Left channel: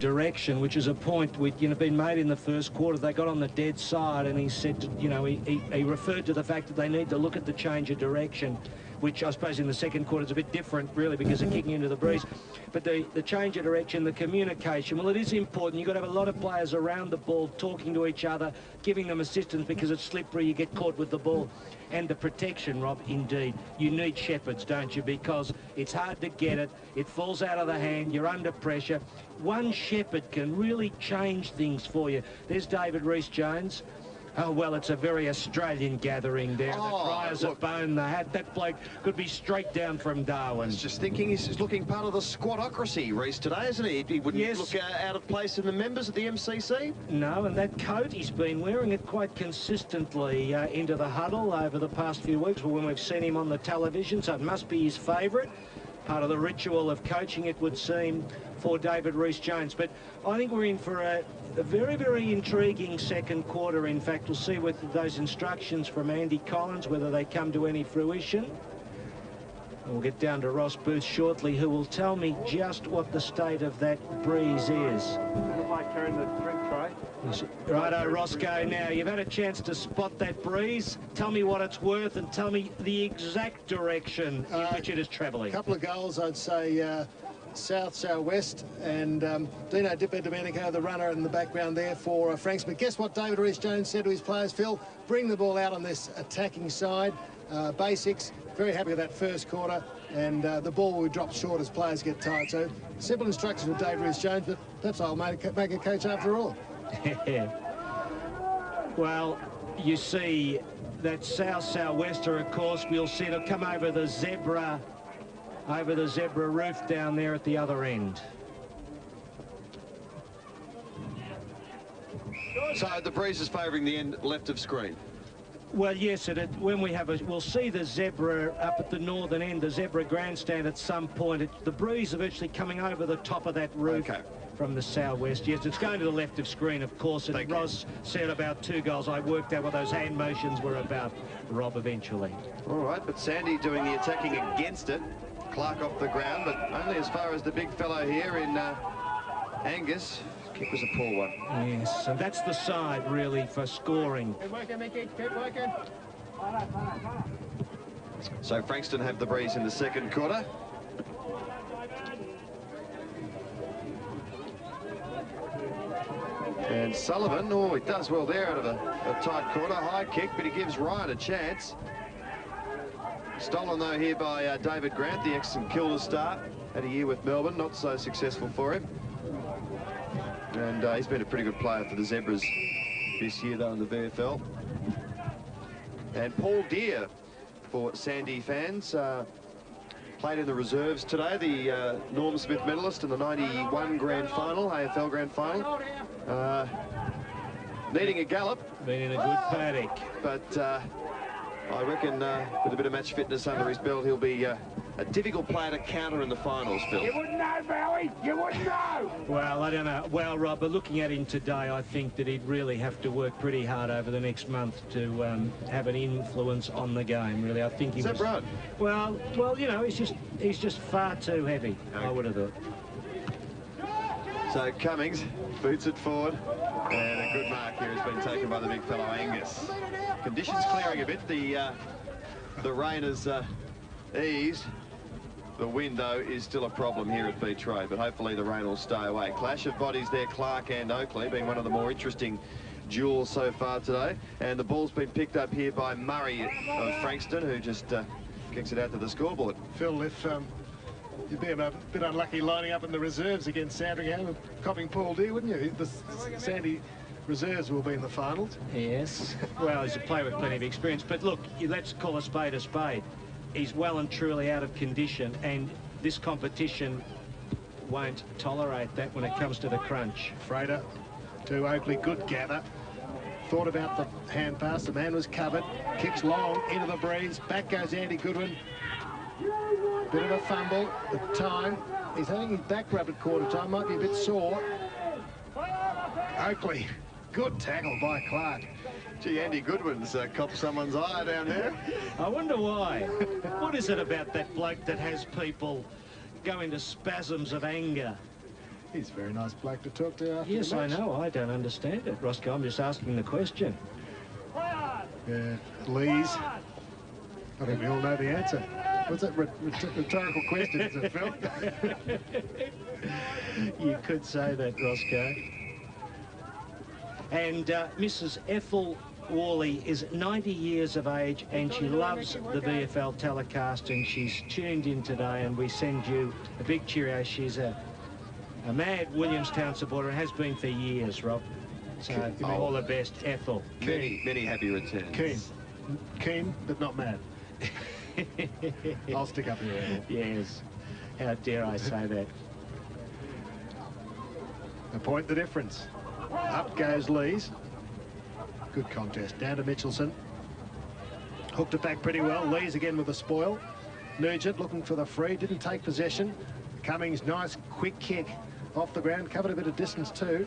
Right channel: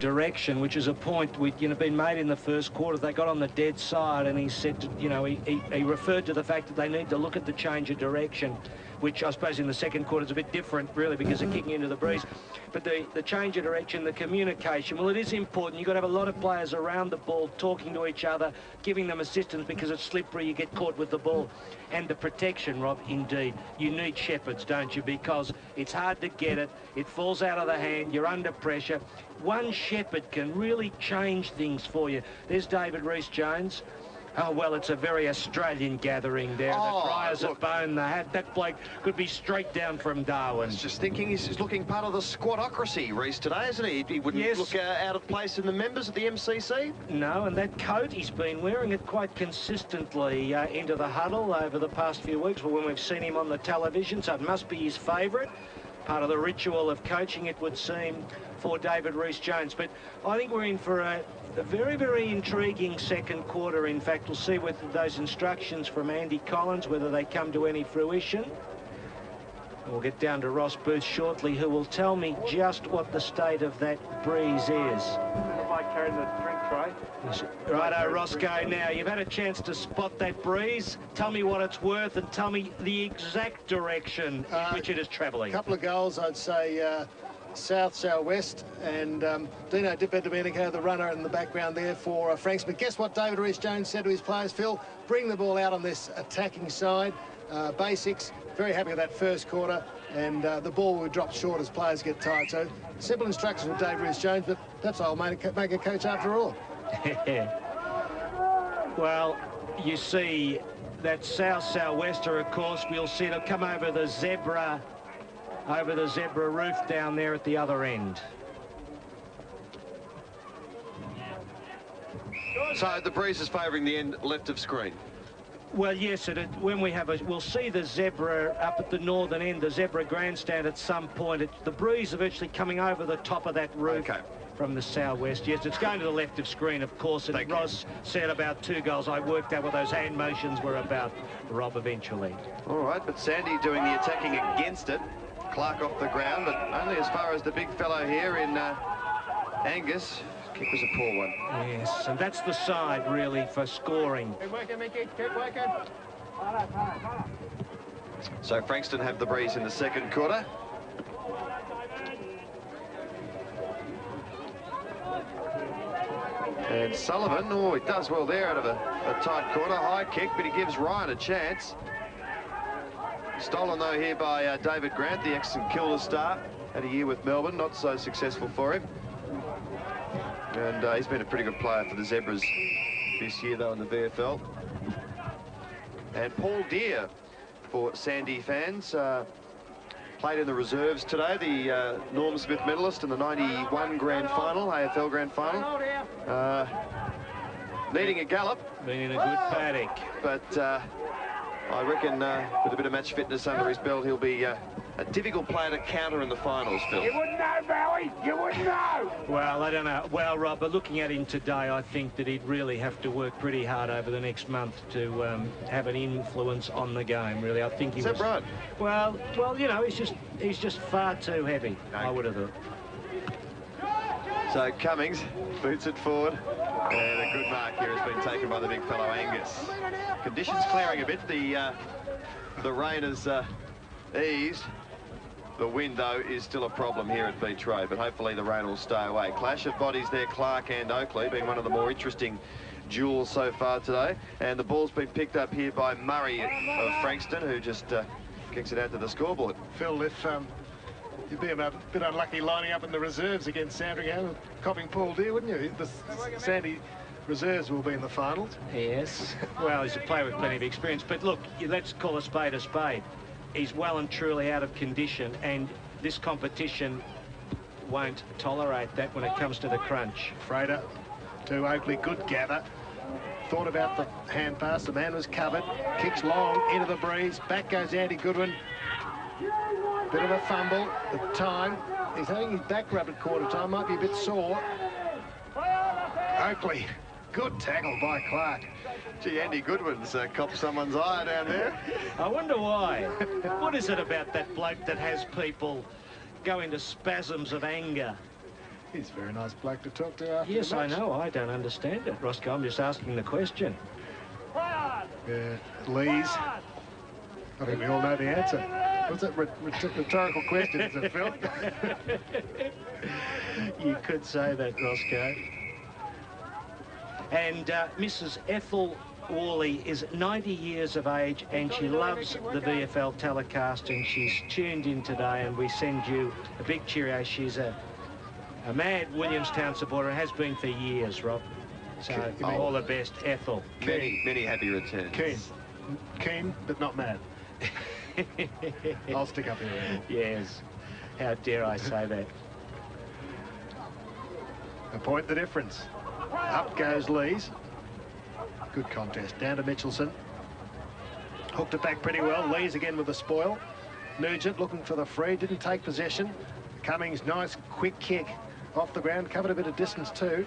direction, which is a point which been made in the first quarter. They got on the dead side, and he said, he referred to the fact that they need to look at the change of direction, which I suppose in the second quarter is a bit different, really, because they're kicking into the breeze. But the change of direction, the communication, well, it is important. You've got to have a lot of players around the ball talking to each other, giving them assistance because it's slippery, you get caught with the ball. And the protection, Rob, indeed. You need shepherds, don't you? Because it's hard to get it. It falls out of the hand. You're under pressure. One shepherd can really change things for you. There's David Rhys-Jones. Oh, well, it's a very Australian gathering there. The Friars of Bone, that bloke could be straight down from Darwin. I was just thinking he's looking part of the squadocracy, Reece, today, isn't he? He wouldn't look out of place in the members of the MCC. No, and that coat, he's been wearing it quite consistently into the huddle over the past few weeks when we've seen him on the television, so it must be his favourite. Part of the ritual of coaching, it would seem, for David Rhys-Jones. But I think we're in for a very, very intriguing second quarter. In fact, we'll see with those instructions from Andy Collins, whether they come to any fruition. We'll get down to Ross Booth shortly, who will tell me just what the state of that breeze is. Carrying the drink tray. Righto, Roscoe, now you've had a chance to spot that breeze. Tell me what it's worth and tell me the exact direction in which it is travelling. A couple of goals, I'd say south-southwest, and Dino Domenico, the runner in the background there for Frankston. But guess what David Rhys-Jones said to his players, Phil? Bring the ball out on this attacking side. Basics, very happy with that first quarter, and the ball will drop short as players get tired. So simple instructions from David Rhys-Jones, but that's I'll make a coach after all. Well, you see that south-southwester, of course, we'll see it'll come over the zebra roof down there at the other end. So the breeze is favouring the end left of screen. Well, yes, when we have we'll see the zebra up at the northern end, the zebra grandstand at some point. The breeze eventually coming over the top of that roof. Okay. From the southwest. Yes, it's going to the left of screen, of course, and Ross said about 2 goals. I worked out what those hand motions were about, Rob, eventually. All right, but Sandy doing the attacking against it. Clark off the ground, but only as far as the big fellow here in Angus. Kick was a poor one. Yes, and that's the side, really, for scoring. Keep working, Mickey, keep working. So Frankston have the breeze in the second quarter. And Sullivan, oh, he does well there out of a tight corner. High kick, but he gives Ryan a chance. Stolen, though, here by David Grant, the ex-St Kilda star. Had a year with Melbourne, not so successful for him. And he's been a pretty good player for the Zebras this year, though, in the VFL. And Paul Deere, for Sandy fans, played in the reserves today, the Norm Smith medalist in the 91 grand final, AFL grand final. Needing a gallop. Being in a good paddock. But I reckon with a bit of match fitness under his belt, he'll be a difficult player to counter in the finals, Phil. You wouldn't know, Bowie. You wouldn't know. Well, I don't know. Well, Rob, but looking at him today, I think that he'd really have to work pretty hard over the next month to have an influence on the game, really. I think he was... Is that right? Well, you know, he's just far too heavy, I would have thought. So Cummings boots it forward, and a good mark here has been taken by the big fellow Angus. Conditions clearing a bit. The rain has eased. The wind, though, is still a problem here at Beach Road, but hopefully the rain will stay away. Clash of bodies there, Clark and Oakley, being one of the more interesting duels so far today. And the ball's been picked up here by Murray of Frankston, who just kicks it out to the scoreboard. Phil, if you'd be a bit unlucky lining up in the reserves against Sandringham, copying Paul Deere, wouldn't you? The Sandy reserves will be in the finals. Yes. Well, he's a player with plenty of experience. But look, let's call a spade a spade. He's well and truly out of condition, and this competition won't tolerate that when it comes to the crunch. Frater to Oakley, good gather. Thought about the hand pass, the man was covered. Kicks long into the breeze. Back goes Andy Goodwin. Bit of a fumble. The time. He's having his back rub at quarter time. Might be a bit sore. Oakley, good tackle by Clark. Gee, Andy Goodwin's copped someone's eye down there. I wonder why. What is it about that bloke that has people go into spasms of anger? He's a very nice bloke to talk to after Yes, the I match. know. I don't understand it, Roscoe. I'm just asking the question. Lees. I think we all know the answer. What's that rhetorical question, is it, Phil? You could say that, Roscoe. And Mrs. Ethel Worley is 90 years of age and she loves the VFL telecast, and she's tuned in today, and we send you a big cheerio. She's a mad Williamstown supporter and has been for years, Rob. So all the best, Ethel. Many happy returns. Keen, but not mad. I'll stick up here, Ethel. Yes. How dare I say that? A point the difference. Up goes Lees. Good contest. Down to Mitchelson. Hooked it back pretty well. Lees again with the spoil. Nugent looking for the free. Didn't take possession. Cummings, nice quick kick off the ground. Covered a bit of distance too.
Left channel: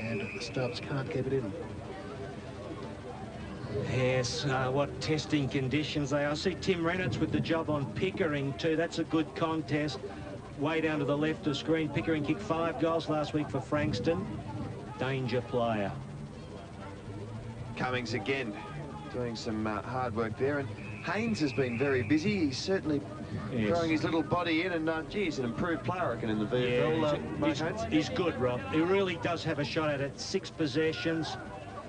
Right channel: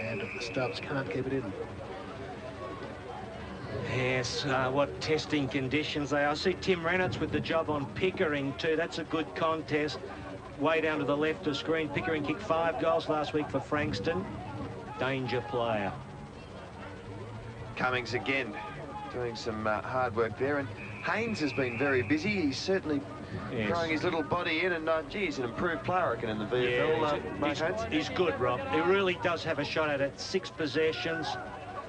And the Stubbs can't keep it in. Yes, what testing conditions they are. I see Tim Reynolds with the job on Pickering too. That's a good contest. Way down to the left of screen. Pickering kicked 5 goals last week for Frankston. Danger player. Cummings again doing some hard work there, and Haynes has been very busy. He's certainly throwing his little body in, and geez, an improved player, I reckon, in the VFL. He's good, Rob. He really does have a shot at it. 6 possessions,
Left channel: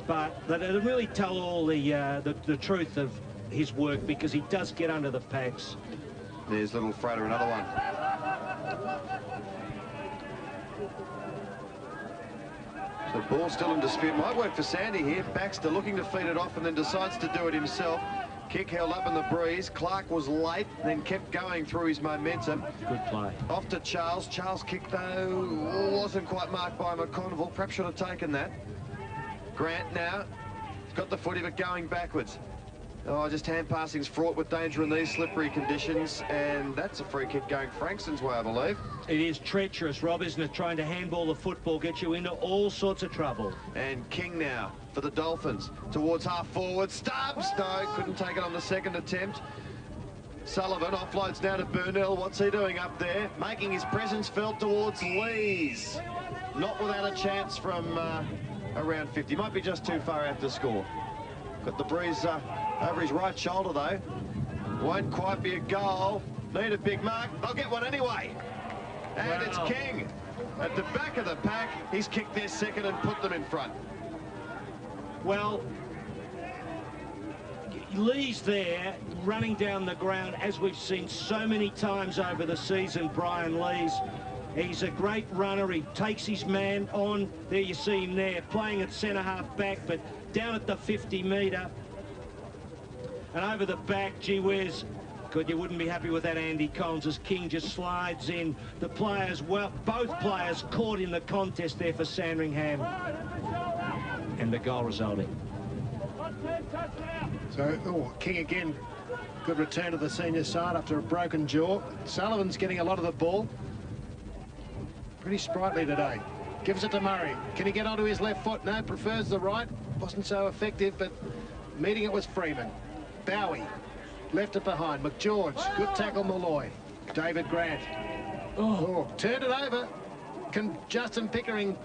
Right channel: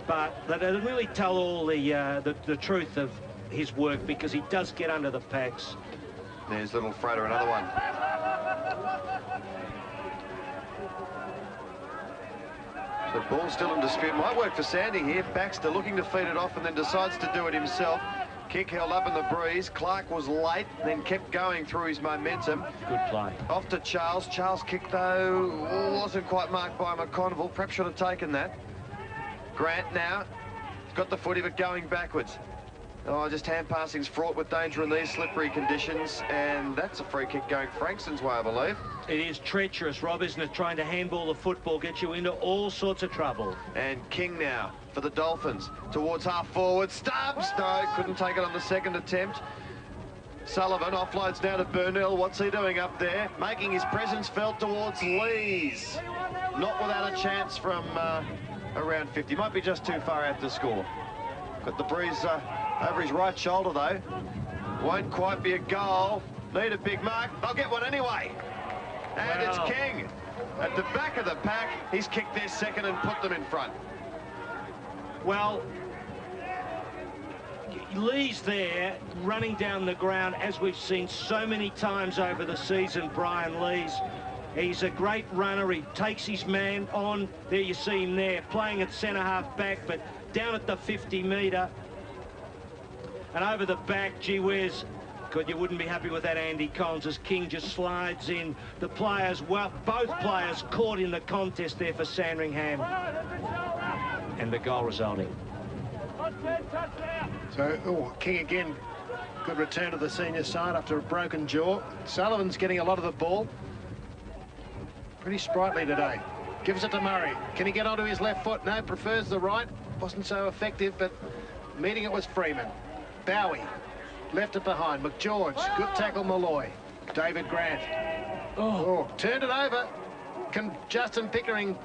but that doesn't really tell all the truth of his work, because he does get under the packs. There's little Frater, another one. The ball still in dispute. Might work for Sandy here. Baxter looking to feed it off and then decides to do it himself. Kick held up in the breeze. Clark was late, then kept going through his momentum. Good play. Off to Charles. Charles' kick, though, wasn't quite marked by McConville. Perhaps should have taken that. Grant now. Got the footy, but going backwards. Oh, just hand passing's fraught with danger in these slippery conditions, and that's a free kick going Frankston's way, I believe. It is treacherous, Rob, isn't it? Trying to handball the football gets you into all sorts of trouble. And King now for the Dolphins towards half forward. Stubbs, no, couldn't take it on the second attempt. Sullivan offloads now to Burnell. What's he doing up there? Making his presence felt towards Lees. Not without a chance from around 50. Might be just too far out to score. Got the breeze over his right shoulder, though. Won't quite be a goal. Need a big mark. They'll get one anyway. And it's King. At the back of the pack, he's kicked their second and put them in front. Well, Lee's there, running down the ground, as we've seen so many times over the season, Brian Lees. He's a great runner. He takes his man on. There you see him there, playing at centre-half back, but down at the 50-metre. And over the back, gee whiz, good, you wouldn't be happy with that, Andy Collins, as King just slides in. The players, well, both players caught in the contest there for Sandringham. And the goal resulting. So, King again, good return to the senior side after a broken jaw. Sullivan's getting a lot of the ball. Pretty sprightly today. Gives it to Murray. Can he get onto his left foot? No, prefers the right. Wasn't so effective, but meeting it was Freeman. Bowie left it behind. McGeorge, good tackle. Malloy. David Grant. Turned it over. Can Justin Pickering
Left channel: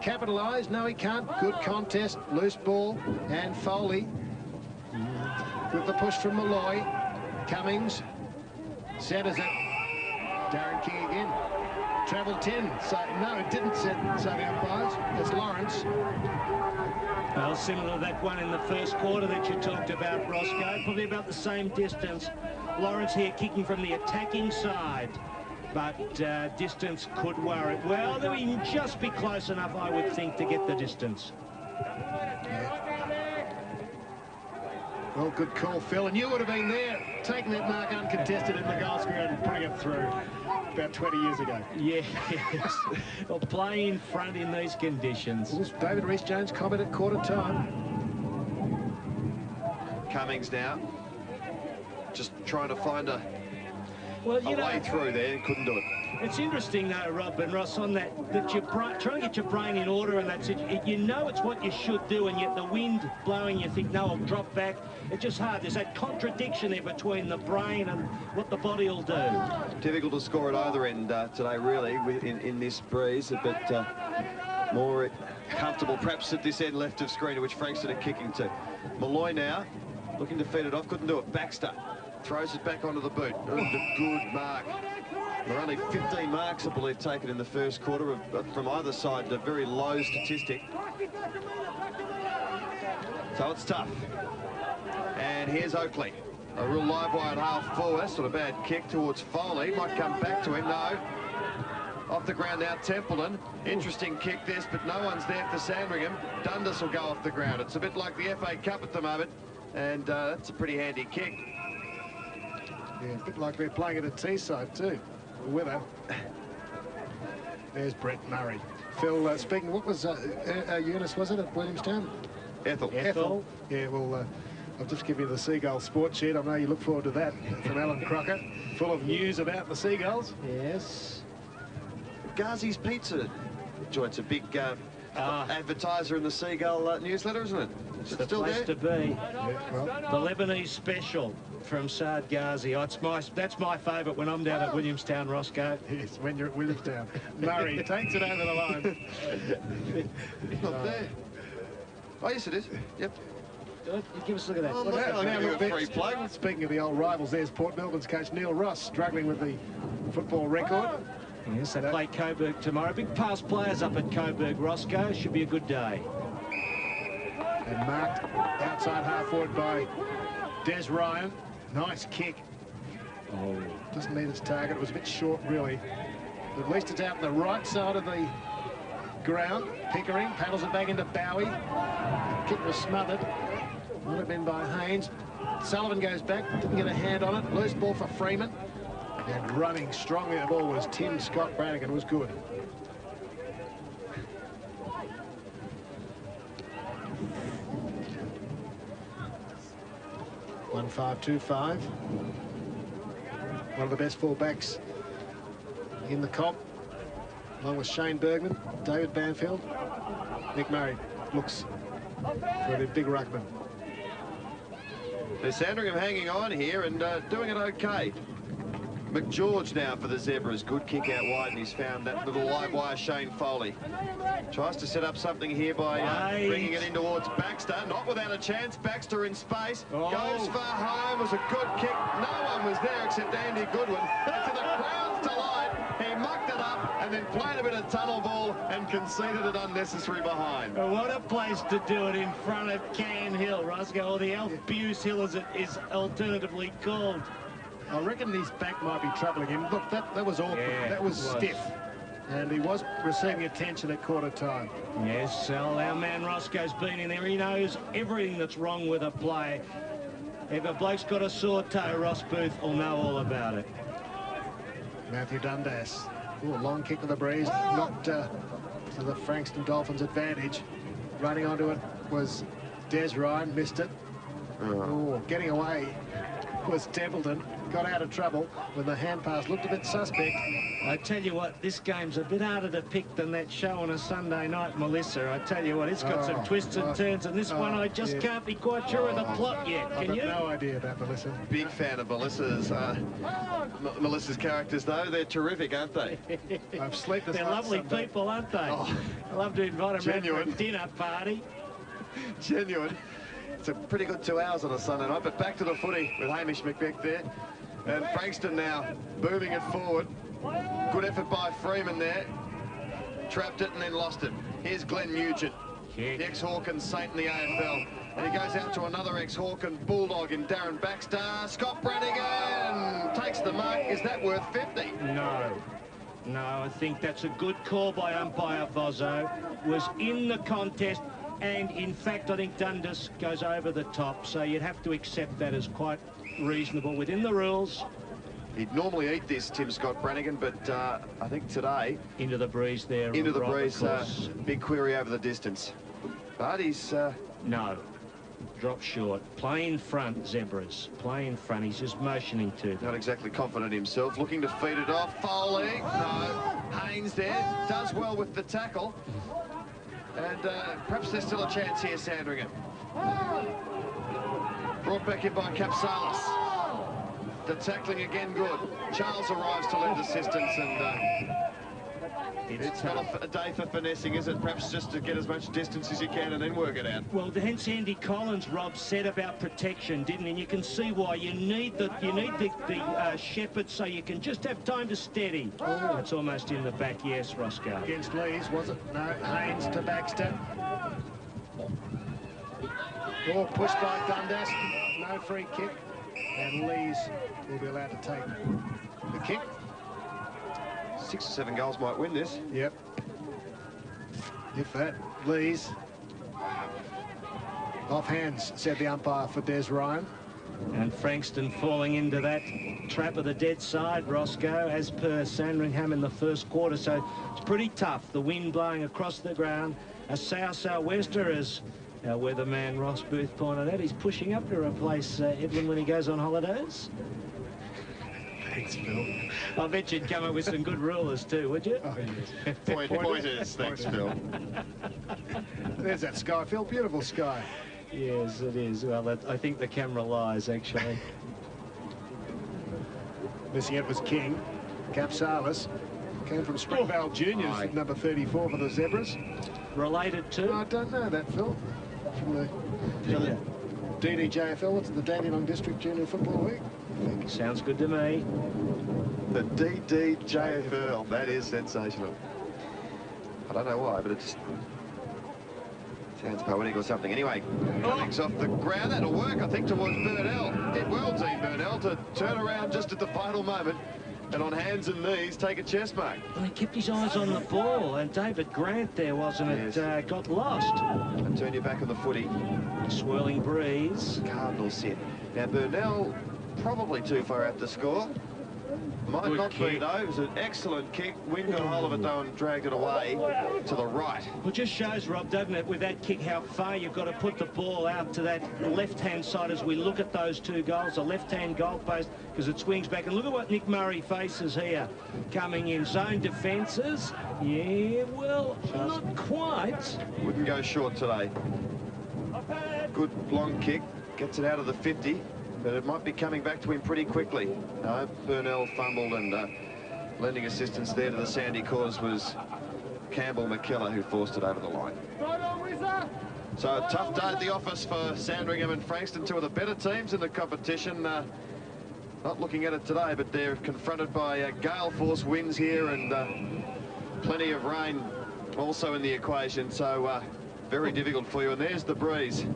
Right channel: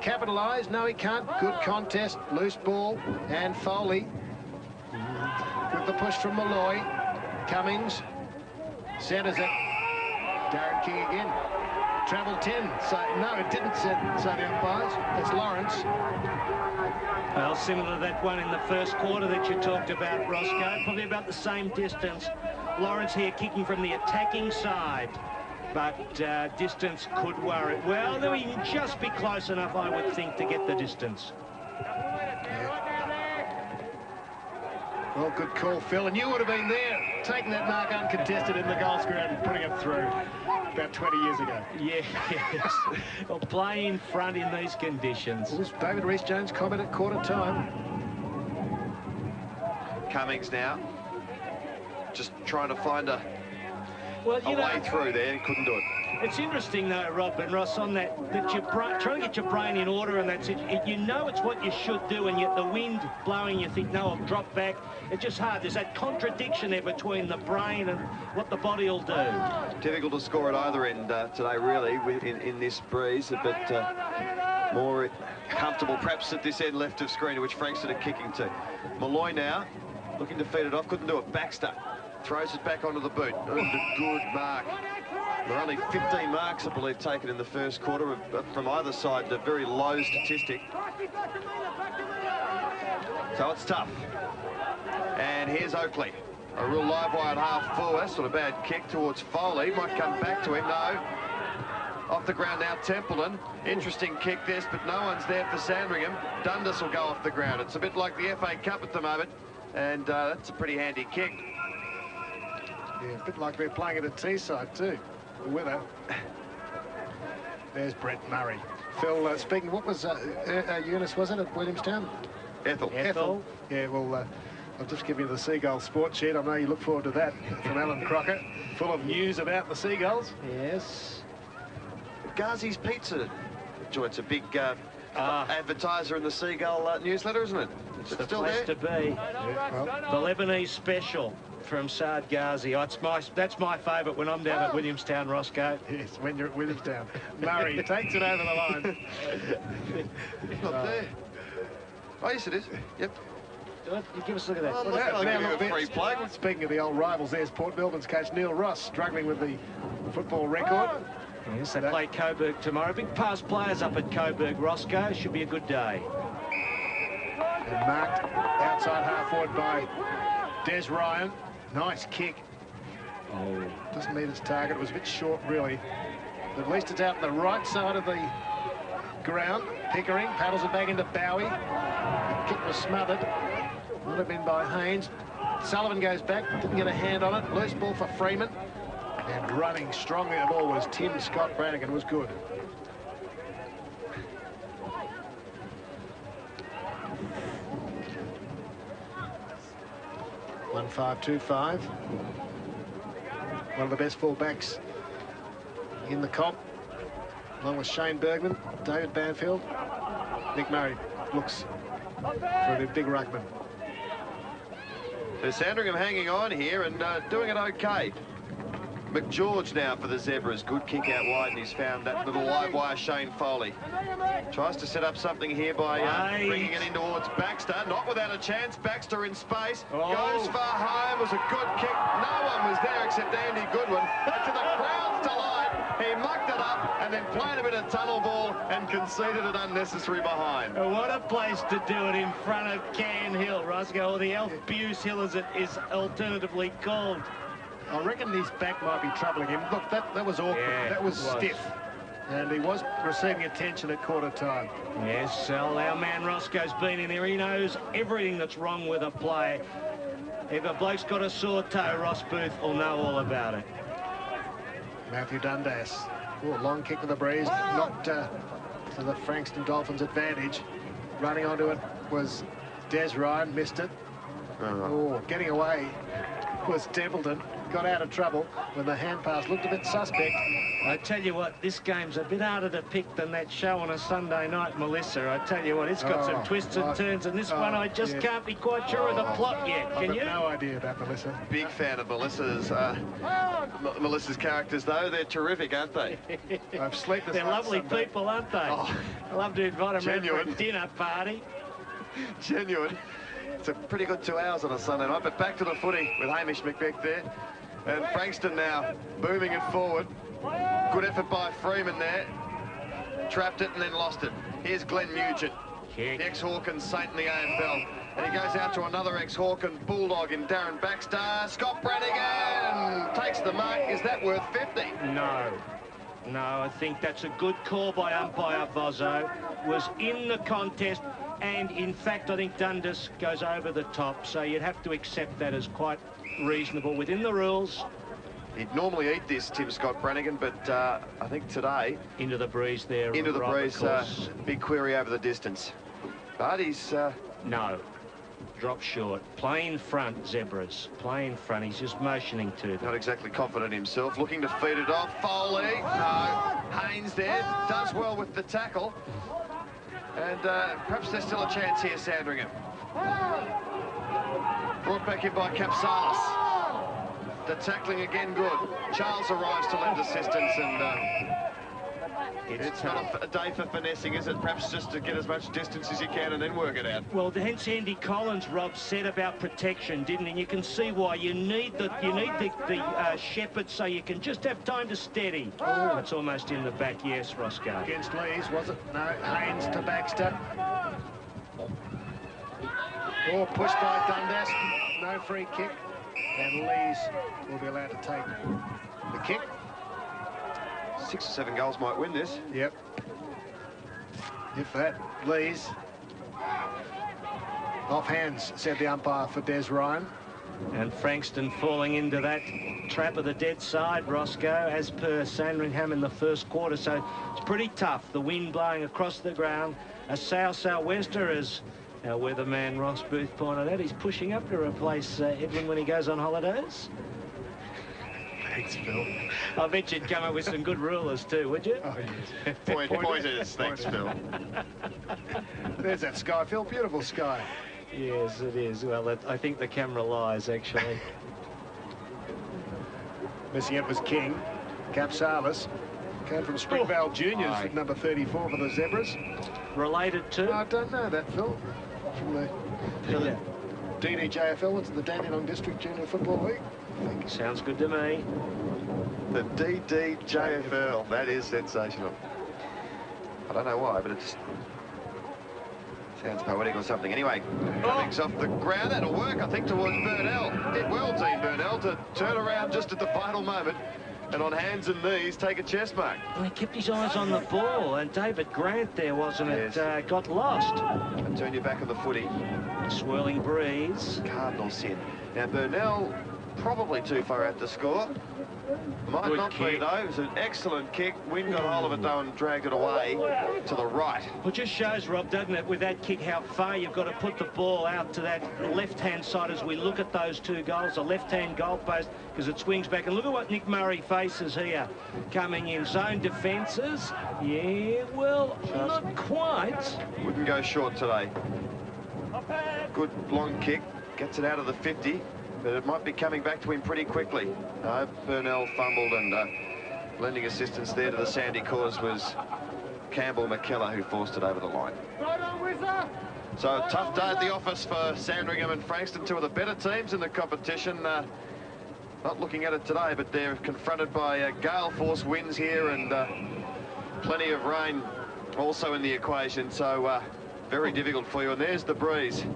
capitalise? No, he can't. Good contest. Loose ball. And Foley with the push from Malloy. Cummings centres it. Darren King again. Travelled 10. So, no, it didn't say the umpires. It's Lawrence. Well, similar to that one in the first quarter that you talked about, Roscoe. Probably about the same distance. Lawrence here kicking from the attacking side. But distance could worry. Well, though he can just be close enough, I would think, to get the distance. Yeah. Well, good call, Phil. And you would have been there, taking that mark uncontested in the goal square and putting it through about 20 years ago. Yeah, yes. Well, play in front in these conditions. Well, David Rees-Jones comment at quarter time. Cummings now. Just trying to find a Well, way through there. Couldn't do it. It's interesting though, Rob and Ross, on that you're trying to get your brain in order, and that's it. You know it's what you should do, and yet the wind blowing, you think, no, I'll drop back. It's just hard. There's that contradiction there between the brain and what the body will do. Difficult to score at either end today, really, in this breeze, but more comfortable perhaps at this end left of screen, which Frankston are kicking to. Malloy now looking to feed it off, couldn't do it. Baxter throws it back onto the boot. Earned a good mark. There are only 15 marks, I believe, taken in the first quarter from either side. A very low statistic. So it's tough. And here's Oakley. A real live wire half forward. Sort of bad kick towards Foley. Might come back to him. No. Off the ground now, Templeton. Interesting kick this, but no one's there for Sandringham. Dundas will go off the ground. It's a bit like the FA Cup at the moment. And that's a pretty handy kick. Yeah, a bit like we're playing at a Teesside too. The winner. There's Brett Murray. Phil, speaking, what was Eunice, was it, at Williamstown? Ethel. Yeah, well, I'll just give you the Seagull sports sheet. I know you look forward to that from Alan Crocker. Full of news about the Seagulls. Yes. Ghazi's Pizza joint's a big advertiser in the Seagull newsletter, isn't it? It's the place to be. Yeah, well, The Lebanese special from Saad Ghazi. Oh, that's my favourite when I'm down at Williamstown, Roscoe. yes, when you're at Williamstown. Murray takes it over the line. It's not there. Oh, yes, it is. Yep. Give us a look at that. Well, Well, look, now, I'll now give you look, a free play. speaking of the old rivals, there's Port Melbourne's coach Neil Ross struggling with the football record. Yes, they play Coburg tomorrow. Big past players up at Coburg, Roscoe. Should be a good day. And marked outside half forward by Des Ryan. Nice kick. Oh. Doesn't meet its target. It was a bit short, really. But at least it's out on the right side of the ground. Pickering paddles it back into Bowie. Kick was smothered. Would have been by Haynes. Sullivan goes back. Didn't get a hand on it. Loose ball for Freeman. And running strongly the ball was Tim Scott Brannigan. Was good. (1-5-2-5). One of the best fullbacks in the comp, along with Shane Bergman, David Banfield. Nick Murray looks for a big ruckman. There's Sandringham hanging on here and doing it okay. McGeorge now for the Zebras. Good kick out wide, and he's found that little live wire Shane Foley. Tries to set up something here by bringing it in towards Baxter. Not without a chance. Baxter in space. Goes for home. Was a good kick. No one was there except Andy Goodwin. To the crowd's delight. He mucked it up and then played a bit of tunnel ball and conceded an unnecessary behind. What a place to do it in front of Can Hill, Roscoe, or the Albius Hill as it is alternatively called. I reckon his back might be troubling him. Look, that was awkward. Yeah, that was it was. stiff. And he was receiving attention at quarter time. Yes, well, our man Roscoe's been in there. He knows everything that's wrong with a play. If a bloke's got a sore toe, Ross Booth will know all about it. Matthew Dundas. Ooh, long kick to the breeze. Not to the Frankston Dolphins' advantage. Running onto it was Des Ryan. Missed it. Oh, getting away was Templeton. Got out of trouble when the hand pass looked a bit suspect. I tell you what, this game's a bit harder to pick than that show on a Sunday night, Melissa. I tell you what, it's got some twists and turns, and this one I just can't be quite sure of the plot yet. I've Can you? got no idea about Melissa. Big fan of Melissa's characters, though. They're terrific, aren't they? I've slept. They're lovely people, aren't they? Oh, I love to invite them round for a genuine. dinner party. Genuine. It's a pretty good 2 hours on a Sunday night, but back to the footy with Hamish McBeck there. And Frankston now booming it forward. Good effort by Freeman there. Trapped it and then lost it. Here's Glenn Nugent, the ex-Hawkins Saint in the AFL. And he goes out to another ex-Hawken Bulldog in Darren Baxter. Scott Brannigan takes the mark. Is that worth 50? No. No, I think that's a good call by umpire Bozzo. Was in the contest, and in fact I think Dundas goes over the top, so you'd have to accept that as quite reasonable within the rules. He'd normally eat this, Tim Scott Brannigan, but I think today... Into the breeze there. Into the Rob, breeze, big query over the distance. But he's... No. Drop short. Play in front, Zebras. Play in front. He's just motioning to them. Not exactly confident himself. Looking to feed it off. Foley. No. Haynes there. Does well with the tackle. And perhaps there's still a chance here, Sandringham. Brought back in by Qtrs. The tackling again good. Charles arrives to lend assistance, and it's not a day for finessing, is it? Perhaps just to get as much distance as you can and then work it out. Well, hence Andy Collins, Rob, said about protection, didn't he? And you can see why. You need the shepherd so you can just have time to steady. Oh, it's almost in the back, yes, Roscoe. Against Lees, was it? No, Haynes to Baxter. Oh, pushed by Dundas. No free kick. And Lees will be allowed to take the kick. 6 or 7 goals might win this. Yep. If that. Lees. Off hands, said the umpire for Des Ryan. And Frankston falling into that trap of the dead side, Roscoe, as per Sandringham in the first quarter. So it's pretty tough. The wind blowing across the ground. A south-southwester, as our weatherman Ross Booth pointed out. He's pushing up to replace Edwin when he goes on holidays. Thanks, Phil. I bet you'd come up with some good rulers too, would you? Oh, yes. Pointers, thanks, Phil. There's that sky, Phil. Beautiful sky. Yes, it is. Well, I think the camera lies, actually. Missing it was King. Qtrs came from Springvale Juniors at number 34 for the Zebras. Related to? I don't know that, Phil. From the DDJFL, it's the Dandenong District Junior Football League. I think. Sounds good to me. The DDJFL, that is sensational. I don't know why, but it just sounds poetic or something. Anyway, Cummings off the ground. That'll work, I think, towards Burnell. Did well, Team Burnell, to turn around just at the final moment and on hands and knees take a chest mark. Well, he kept his eyes on the ball, and David Grant there, wasn't it? Yes. Got lost. And turn your back on the footy. Swirling breeze. Cardinals hit. Now, Burnell probably too far out to score. Might Good not be, kick. though. It was an excellent kick. Wind got hold of it, though, and dragged it away to the right. Well, it just shows, Rob, doesn't it, with that kick, how far you've got to put the ball out to that left-hand side as we look at those two goals, the left-hand goal post, because it swings back. And look at what Nick Murray faces here, coming in. Zone defences. Yeah, well, not quite. Wouldn't go short today. Good long kick. Gets it out of the 50. But it might be coming back to him pretty quickly. No, Burnell fumbled, and lending assistance there to the Sandy cause was Campbell McKellar, who forced it over the line. So a tough day at the office for Sandringham and Frankston, two of the better teams in the competition. Not looking at it today, but they're confronted by gale force winds here and plenty of rain also in the equation. So very difficult for you. And there's the breeze.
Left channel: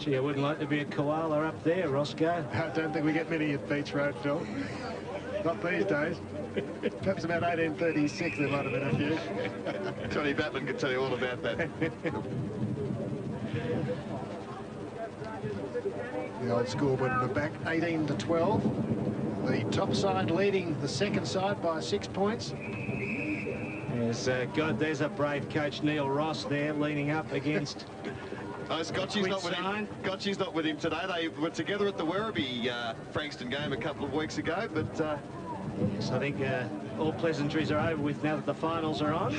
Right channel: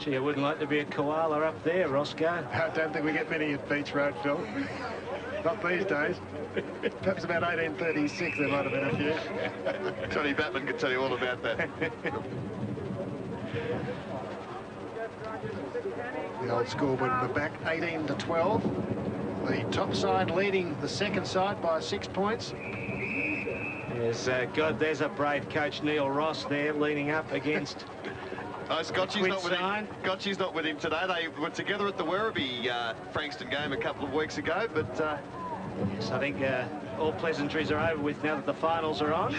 Gee, I wouldn't like to be a koala up there, Roscoe. I don't think we get many at Beach Road, Phil. Not these days. Perhaps about 1836 there might have been a few. Tony Batman can tell you all about that. The old scoreboard in the back, 18-12. The top side leading the second side by 6 points. Yes, good. There's a brave coach, Neil Ross, there, leaning up against... Scotchy's not with him. Scotchy's not with him today. They were together at the Werribee Frankston game a couple of weeks ago, but yes, I think all pleasantries are over with now that the finals are on.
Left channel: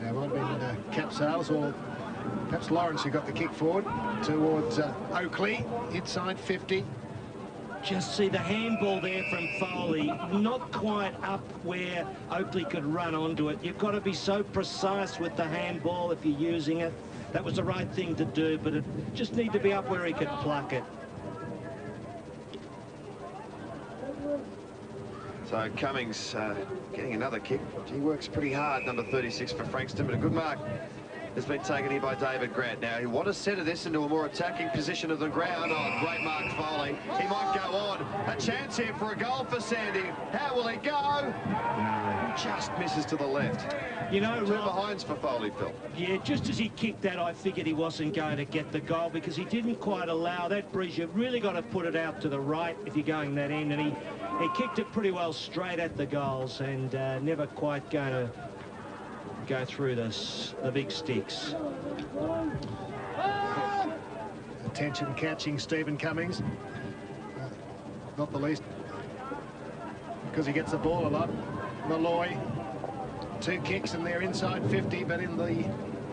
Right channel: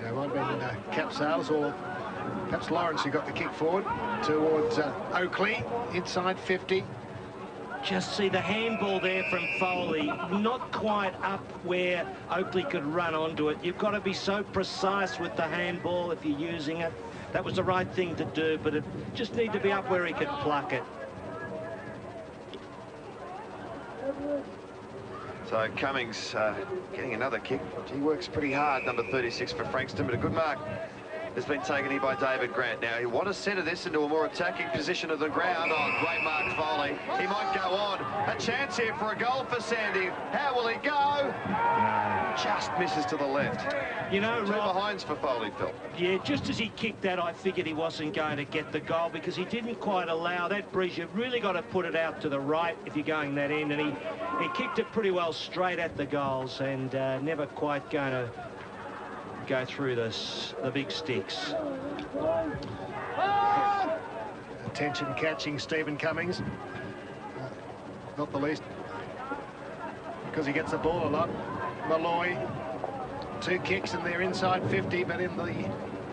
There might have been Qtrs or perhaps Lawrence who got the kick forward towards Oakley, inside 50. Just see the handball there from Foley, not quite up where Oakley could run onto it. You've got to be so precise with the handball if you're using it. That was the right thing to do, but it just needed to be up where he could pluck it. so Cummings getting another kick. He works pretty hard, number 36 for Frankston, but a good mark has been taken here by David Grant. Now, he want to centre this into a more attacking position of the ground. Oh, great mark, Foley. He might go on. A chance here for a goal for Sandy. How will he go? Just misses to the left. You know, Two Rob, behinds for Foley, Phil. yeah, just as he kicked that, I figured he wasn't going to get the goal because he didn't quite allow that breeze. You've really got to put it out to the right if you're going that end, and he kicked it pretty well straight at the goals and never quite going to go through the big sticks. attention catching Stephen Cummings. Not the least because he gets the ball a lot. Malloy, 2 kicks and they're inside 50, but in the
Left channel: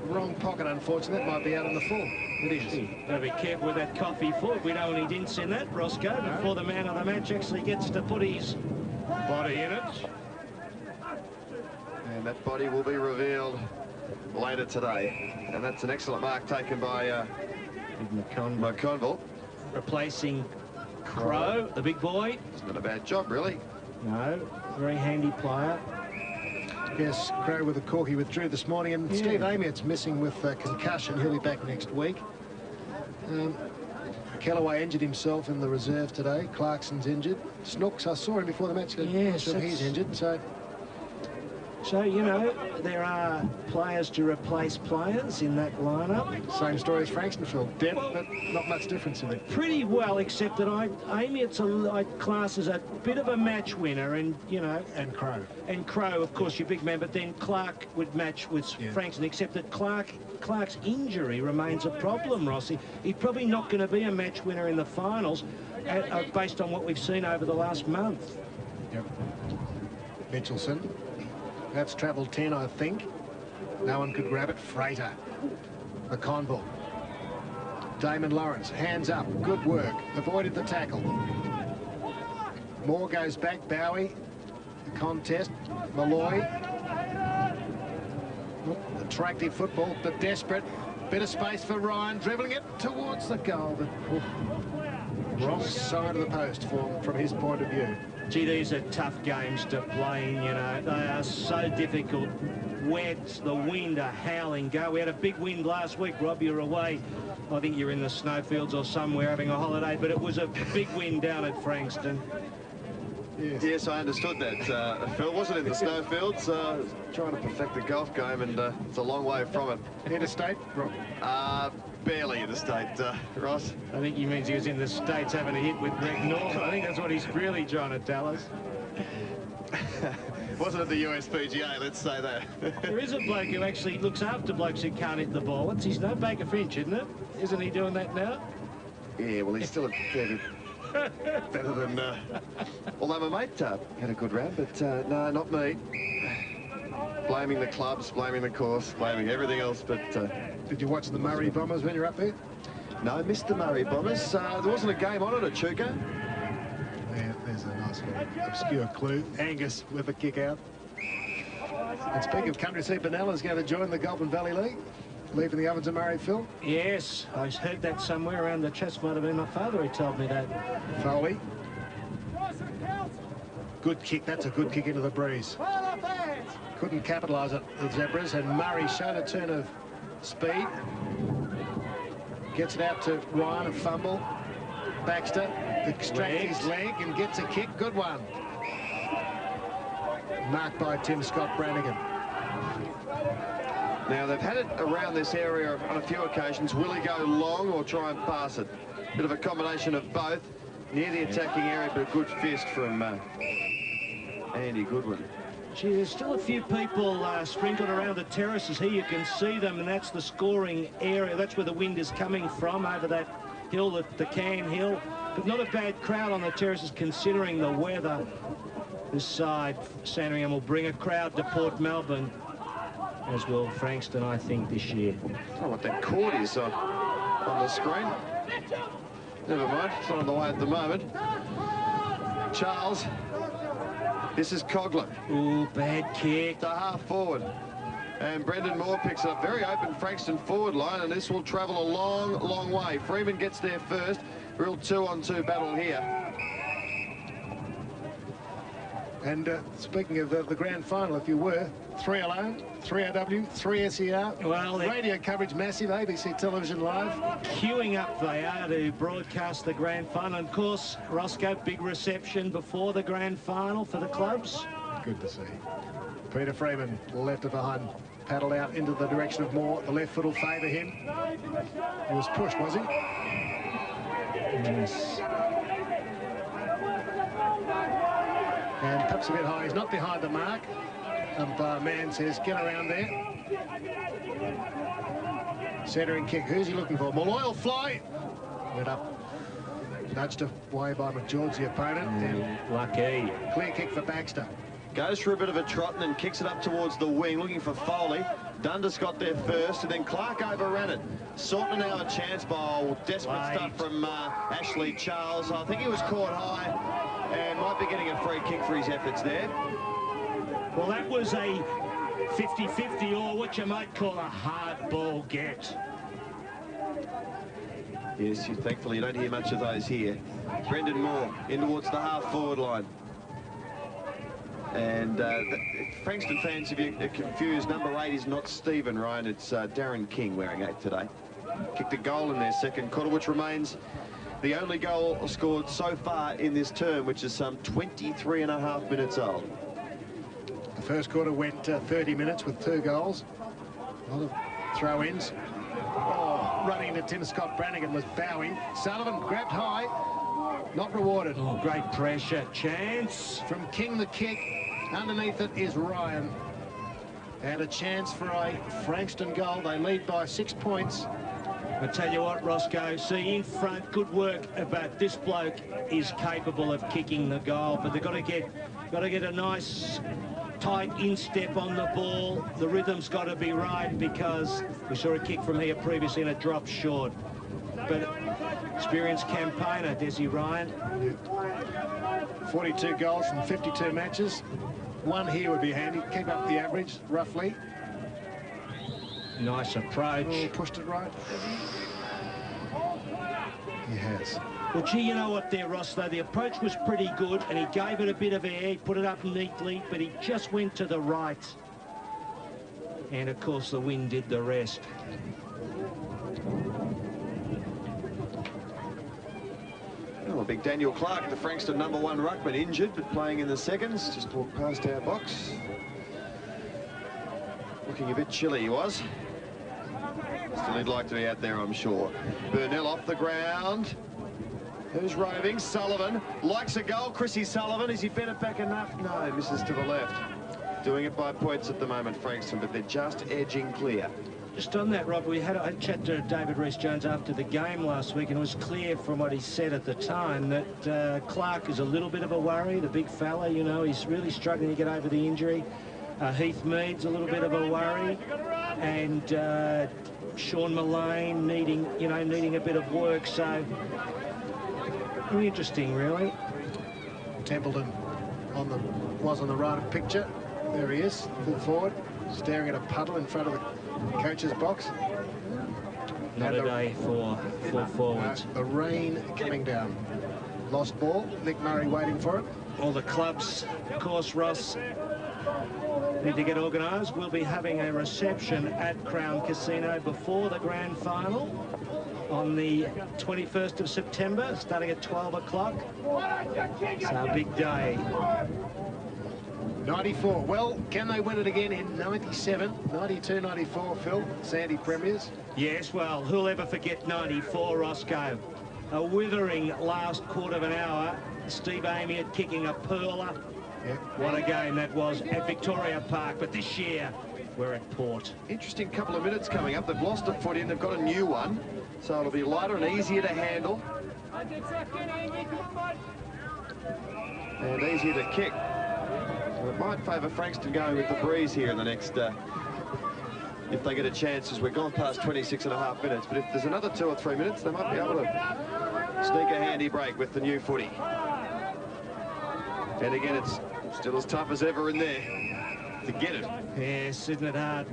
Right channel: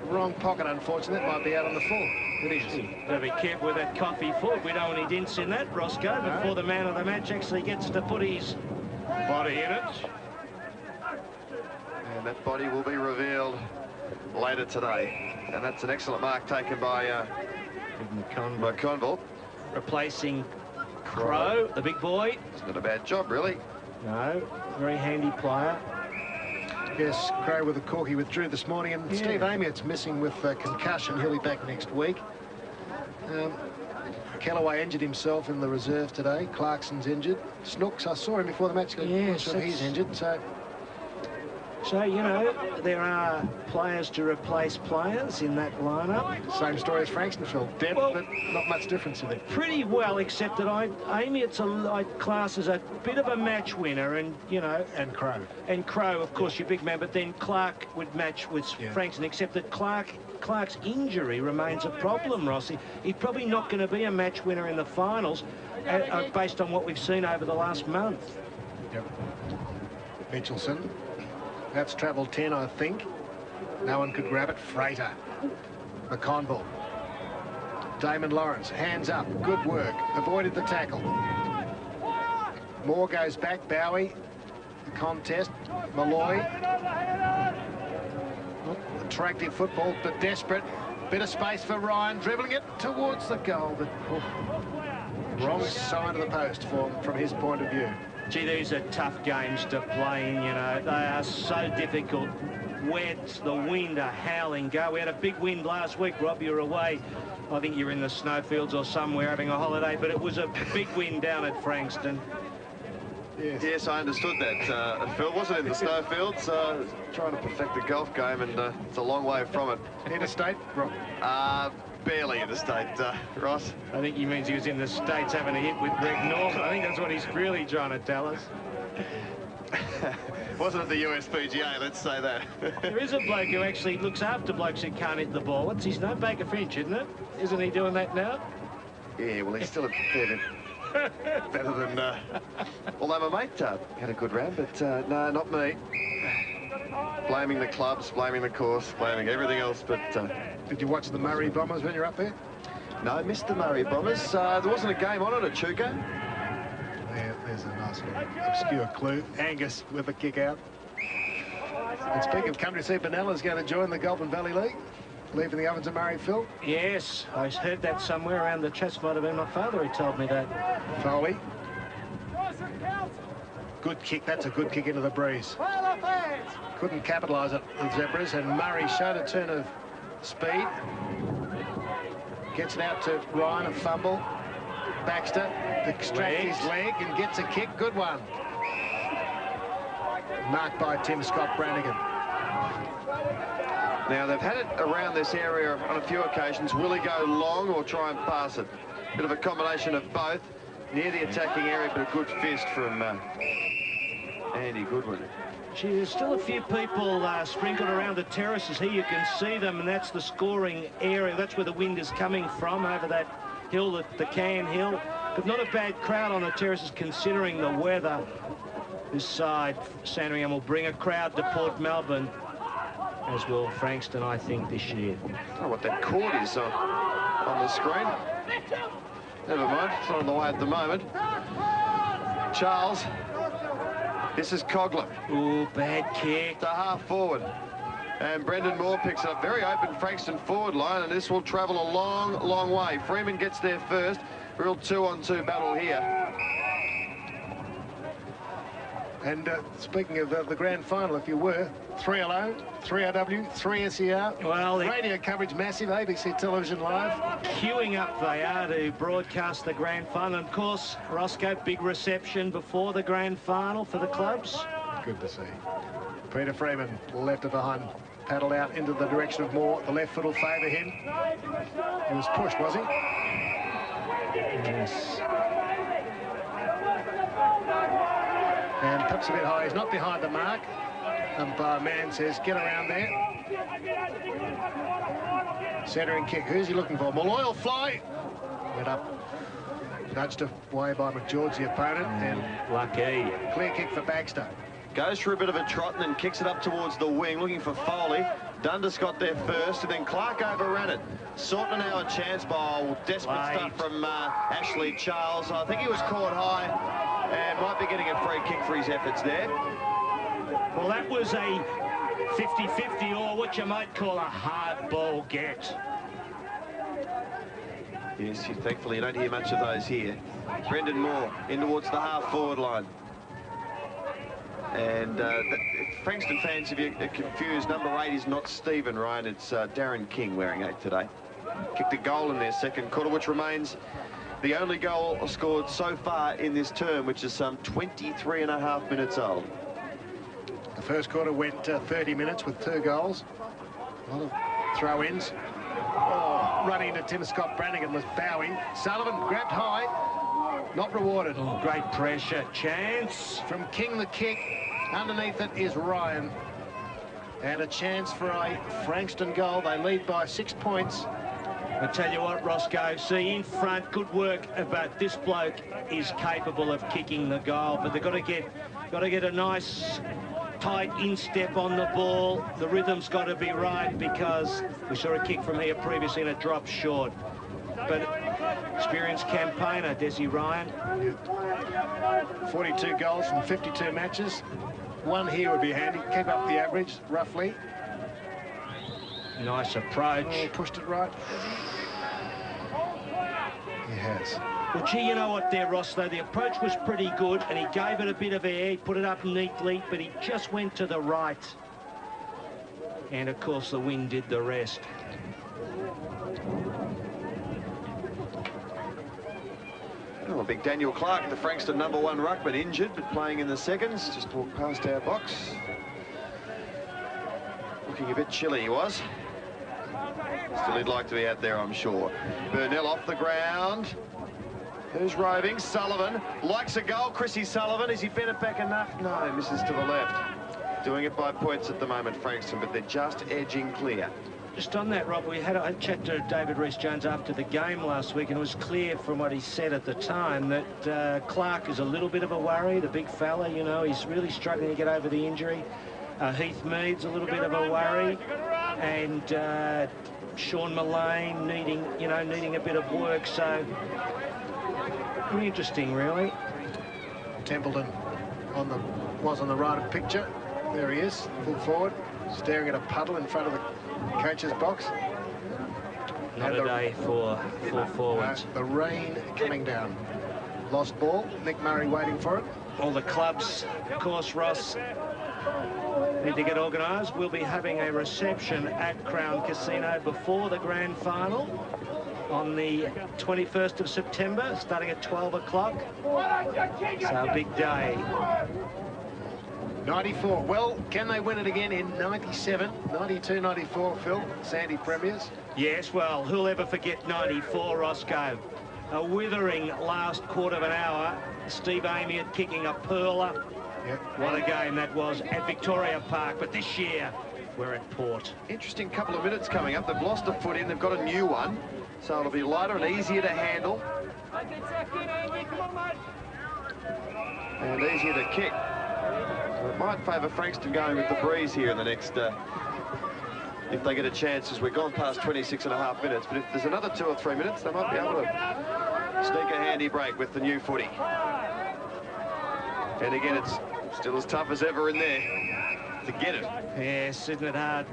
wrong pocket, unfortunately. It might be out on the full. It is. Got to be careful with that coffee foot. We don't want any dints in that, Roscoe, before the man of the match actually gets to put his body in it. And that body will be revealed later today. And that's an excellent mark taken by Conville. Replacing Crow, the big boy. He's done a bad job, really. No, very handy player. Yes, Crow with a corky withdrew this morning, and Steve Amiott's missing with concussion. He'll be back next week. Kellaway injured himself in the reserve today. Clarkson's injured. Snooks, I saw him before the match. Yes, he's injured. So, you know, there are players to replace players in that lineup. Same story as Frankston, Phil. Depth, but not much difference in it. Pretty well, except that Amiott's I class as a bit of a match winner, and, you know... And Crow. And Crow, of course, your big man, but then Clark would match with Frankston, except that Clark's injury remains a problem, Rossi. He's probably not going to be a match winner in the finals, based on what we've seen over the last month. Yep. Mitchelson. That's travelled 10, I think. No one could grab it. Freighter. McConville. Damon Lawrence. Hands up. Good work. Avoided the tackle. Moore goes back. Bowie. The contest. Malloy. Attractive football, but desperate. Bit of space for Ryan. Dribbling it towards the goal, but wrong side of the post from his point of view. Gee, these are tough games to play in, you know. They are so difficult. Wet, the wind, a howling go. We had a big wind last week, Rob. You were away. I think you're in the snowfields or somewhere having a holiday, but it was a big wind down at Frankston. Yes, I understood that. Phil wasn't in the snowfields, trying to perfect the golf game, and it's a long way from it. Interstate, Rob? Barely interstate, Ross. I think he means he was in the States having a hit with Greg North. I think that's what he's really trying to tell us. Wasn't at the USPGA, let's say that. There is a bloke who actually looks after blokes who can't hit the ball. What's his name? Baker Finch, isn't it? Isn't he doing that now? Yeah, well, he's still a fair bit better than... although my mate had a good round, but no, not me. Blaming the clubs, blaming the course, blaming everything else, but... Did you watch the Murray Bombers when you're up there? No, I missed the Murray Bombers. There wasn't a game on it at Chuka. There's a nice obscure clue. Angus with a kick out. And speaking of country seat, Benella's going to join the Goulburn Valley League, leaving the ovens of Murray, Phil. Yes, I heard that somewhere around the chest. Might have been my father who told me that. Foley. Good kick. That's a good kick into the breeze. Couldn't capitalise it, the Zebras, and Murray showed a turn of speed. Gets it out to Ryan, a fumble. Baxter extracts his leg and gets a kick. Good one. Marked by Tim Scott Brannigan. Now, they've had it around this area on a few occasions. Will he go long or try and pass it? Bit of a combination of both. Near the attacking area, but a good fist from Andy Goodwin. Gee, there's still a few people sprinkled around the terraces here. You can see them, and that's the scoring area. That's where the wind is coming from, over that hill, the Can Hill. But not a bad crowd on the terraces considering the weather. This side, Sandringham will bring a crowd to Port Melbourne, as will Frankston, I think, this year. I don't know what that chord is on the screen. Never mind, it's not on the way at the moment. Charles. This is Coughlin. Ooh, bad kick. The half forward. And Brendan Moore picks it up. Very open Frankston forward line, and this will travel a long, long way. Freeman gets there first. Real 2-on-2 battle here. And speaking of the grand final, if you were, 3LO, 3RW, 3SER. Well, radio coverage massive, ABC Television Live. Queuing up they are to broadcast the grand final. And of course, Roscoe, big reception before the grand final for the clubs. Good to see. Peter Freeman left it behind, paddled out into the direction of Moore. The left foot will favour him. He was pushed, was he? Yes. And puts a bit high. He's not behind the mark. Umpire man says, get around there. Centering kick. Who's he looking for? Malloy will fly. Went up, nudged away by McGeorge, the opponent, and Lucky. clear kick for Baxter. Goes for a bit of a trot and then kicks it up towards the wing, looking for Foley. Dundas got there first, and then Clark overran it. Sorting now a chance ball. Desperate stuff from Ashley Charles. I think he was caught high and might be getting a free kick for his efforts there. Well, that was a 50-50 or what you might call a hard ball get. Yes, thankfully you don't hear much of those here. Brendan Moore in towards the half-forward line. And Frankston fans, if you're confused, number 8 is not Stephen Ryan, it's Darren King wearing 8 today. Kicked a goal in their second quarter, which remains the only goal scored so far in this term, which is some 23.5 minutes old. The first quarter went 30 minutes with 2 goals. A lot of throw-ins. Oh, running into Tim Scott Brannigan was bowing. Sullivan grabbed high, not rewarded. Oh, great pressure, chance. From King the kick, underneath it is Ryan. And a chance for a Frankston goal. They lead by 6 points. I tell you what, Roscoe, see in front, good work, but this bloke is capable of kicking the goal, but they've got to get a nice tight instep on the ball. The rhythm's got to be right, because we saw a kick from here previously and it dropped short. But experienced campaigner, Desi Ryan. 42 goals from 52 matches. 1 here would be handy. Keep up the average, roughly. Nice approach. Oh, pushed it right. He has. Well, gee, you know what there, Ross, though? The approach was pretty good, and he gave it a bit of air. He put it up neatly, but he just went to the right. And, of course, the wind did the rest. Oh, big Daniel Clark, the Frankston number 1 ruckman, injured, but playing in the seconds. Just walked past our box. Looking a bit chilly, he was. Still, he'd like to be out there, I'm sure. Burnell off the ground. Who's roving? Sullivan likes a goal. Chrissy Sullivan. Has he bent it back enough? No, misses to the left. Doing it by points at the moment, Frankston, but they're just edging clear. Just on that, Rob, we had a chat to David Rees-Jones after the game last week, and it was clear from what he said at the time that Clark is a little bit of a worry, the big fella, you know, he's really struggling to get over the injury. Heath Mead's a little bit of a worry, and Sean Mullane needing a bit of work, so pretty interesting, really. Templeton was on the right of picture. There he is, full forward, staring at a puddle in front of the coach's box. Not a day for forwards. The rain coming down. Lost ball. Nick Murray waiting for it. All the clubs, of course, Ross, need to get organised. We'll be having a reception at Crown Casino before the grand final on the 21st of September, starting at 12 o'clock. It's our big day. 94. Well, can they win it again in 97, 92, 94, Phil? Sandy Premiers. Yes, well, who'll ever forget 94, Roscoe? A withering last quarter of an hour. Steve Amiot kicking a pearler. Yep. What a game that was at Victoria Park. But this year, we're at Port. Interesting couple of minutes coming up. They've lost a foot in. They've got a new one. So it'll be lighter and easier to handle. And easier to kick. So it might favour Frankston going with the breeze here in the next, if they get a chance, as we've gone past 26.5 minutes. But if there's another 2 or 3 minutes, they might be able to sneak a handy break with the new footy. And again, it's still as tough as ever in there to get it. Yes, isn't it hard?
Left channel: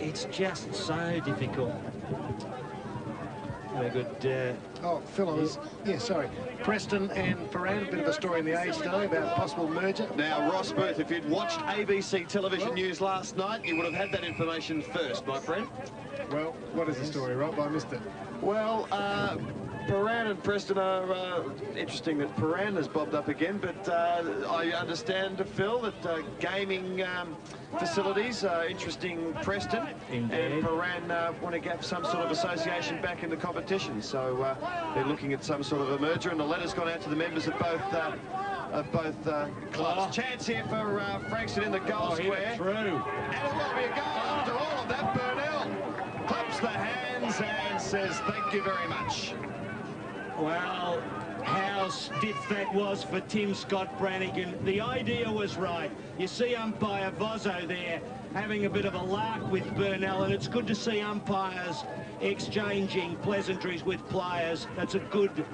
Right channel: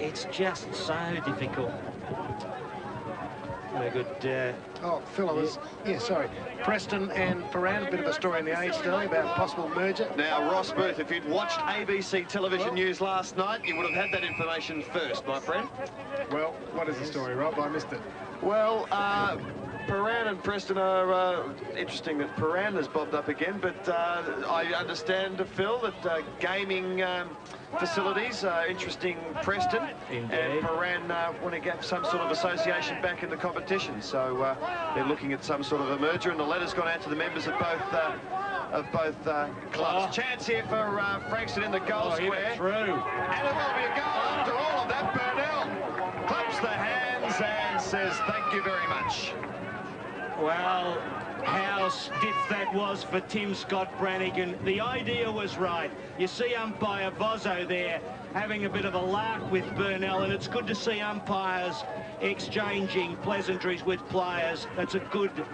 It's just so difficult. Very good. Oh, Phil, yeah, sorry. Preston and Paran, a bit of a story in the Age today about possible merger. Now, Ross Booth, if you'd watched ABC television news last night, you would have had that information first, my friend. Well, what is the story, Rob? I missed it. Well, Paran and Preston are interesting that Paran has bobbed up again, but I understand, Phil, that gaming facilities are interesting Preston. Indeed. And Paran want to get some sort of association back in the competition, so they're looking at some sort of a merger, and the letter's gone out to the members of both clubs. Chance here for Frankston in the goal square. Through. And it will be a goal after all of that. Burnell claps the hands and says thank you very much. Well, how stiff that was for Tim Scott Brannigan. The idea was right. You see umpire Bozzo there having a bit of a lark with Burnell, and it's good to see umpires exchanging pleasantries with players. That's a good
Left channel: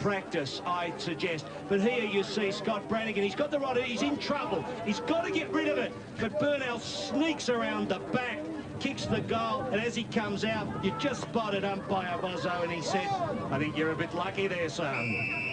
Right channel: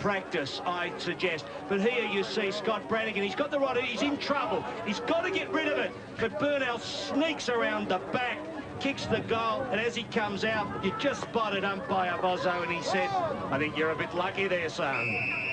practice, I suggest. But here you see Scott Brannigan. He's got the right, he's in trouble. He's got to get rid of it. But Burnell sneaks around the back, kicks the goal, and as he comes out, you just spotted umpire Bozzo, and he said, I think you're a bit lucky there, son.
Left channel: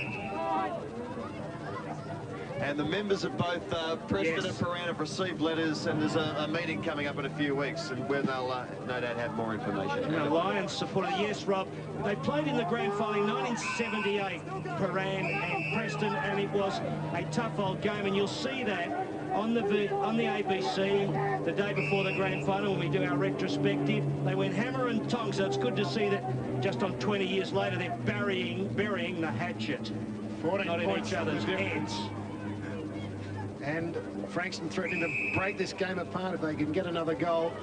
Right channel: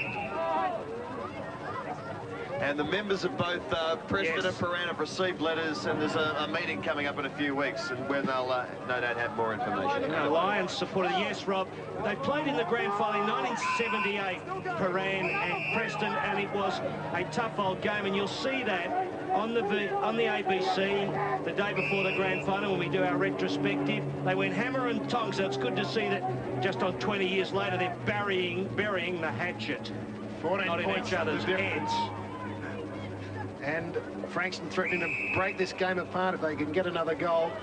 And the members of both Preston and Paran have received letters, and there's a meeting coming up in a few weeks where they'll no doubt have more information. Lions supported, yes, Rob. They played in the grand final in 1978, Paran and Preston, and it was a tough old game, and you'll see that on the ABC the day before the grand final when we do our retrospective. They went hammer and tongs, so it's good to see that just on 20 years later they're burying the hatchet. 14 not in each other's heads. And Frankston threatening to break this game apart if they can get another goal.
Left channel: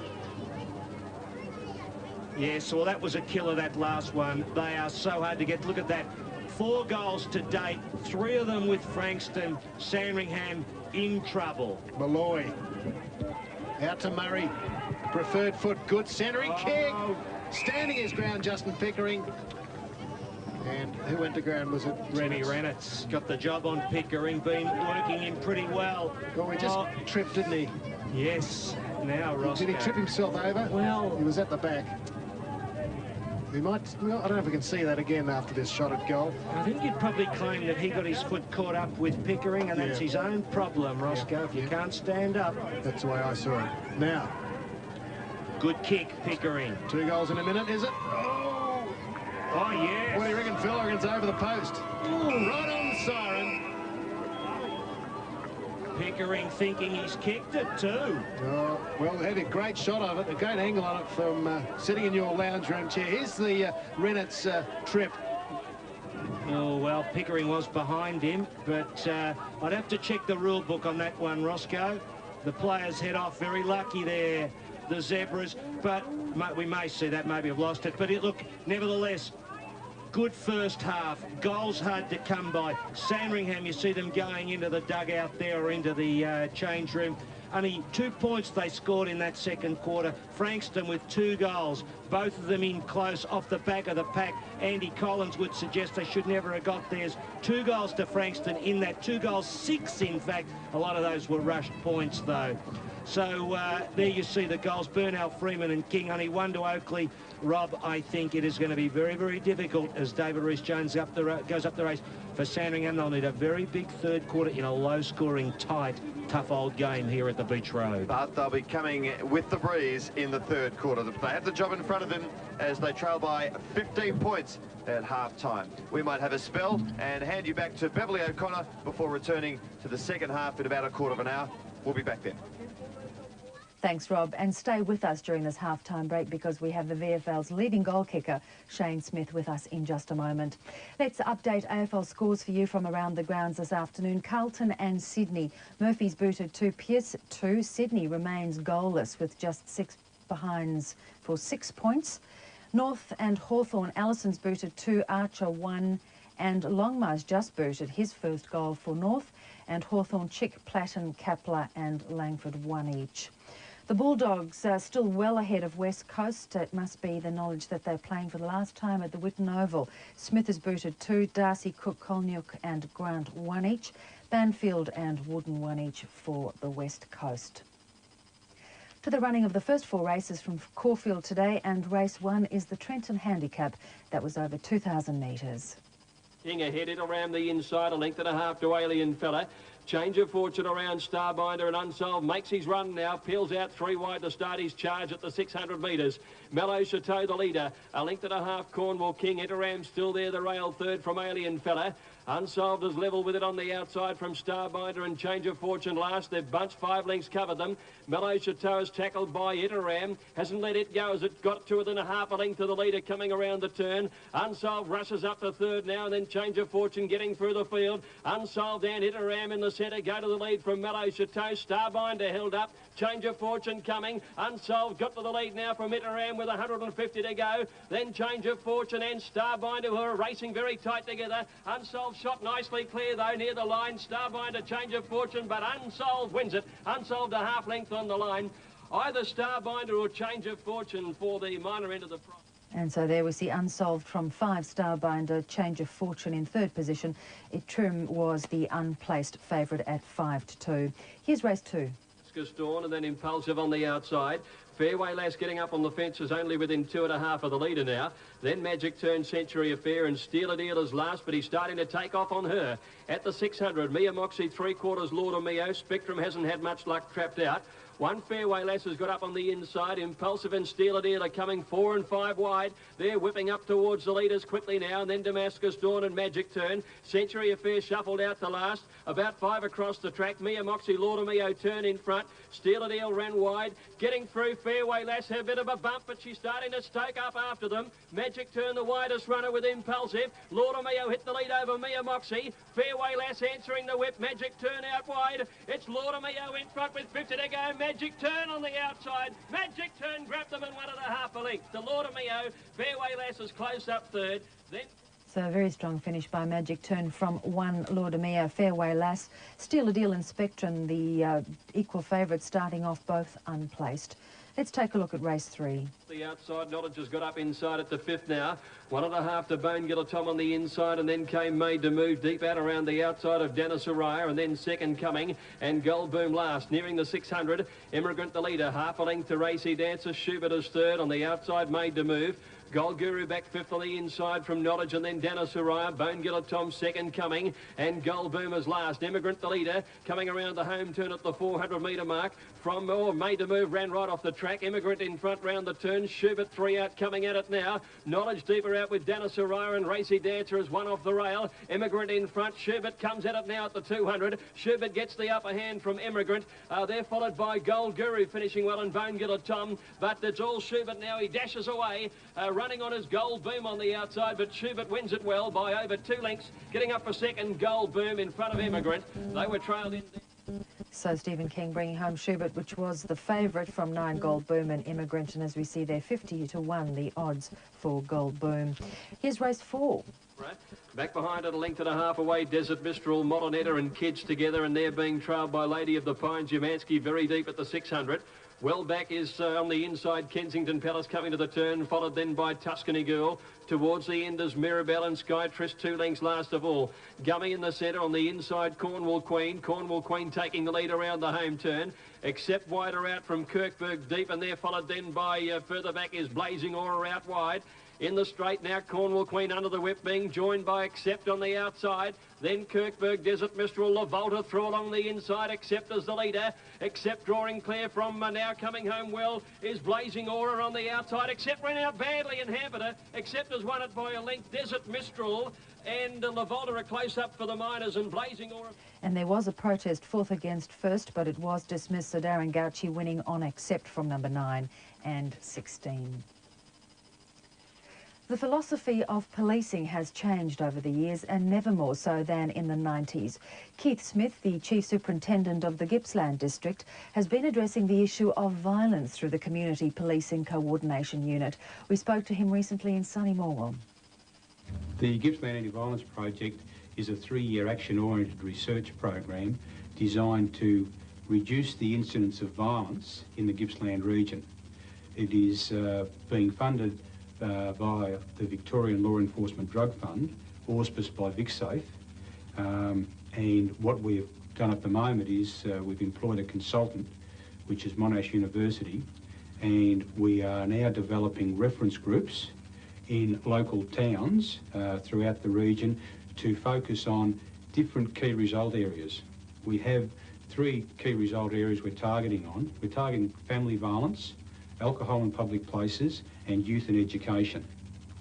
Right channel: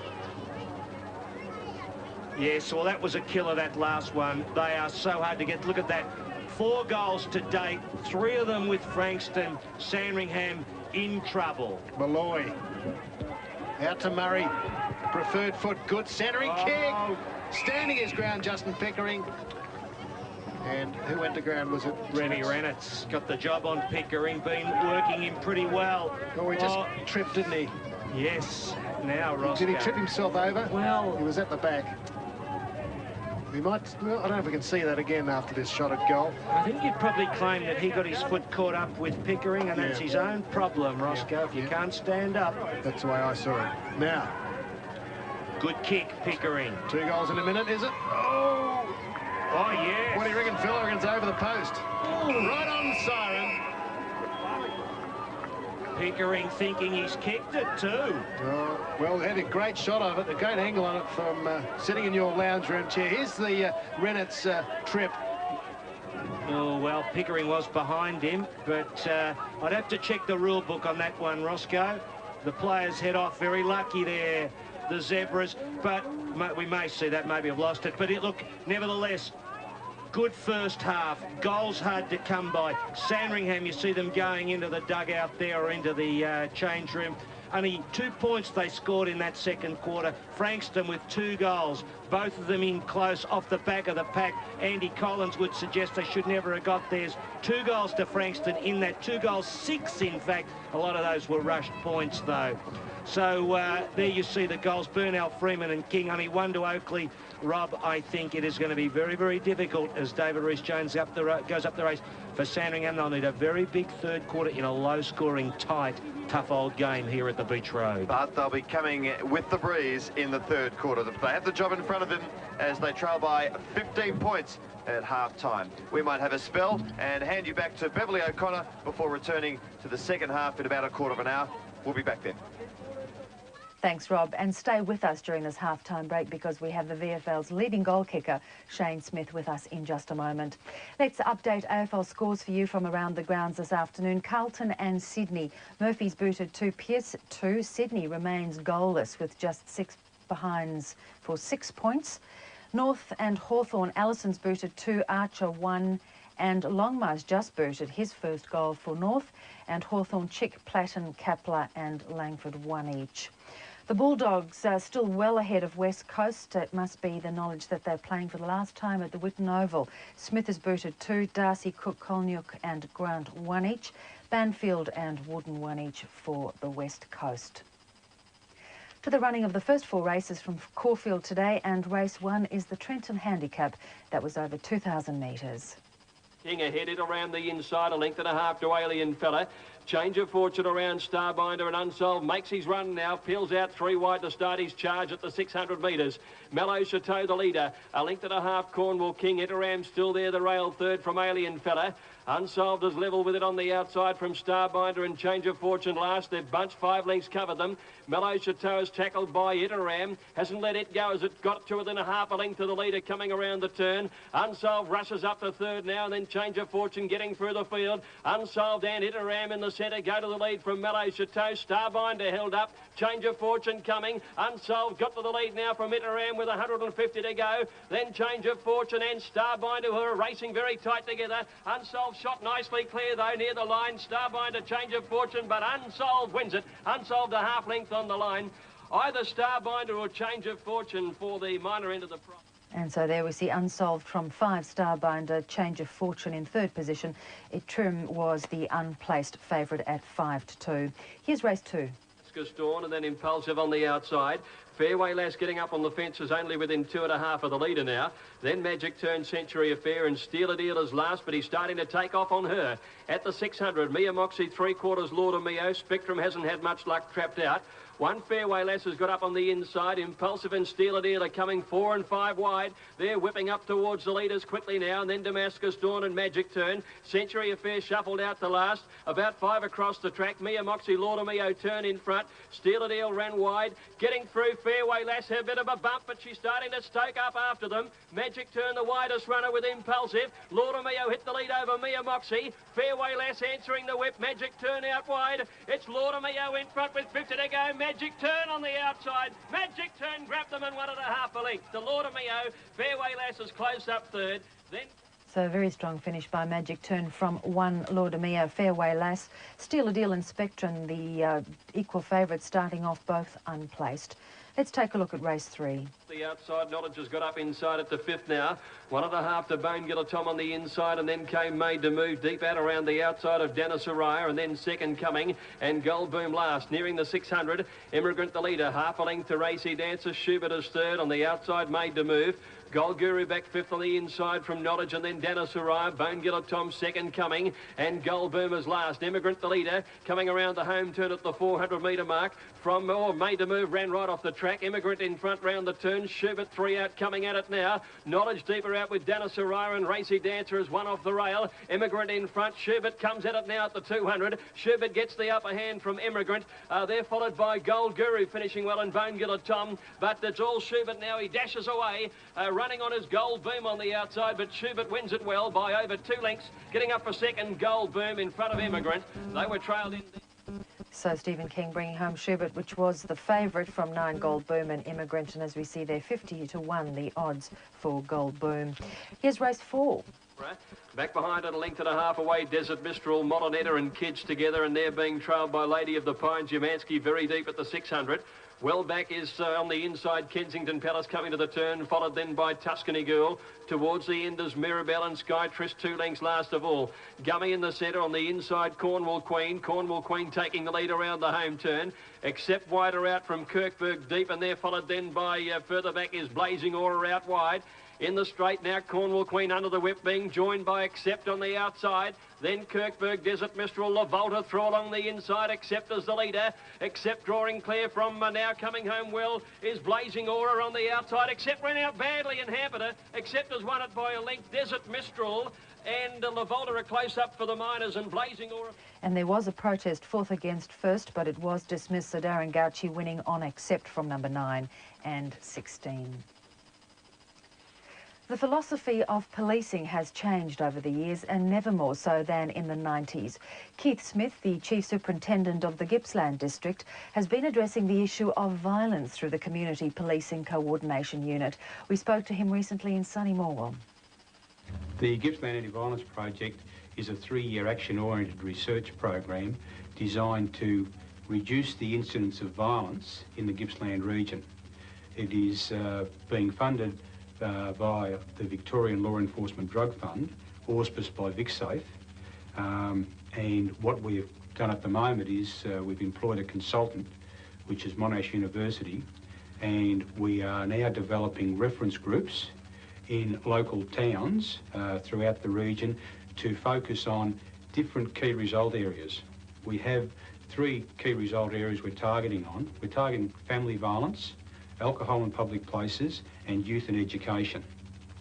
Yes, well, that was a killer, that last one. They are so hard to get. Look at that. 4 goals to date, 3 of them with Frankston. Sandringham in trouble. Malloy out to Murray. Preferred foot, good centering kick. Standing his ground, Justin Pickering. And who went to ground, was it? Remy Rennett's got the job on Pickering, been working him pretty well. Well, he just tripped, didn't he? Yes. Now, Roscoe. Did he trip himself over? Well, he was at the back. We might, well, I don't know if we can see that again after this shot at goal. I think you'd probably claim that he got his foot caught up with Pickering, and that's his own problem, Roscoe, if you can't stand up. That's the way I saw it. Now. Good kick, Pickering. 2 goals in a minute, is it? Oh, yeah. What do you reckon, Phil? I reckon it's over the post. Ooh, right on the siren. Pickering thinking he's kicked it too. Oh, well, they had a great shot of it, a great angle on it from sitting in your lounge room chair. Here's the Rennett's trip. Oh, well, Pickering was behind him, but I'd have to check the rule book on that one, Roscoe. The players head off very lucky there, the Zebras, but we may see that, maybe have lost it. But look, nevertheless, good first half. Goals hard to come by. Sandringham, you see them going into the dugout there or into the change room. Only 2 points they scored in that second quarter. Frankston with 2 goals, both of them in close off the back of the pack. Andy Collins would suggest they should never have got theirs. 2 goals to Frankston in that. 2 goals, 6 in fact. A lot of those were rushed points though. So there you see the goals. Burnell, Freeman and King. Only 1 to Oakley. Rob, I think it is going to be very, very difficult as David Rees-Jones goes up the race. For Sandringham, they'll need a very big third quarter in a low-scoring, tight, tough old game here at the Beach Road. But they'll be coming with the breeze in the third quarter. They have the job in front of them as they trail by 15 points at half-time. We might have a spell and hand you back to Beverly O'Connor before returning to the second half in about a quarter of an hour. We'll be back then. Thanks, Rob. And stay with us during this half-time break because we have the VFL's leading goal kicker, Shane Smith, with us in just a moment. Let's update AFL scores for you from around the grounds this afternoon. Carlton and Sydney. Murphy's booted 2, Pearce 2. Sydney remains goalless with just 6 behinds for 6 points. North and Hawthorn. Allison's booted 2, Archer 1. And Longmar's just booted his first goal for North. And Hawthorn, Chick, Platten, Kapler and Langford 1 each. The Bulldogs are still well ahead of West Coast. It must be the knowledge that they're playing for the last time at the Whitten Oval. Smith has booted 2, Darcy, Cook, Kolniuk and Grant 1 each. Banfield and Wooden 1 each for the West Coast. To the running of the first 4 races from Caulfield today, and race 1 is the Trenton Handicap. That was over 2,000 metres. King ahead it around the inside, a length and a half to Alien Fella. Change of fortune around Starbinder and Unsolved. Makes his run now. Peels out 3 wide to start his charge at the 600 metres. Mellow Chateau the leader. A length and a half Cornwall King. Iteram still there. The rail third from Alien Fella. Unsolved is level with it on the outside from Starbinder and Change of Fortune last. They've bunched 5 lengths, covered them. Mellow Chateau is tackled by Iteram. Hasn't let it go as it got to within a half a length of the leader coming around the turn. Unsolved rushes up to third now, and then Change of Fortune getting through the field. Unsolved and Iteram in the centre go to the lead from Mellow Chateau. Starbinder held up. Change of Fortune coming. Unsolved got to the lead now from Iteram with 150 to go. Then Change of Fortune and Starbinder, who are racing very tight together. Unsolved shot nicely clear though near the line. Starbinder, Change of Fortune, but Unsolved wins it. Unsolved a half length on the line. Either Starbinder or Change of Fortune for the minor end of the prize. And so there we see Unsolved from 5, Starbinder, Change of Fortune in third position. Trim was the unplaced favourite at 5-2. Here's race 2. Dawn and then Impulsive on the outside. Fairway Lass getting up on the fence is only within 2.5 of the leader now. Then Magic Turn, Century Affair, and Steal a Deal is last, but he's starting to take off on her. At the 600, Mia Moxie, 3/4 Lord of Mio. Spectrum hasn't had much luck, trapped out. One Fairway Lass has got up on the inside. Impulsive and Steal a Deal are coming 4 and 5 wide. They're whipping up towards the leaders quickly now, and then Damascus Dawn and Magic Turn. Century Affair shuffled out to last. About 5 across the track. Mia Moxie, Lord of Mio turn in front. Steal a Deal ran wide. Getting through Fairway Lass, had a bit of a bump, but she's starting to stoke up after them. Magic Turn, the widest runner with Impulsive. Lord of Mio hit the lead over Mia Moxie. Fairway Lass answering the whip. Magic Turn out wide. It's Lord of Mio in front with 50 to go. Magic Turn on the outside. Magic Turn grabbed them in 1.5 a length. The Lord of Mio. Fairway Lass is close up third. Then... So a very strong finish by Magic Turn from 1 Lord of Mio, Fairway Lass. Steal a Deal and Spectrum, the equal favourites, starting off both unplaced. Let's take a look at race 3. The outside, Knowledge has got up inside at the 5th now. 1.5 to Bone Giller Tom on the inside, and then came Made to Move deep out around the outside of Dana Soraya, and then second coming, and Gold Boom last. Nearing the 600, Immigrant the leader, half a length to Racy Dancer. Schubert is third on the outside, Made to Move. Gold Guru back 5th on the inside from Knowledge, and then Dana Soraya. Bone Giller Tom second coming, and Gold Boom is last. Immigrant the leader, coming around the home turn at the 400 metre mark. From Made to Move ran right off the track. Immigrant in front round the turn. Schubert 3 out, coming at it now. Knowledge deeper out with Dana Soraya, and Racy Dancer is 1 off the rail. Immigrant in front. Schubert comes at it now at the 200. Schubert gets the upper hand from Immigrant. They're followed by Gold Guru finishing well, and Bone Giller Tom. But it's all Schubert now. He dashes away. Running on his Gold Boom on the outside, but Schubert wins it well by over 2 lengths. Getting up for second, Gold Boom in front of Immigrant. They were trailed in. So Stephen King bringing home Schubert, which was the favourite from 9 Gold Boom and Immigrant, and as we see there, 50-1 the odds for Gold Boom. Here's race 4. Back behind at a length and a half away, Desert Mistral, Molinetta and Kids together, and they're being trailed by Lady of the Pines, Jumansky, very deep at the 600. Well back is on the inside, Kensington Palace coming to the turn, followed then by Tuscany Girl. Towards the end is Mirabelle and Skytress, 2 lengths last of all. Gummy in the centre, on the inside, Cornwall Queen. Cornwall Queen taking the lead around the home turn. Except wider out from Kirkberg deep, and they're followed then by further back is Blazing Aura out wide. In the straight now, Cornwall Queen under the whip, being joined by Accept on the outside. Then Kirkberg, Desert Mistral, La Volta through along the inside. Accept as the leader. Accept drawing clear from now coming home well is Blazing Aura on the outside. Accept ran out badly and hampered her. Accept has won it by a length. Desert Mistral and La Volta are close up for the minors, and Blazing Aura. And there was a protest 4th against 1st, but it was dismissed. So Darren Gauci winning on Accept from number 9 and 16. The philosophy of policing has changed over the years, and never more so than in the 90s. Keith Smith, the Chief Superintendent of the Gippsland District, has been addressing the issue of violence through the Community Policing Coordination Unit. We spoke to him recently in sunny Morwell. The Gippsland Anti-Violence Project is a 3-year action-oriented research program designed to reduce the incidence of violence in the Gippsland region. It is being funded by the Victorian Law Enforcement Drug Fund, auspiced by VicSafe, and what we've done at the moment is we've employed a consultant, which is Monash University, and we are now developing reference groups in local towns throughout the region to focus on different key result areas. We have 3 key result areas we're targeting on. We're targeting family violence, alcohol in public places, and youth and education.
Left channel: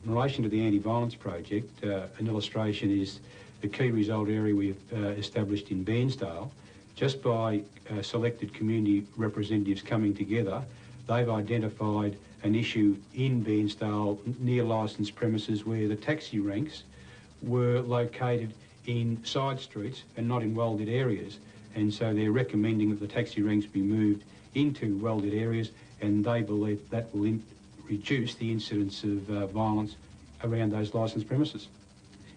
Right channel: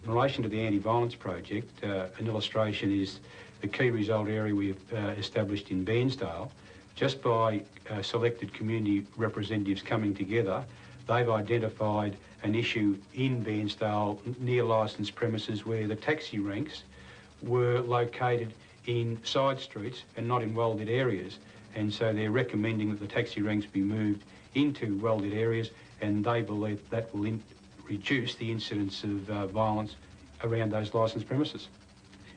In relation to the anti-violence project, an illustration is the key result area we've established in Bairnsdale. Just by selected community representatives coming together, they've identified an issue in Bairnsdale near licensed premises where the taxi ranks were located in side streets and not in welded areas, and so they're recommending that the taxi ranks be moved into welded areas, and they believe that will reduce the incidence of violence around those licensed premises.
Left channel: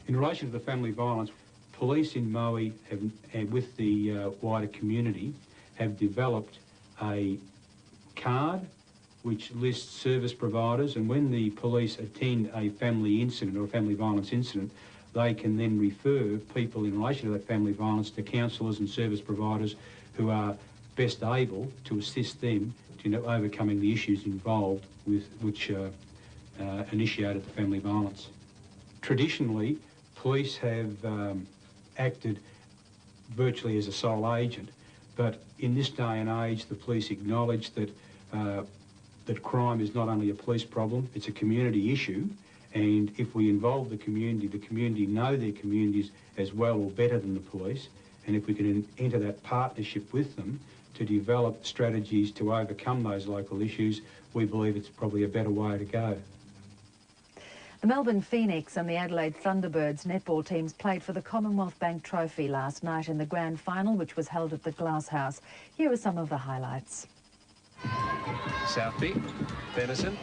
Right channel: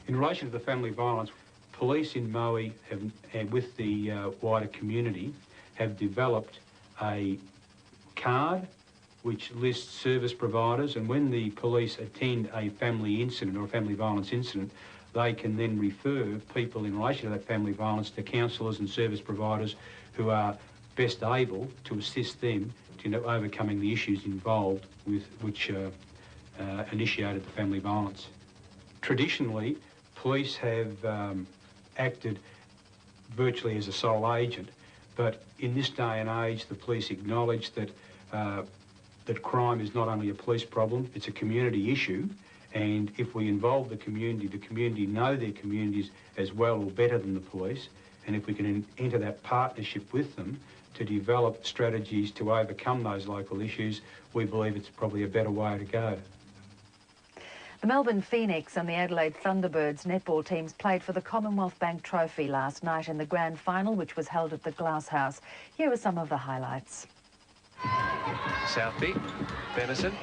In relation to the family violence, police in Moe and with the wider community have developed a card which lists service providers, and when the police attend a family incident or a family violence incident, they can then refer people in relation to that family violence to counsellors and service providers who are best able to assist them in overcoming the issues involved with which initiated the family violence. Traditionally, police have acted virtually as a sole agent, but in this day and age, the police acknowledge that that crime is not only a police problem, it's a community issue, and if we involve the community know their communities as well or better than the police, and if we can enter that partnership with them to develop strategies to overcome those local issues, we believe it's probably a better way to go. The Melbourne Phoenix and the Adelaide Thunderbirds netball teams played for the Commonwealth Bank Trophy last night in the grand final, which was held at the Glass House. Here are some of the highlights. Southby, Venison,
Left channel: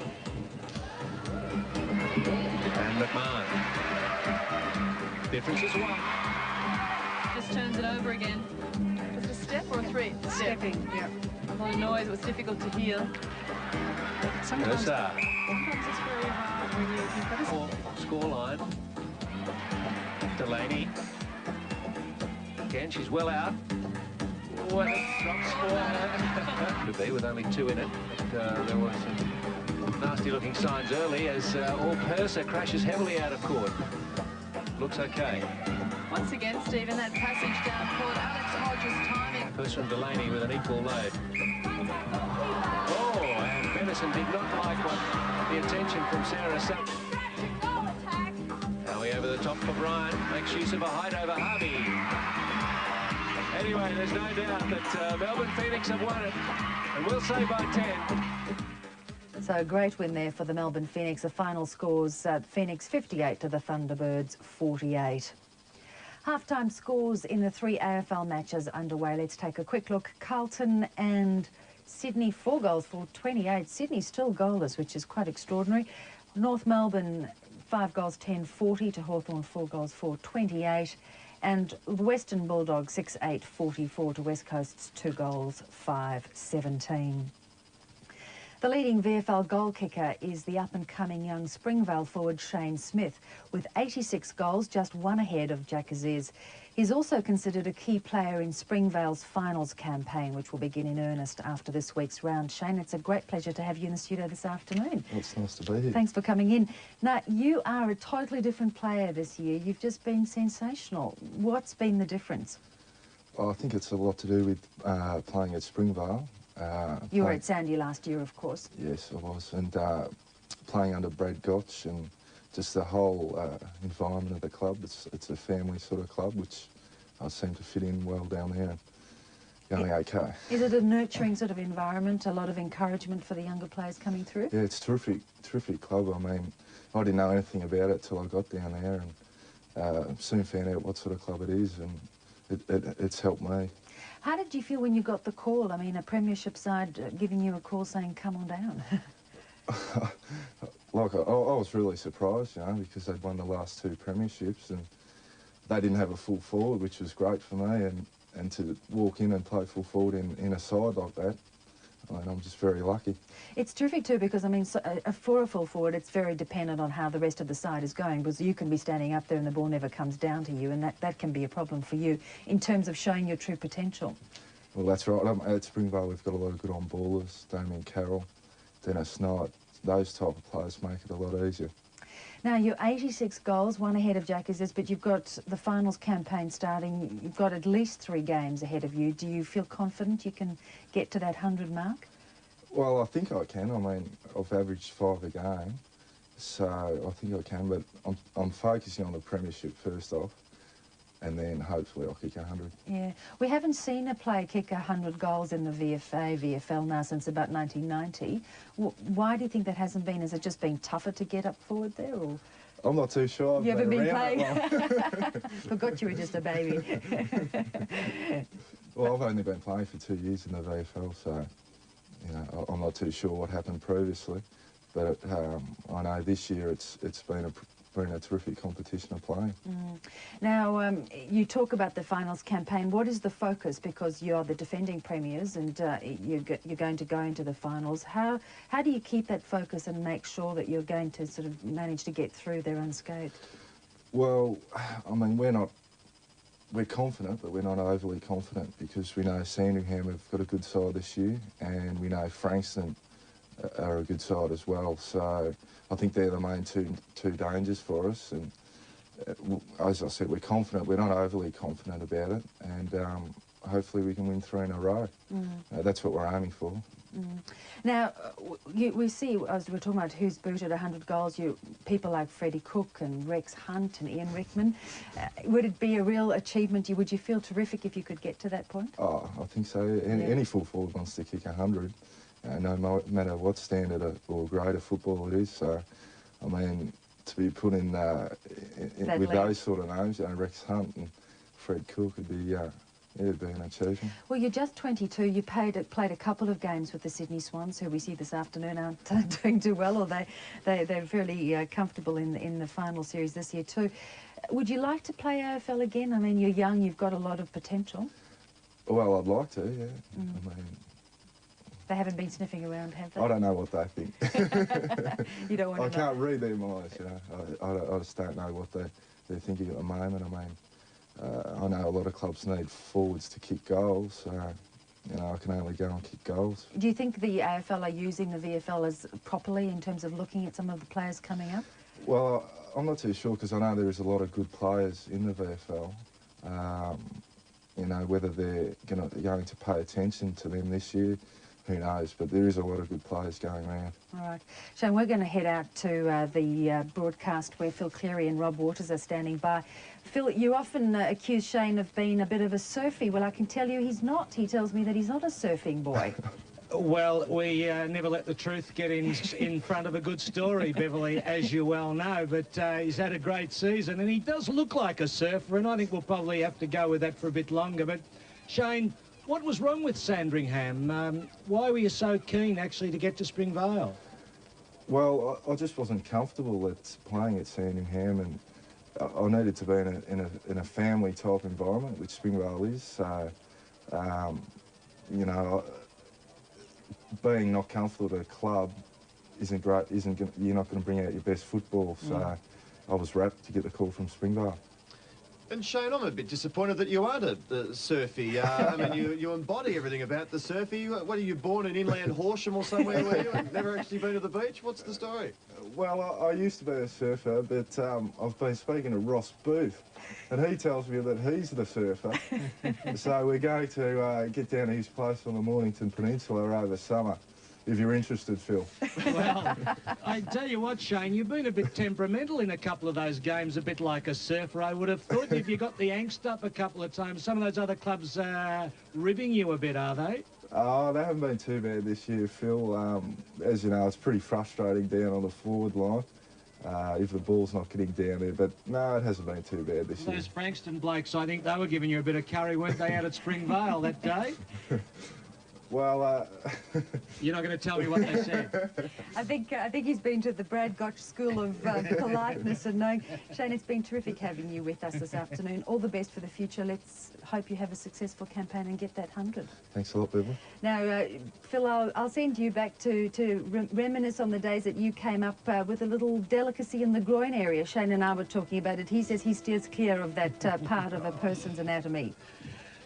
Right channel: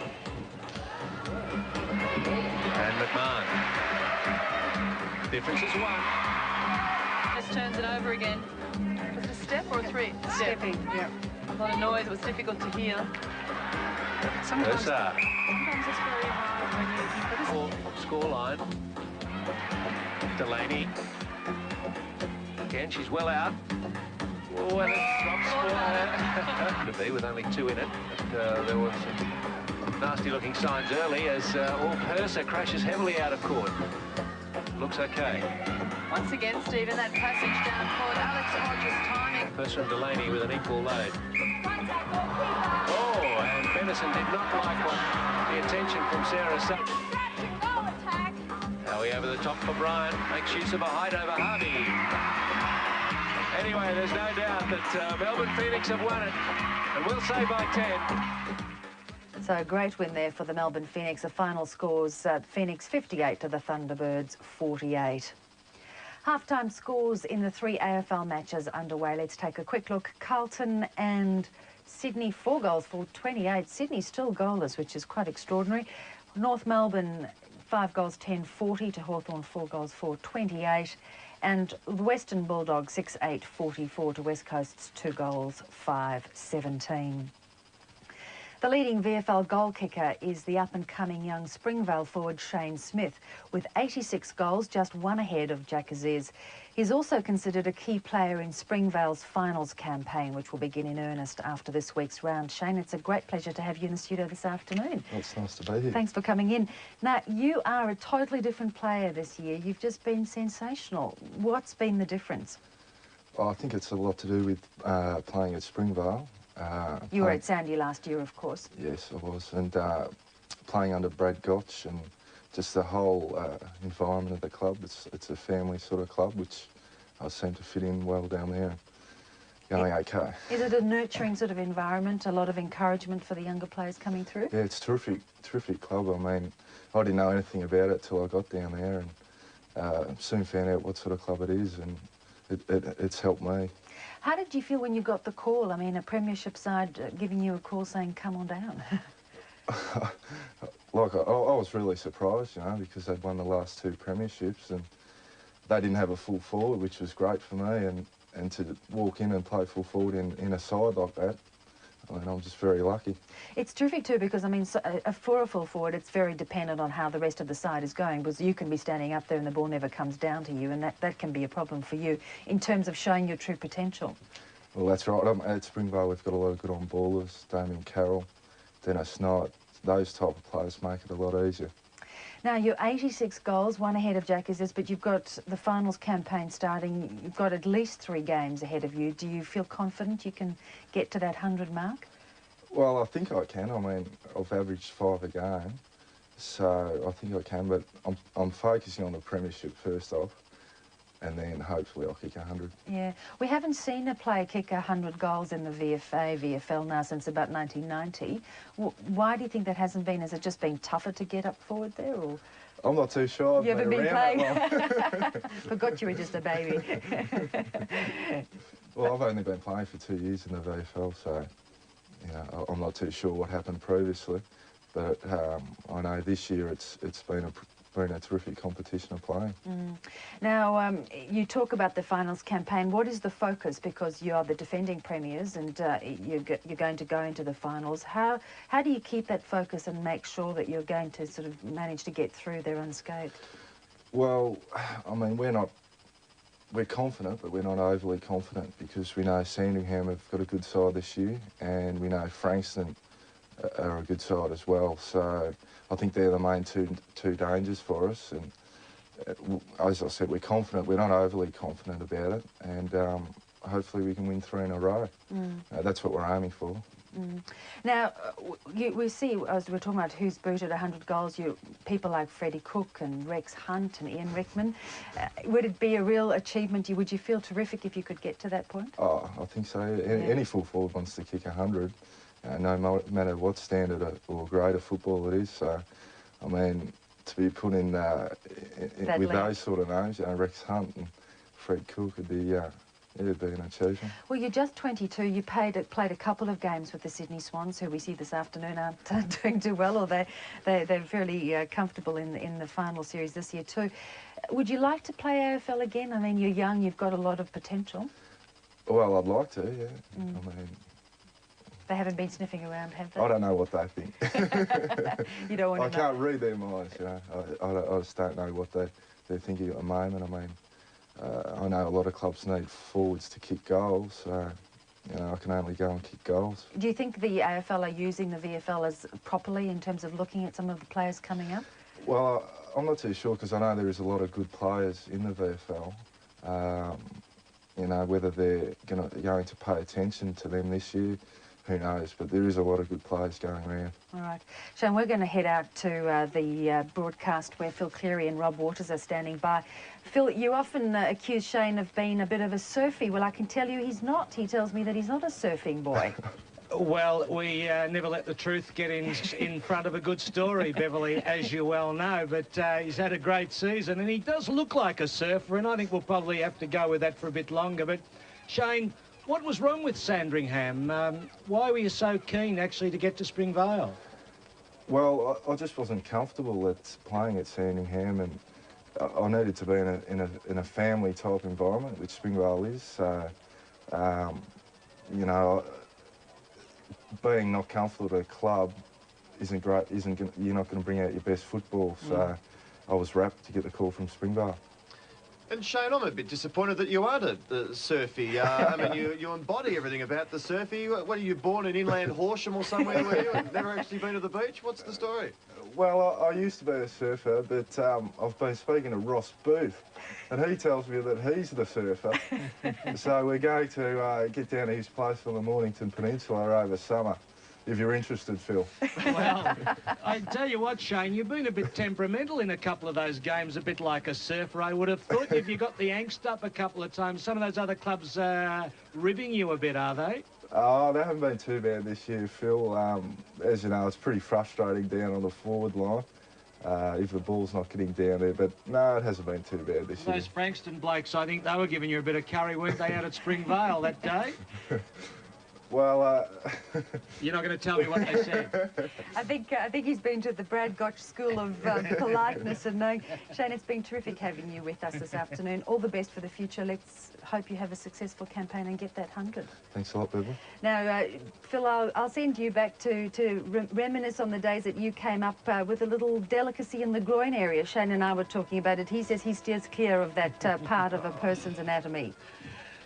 and McMahon. Difference is one. Just turns it over again. Was it a step or a three? Stepping. Yeah. A lot of noise. It was difficult to hear. Sometimes it's very hard when you've got a Score line. Delaney. Again, she's well out. What a top score to be with only 2 in it. There was some nasty-looking signs early as Purser crashes heavily out of court. Looks okay. Once again, Stephen, that passage down court. Alex Hodges timing. Purser and Delaney with an equal load. Oh, and Venison did not like the attention from Sarah Sutton. Howie over the top for Bryant. Makes use of a height over Harvey. Anyway, there's no doubt that Melbourne Phoenix have won it, and we'll say by 10. So a great win there for the Melbourne Phoenix. The final scores, Phoenix 58 to the Thunderbirds 48. Half-time scores in the 3 AFL matches underway. Let's take a quick look. Carlton and Sydney, 4 goals for 28. Sydney still goalless, which is quite extraordinary. North Melbourne, 5 goals, 10-40 to Hawthorn, 4 goals for 28. And the Western Bulldogs, 6-8-44 to West Coast's 2 goals, 5-17. The leading VFL goal kicker is the up-and-coming young Springvale forward Shane Smith, with 86 goals, just 1 ahead of Jack Aziz. He's also considered a key player in Springvale's finals campaign, which will begin in earnest after this week's round. Shane, it's a great pleasure to have you in the studio this afternoon. It's nice to be here. Thanks for coming in. Now, you are a totally different player this year. You've just been sensational. What's been the difference? I think it's a lot to do with playing at Springvale. You were at Sandy last year, of course. Yes, I was. And playing under Brad Gotch and just the whole environment of the club. It's a family sort of club, which I seem to fit in well down there. Going okay. Is it a nurturing sort of environment, a lot of encouragement for the younger players coming through? Yeah, it's terrific club. I mean, I didn't know anything about it till I got down there, and soon found out what sort of club it is, and it's helped me. How did you feel when you got the call? I mean, a premiership side giving you a call saying, come on down. Like, I was really surprised, you know, because they'd won the last 2 premierships, and they didn't have a full forward, which was great for me, and to walk in and play full forward in a side like that, I mean, I'm just very lucky. It's terrific too, because I mean, for a full forward, it's very dependent on how the rest of the side is going, because you can be standing up there and the ball never comes down to you, and that can be a problem for you in terms of showing your true potential. Well, that's right. At Springvale, we've got a lot of good on-ballers, Damien Carroll, Dennis Knight. Those type of players make it a lot easier. Now, you're 86 goals, 1 ahead of Jack Aziz, but you've got the finals campaign starting. You've got at least 3 games ahead of you. Do you feel confident you can get to that 100 mark? Well, I think I can. I mean, I've averaged 5 a game, so I think I can, but I'm focusing on the premiership first off. and then hopefully I'll kick 100. Yeah, we haven't seen a player kick 100 goals in the VFL now since about 1990. Why do you think that hasn't been? Has it just been tougher to get up forward there, or? I'm not too sure. You haven't been playing? Long. Forgot you were just a baby. Well, I've only been playing for 2 years in the VFL, so you know, I'm not too sure what happened previously. But I know this year it's been a terrific competition of playing. Now, you talk about the finals campaign. What is the focus? Because you are the defending premiers and you're going to go into the finals. How do you keep that focus and make sure that you're going to sort of manage to get through there unscathed? Well, I mean, we're confident, but we're not overly confident because we know Sandringham have got a good side this year and we know Frankston are a good side as well. So I think they're the main two dangers for us. And as I said, we're confident. We're not overly confident about it, and hopefully we can win 3 in a row. That's what we're aiming for. Now, we see, as we're talking about who's booted 100 goals, people like Freddie Cook and Rex Hunt and Ian Rickman. Would it be a real achievement? Would you feel terrific if you could get to that point? Oh, I think so. Any full forward wants to kick 100, no matter what standard or grade of football it is. So, I mean, to be put in with those sort of names, Rex Hunt and Fred Cook would be, it'd be an achievement. Well, you're just 22. You played a couple of games with the Sydney Swans, who we see this afternoon aren't doing too well, or they're fairly comfortable in the final series this year too. Would you like to play AFL again? I mean, you're young, you've got a lot of potential. Well, I'd like to, yeah. I mean, they haven't been sniffing around, have they? I don't know what they think. You don't want to know. I can't read their minds, you know. I just don't know what they're thinking at the moment. I mean, I know a lot of clubs need forwards to kick goals, so, you know, I can only go and kick goals. Do you think the AFL are using the VFL as properly in terms of looking at some of the players coming up? Well, I'm not too sure because I know there is a lot of good players in the VFL. You know, whether they're going to pay attention to them this year, who knows, but there is a lot of good players going around. All right. Shane, we're going to head out to the broadcast where Phil Cleary and Rob Waters are standing by. Phil, you often accuse Shane of being a bit of a surfy. Well, I can tell you he's not. He tells me that he's not a surfing boy. Well, we never let the truth get in front of a good story, Beverly, as you well know. But he's had a great season, and he does look like a surfer, and I think we'll probably have to go with that for a bit longer. But, Shane, what was wrong with Sandringham? Why were you so keen, actually, to get to Springvale? Well, I just wasn't comfortable playing at Sandringham, and I needed to be in a family-type environment, which Springvale is. So, you know, being not comfortable at a club isn't great. You're not going to bring out your best football. So, I was rapt to get the call from Springvale. And Shane, I'm a bit disappointed that you aren't a surfy. I mean, you embody everything about the surfy. What, are you born in inland Horsham or somewhere where you've never actually been to the beach? What's the story? Well, I used to be a surfer, but I've been speaking to Ross Booth, and he tells me that he's the surfer. So we're going to get down to his place on the Mornington Peninsula over summer. If you're interested, Phil. Well, I tell you what, Shane, you've been a bit temperamental in a couple of those games, a bit like a surfer, I would have thought. If you got the angst up a couple of times, some of those other clubs ribbing you a bit, are they? Oh, they haven't been too bad this year, Phil. As you know, it's pretty frustrating down on the forward line if the ball's not getting down there. But no, it hasn't been too bad this year. Those Frankston blokes, I think they were giving you a bit of curry, weren't they, out at Springvale that day? Well, you're not going to tell me what they said. I think he's been to the Brad Gotch School of Politeness and knowing. Shane, it's been terrific having you with us this afternoon. All the best for the future. Let's hope you have a successful campaign and get that 100. Thanks a lot, Beverly. Now, Phil, I'll send you back to reminisce on the days that you came up with a little delicacy in the groin area. Shane and I were talking about it. He says he steers clear of that part of a person's anatomy.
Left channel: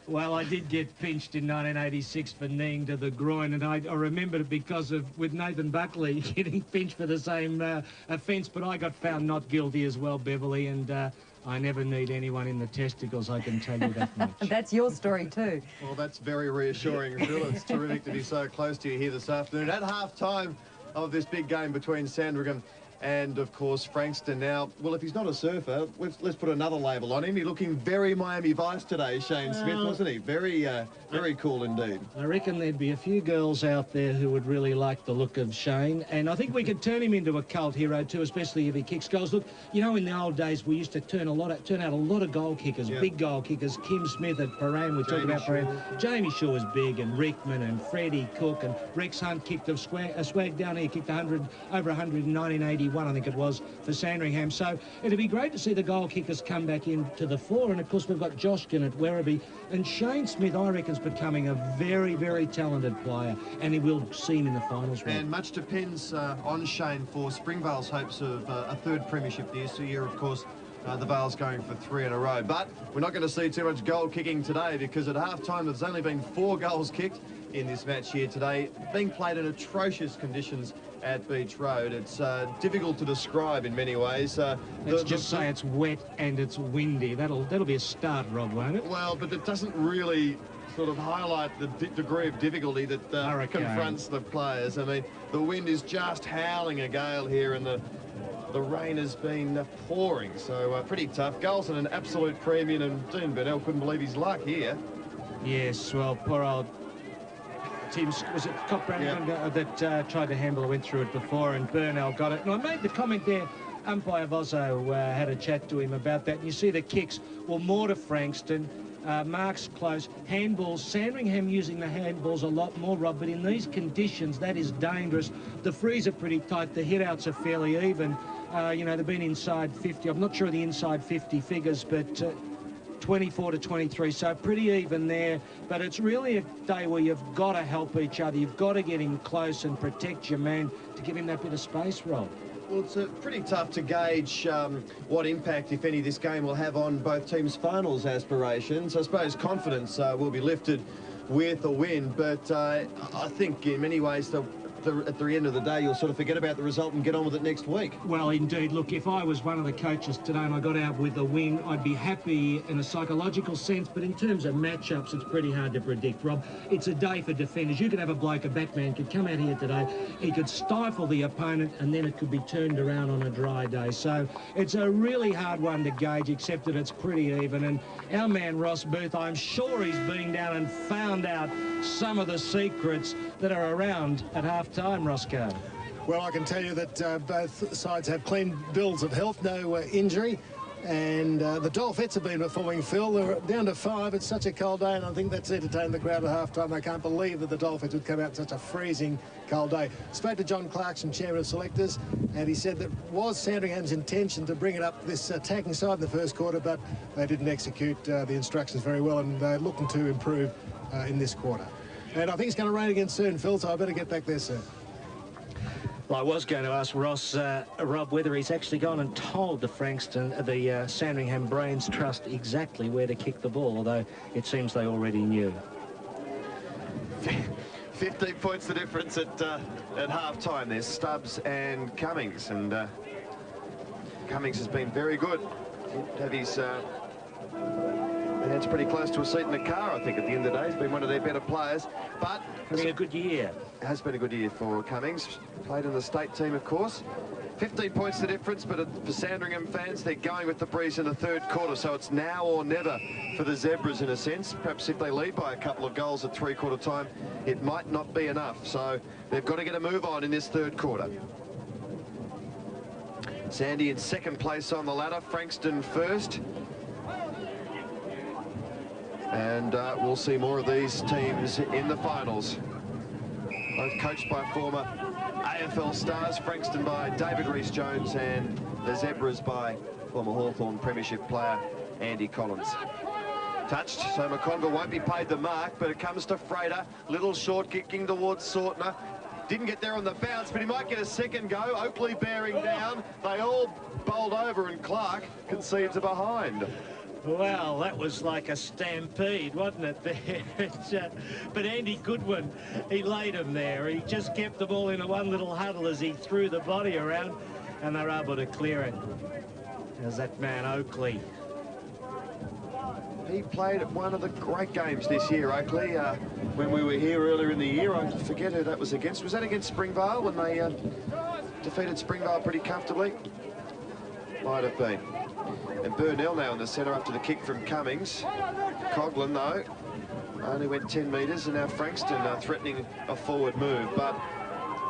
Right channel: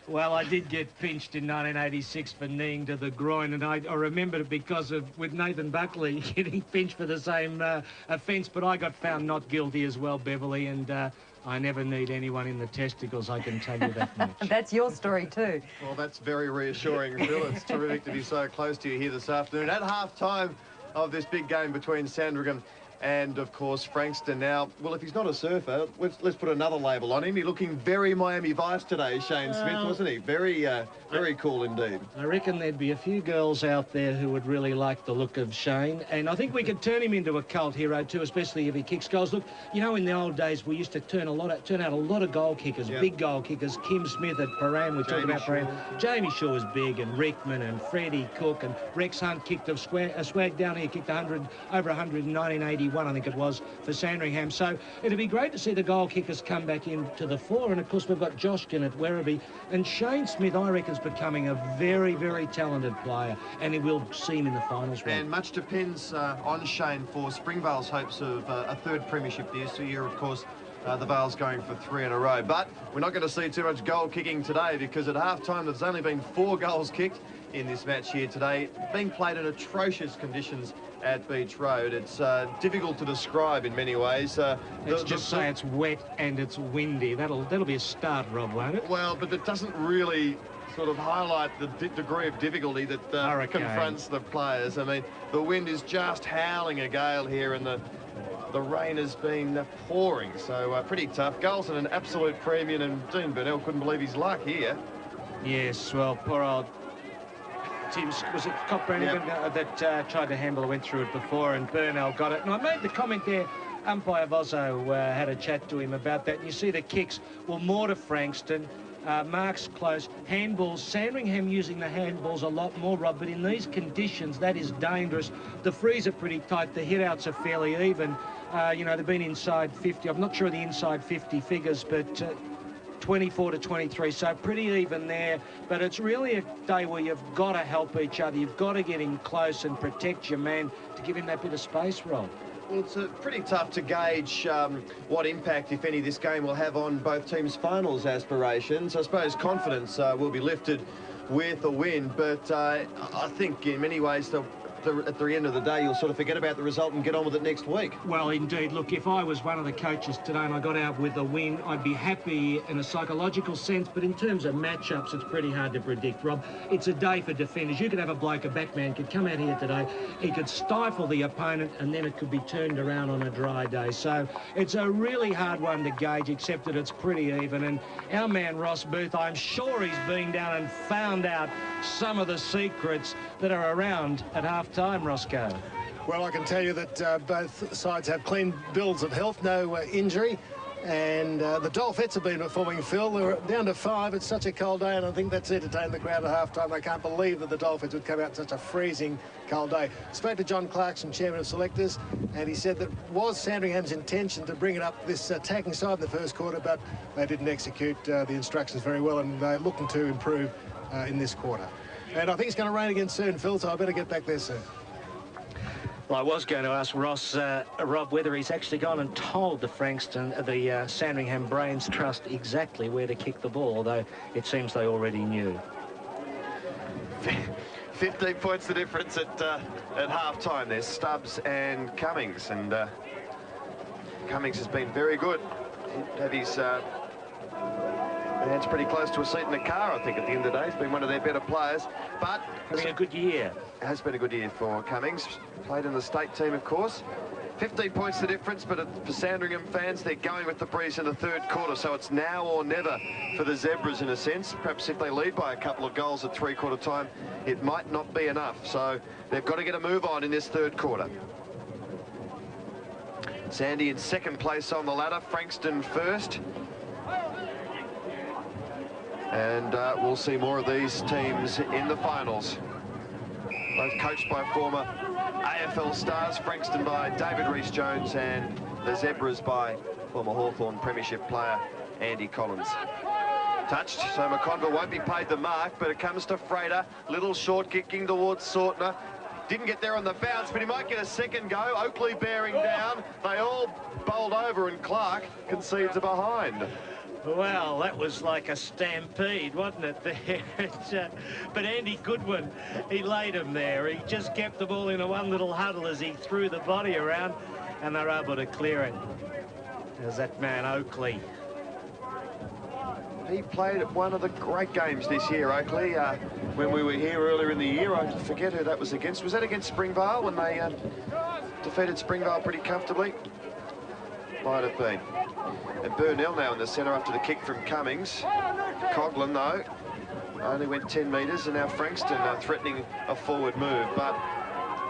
Well, I did get pinched in 1986 for kneeing to the groin, and I remembered it because of, with Nathan Buckley, getting pinched for the same offence, but I got found not guilty as well, Beverly, and I never need anyone in the testicles, I can tell you that much. That's your story too. Well, that's very reassuring, Phil. It's terrific to be so close to you here this afternoon at half-time of this big game between Sandringham And, of course, Frankston now, well, if he's not a surfer, let's put another label on him. He's looking very Miami Vice today, Shane Smith, wasn't he? Very, very cool indeed. I reckon there'd be a few girls out there who would really like the look of Shane, and I think we could turn him into a cult hero too, especially if he kicks goals. Look, you know, in the old days, we used to turn out a lot of goal kickers, big goal kickers. Kim Smith at Paran, we talked about Paran. Jamie Shaw was big, and Rickman and Freddie Cook, and Rex Hunt kicked a swag down here, kicked 100, over 100 in 1981, I think it was, for Sandringham. So it'd be great to see the goal kickers come back into the fore, and of course we've got Joshkin at Werribee, and Shane Smith, I reckon, is becoming a very, very talented player, and he will see him in the finals. And much depends on Shane for Springvale's hopes of a third premiership this year. Of course, the Vale's going for 3 in a row. But we're not going to see too much goal kicking today, because at half-time there's only been 4 goals kicked in this match here today, being played in atrocious conditions at Beach Road. It's difficult to describe in many ways. Let's just say it's wet and it's windy. That'll be a start, Rob, won't it? Well, but it doesn't really sort of highlight the degree of difficulty that confronts the players. I mean, the wind is just howling a gale here, and the rain has been pouring, so pretty tough. Goals at an absolute premium, and Dean Burnell couldn't believe his luck here. Yes, well, poor old Tim, was it Cockburn that tried to handle it, went through it before, and Burnell got it. And I made the comment there, umpire Vozzo had a chat to him about that, and you see the kicks, well, more to Frankston, marks close, handballs, Sandringham using the handballs a lot more, Rob, but in these conditions, that is dangerous. The frees are pretty tight, the hit-outs are fairly even. You know, they've been inside 50, I'm not sure of the inside 50 figures, but 24 to 23, so pretty even there. But it's really a day where you've got to help each other. You've got to get him close and protect your man to give him that bit of space, Rob. Well, it's pretty tough to gauge what impact, if any, this game will have on both teams' finals aspirations. I suppose confidence will be lifted with a win, but I think in many ways at the end of the day, you'll sort of forget about the result and get on with it next week. Well, indeed. Look, if I was one of the coaches today and I got out with a win, I'd be happy in a psychological sense, but in terms of matchups, it's pretty hard to predict, Rob. It's a day for defenders. You could have a bloke, a backman, could come out here today, he could stifle the opponent, and then it could be turned around on a dry day. So it's a really hard one to gauge, except that it's pretty even. And our man Ross Booth, I'm sure he's been down and found out some of the secrets that are around at half-time, Roscoe. Well, I can tell you that both sides have clean bills of health, no injury. And the Dolphins have been performing, Phil. They're down to 5. It's such a cold day, and I think that's entertained the crowd at half-time. They can't believe that the Dolphins would come out such a freezing cold day. Spoke to John Clarkson, chairman of selectors, and he said that was Sandringham's intention to bring it up this attacking side in the first quarter, but they didn't execute the instructions very well, and they're looking to improve in this quarter. And I think it's going to rain again soon, Phil, so I better get back there soon. Well, I was going to ask Ross, Rob, whether he's actually gone and told the Frankston, the Sandringham Brains Trust exactly where to kick the ball, although it seems they already knew. 15 points the difference at half-time. There's Stubbs and Cummings, and Cummings has been very good. Had his hands pretty close to a seat in the car, I think, at the end of the day. He's been one of their better players, but it's been a good year. Has been a good year for Cummings. Played in the state team, of course. 15 points the difference, but for Sandringham fans, they're going with the breeze in the third quarter, so it's now or never for the Zebras in a sense. Perhaps if they lead by a couple of goals at three-quarter time, it might not be enough. So they've got to get a move on in this third quarter. Sandy in second place on the ladder, Frankston first. And we'll see more of these teams in the finals. Both coached by former AFL stars, Frankston by David Rhys-Jones, and the Zebras by former Hawthorn Premiership player Andy Collins. Touched, so McConville won't be paid the mark, but it comes to Frater. Little short kicking towards Sortner. Didn't get there on the bounce, but he might get a second go. Oakley bearing down. They all bowled over, and Clark concedes a behind. Well, that was like a stampede, wasn't it, there? But Andy Goodwin, he laid him there. He just kept the ball in a one little huddle as he threw the body around, and they're able to clear it. There's that man, Oakley. he played one of the great games this year, Oakley. When we were here earlier in the year, I forget who that was against. Was that against Springvale when they defeated Springvale pretty comfortably? Might have been. And Burnell now in the centre after the kick from Cummings. Coghlan, though, only went 10 metres, and now Frankston threatening a forward move, but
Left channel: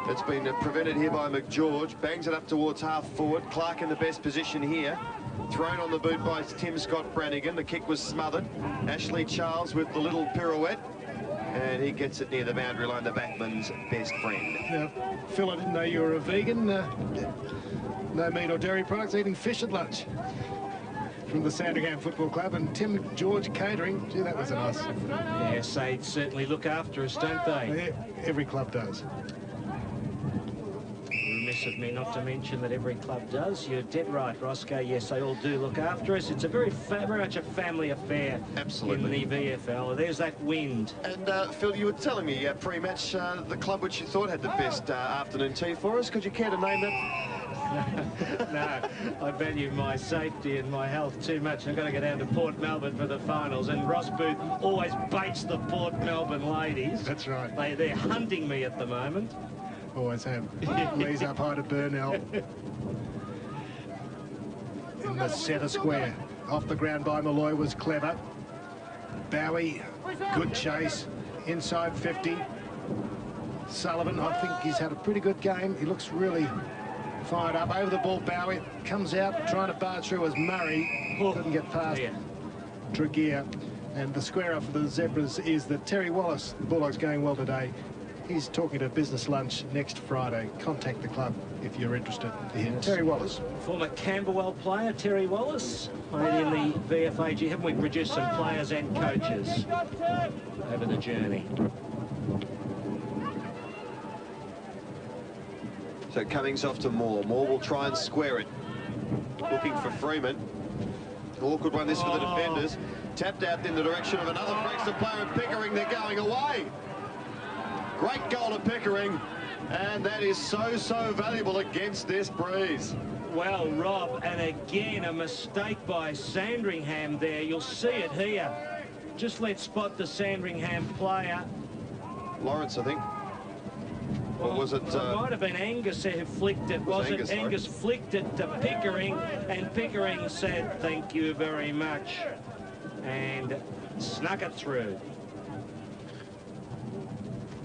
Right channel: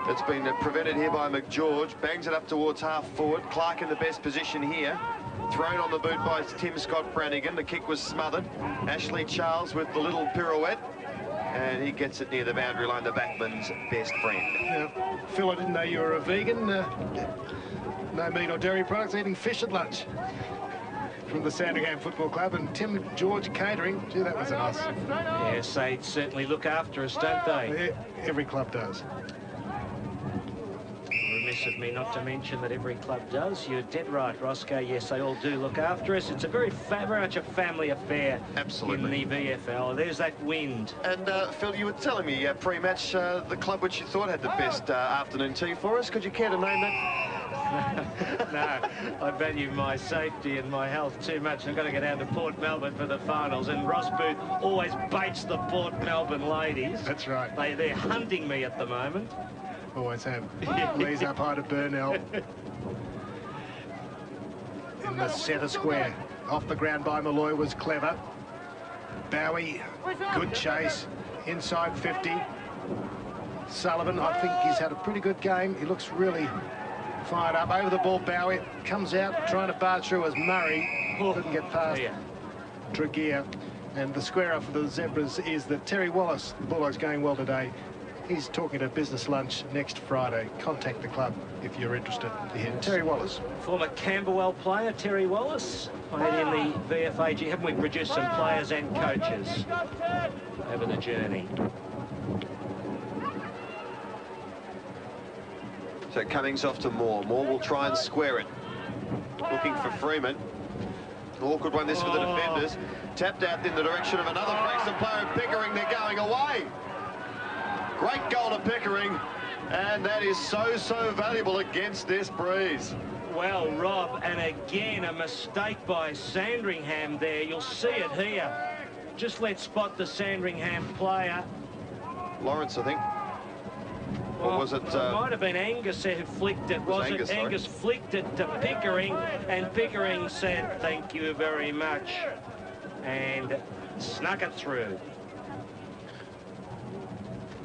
it's been prevented here by McGeorge. Bangs it up towards half forward. Clark in the best position here. Thrown on the boot by Tim Scott Brannigan. The kick was smothered. Ashley Charles with the little pirouette. And he gets it near the boundary line, the backman's best friend. Phil, I didn't know you were a vegan. No meat or dairy products, eating fish at lunch. From the Sandringham Football Club, and Tim George Catering. Gee, that was nice. Yes, they certainly look after us, don't they? Yeah, every club does. Remiss of me not to mention that every club does. You're dead right, Roscoe. Yes, they all do look after us. It's a very much a family affair. Absolutely. In the VFL. There's that wind. And Phil, you were telling me pre-match the club which you thought had the best afternoon tea for us. Could you care to name that? No, I value my safety and my health too much. I've got to get down to Port Melbourne for the finals, and Ross Booth always baits the Port Melbourne ladies. That's right. They're hunting me at the moment. Always have. Lee's up high to Burnell. In the centre square. Off the ground by Malloy was clever. Bowie, good chase. Inside 50. Sullivan, I think he's had a pretty good game. He looks really fired up. Over the ball, Bowie comes out, trying to barge through as Murray couldn't get past Tregear. And the square up for the Zebras is that Terry Wallace, the Bulldogs, going well today. He's talking at a business lunch next Friday. Contact the club if you're interested to hear Terry Wallace. Former Camberwell player, Terry Wallace, played in the VFAG. Haven't we produced some players and coaches over the journey? So Cummings off to Moore. Moore will try and square it. Looking for Freeman. Awkward one this for the defenders. Tapped out in the direction of another Frankston player, Pickering. They're going away. Great goal to Pickering. And that is so valuable against this breeze. Well, Rob, and again a mistake by Sandringham there. You'll see it here. Just let's spot the Sandringham player. Lawrence, I think. Or was it... It might have been Angus who flicked it, wasn't it? Angus flicked it to Pickering, and Pickering said, thank you very much, and snuck it through.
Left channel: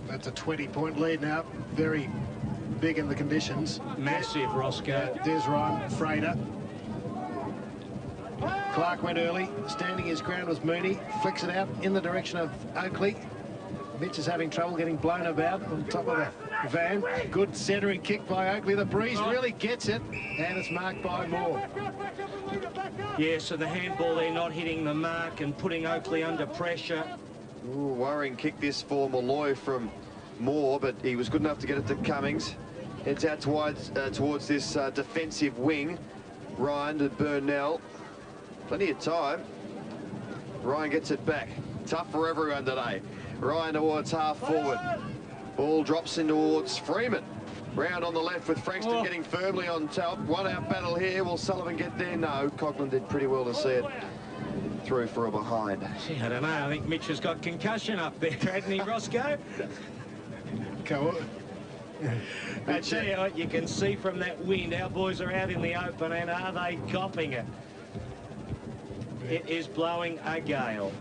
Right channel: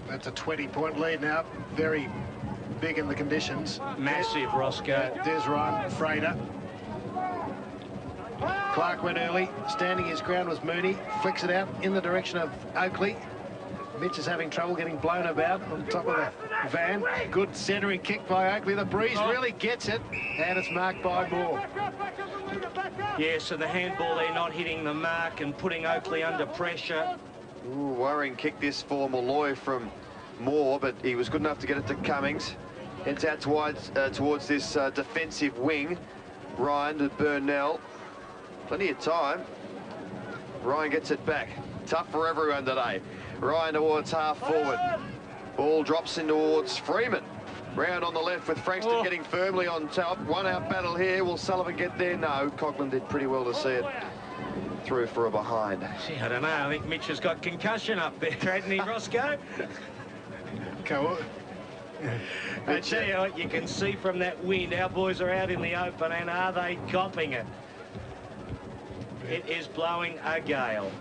That's a 20-point lead now. Very big in the conditions. Massive, Roscoe. There's Ryan Frater. Clark went early. Standing his ground was Mooney. Flicks it out in the direction of Oakley. Mitch is having trouble getting blown about on top of the van. Good centering kick by Oakley. The breeze really gets it, and it's marked by Moore. Yeah, so the handball there not hitting the mark and putting Oakley under pressure. Ooh, worrying kick this for Malloy from Moore, but he was good enough to get it to Cummings. Heads out towards this defensive wing. Ryan to Burnell. Plenty of time. Ryan gets it back. Tough for everyone today. Ryan towards half forward. Ball drops in towards Freeman. Round on the left with Frankston getting firmly on top. One out battle here. Will Sullivan get there? No. Coghlan did pretty well to see it through for a behind. Gee, I don't know. I think Mitch has got concussion up there, hadn't he, Roscoe? Go on. I tell you what, you can see from that wind, our boys are out in the open, and are they copping it? It is blowing a gale.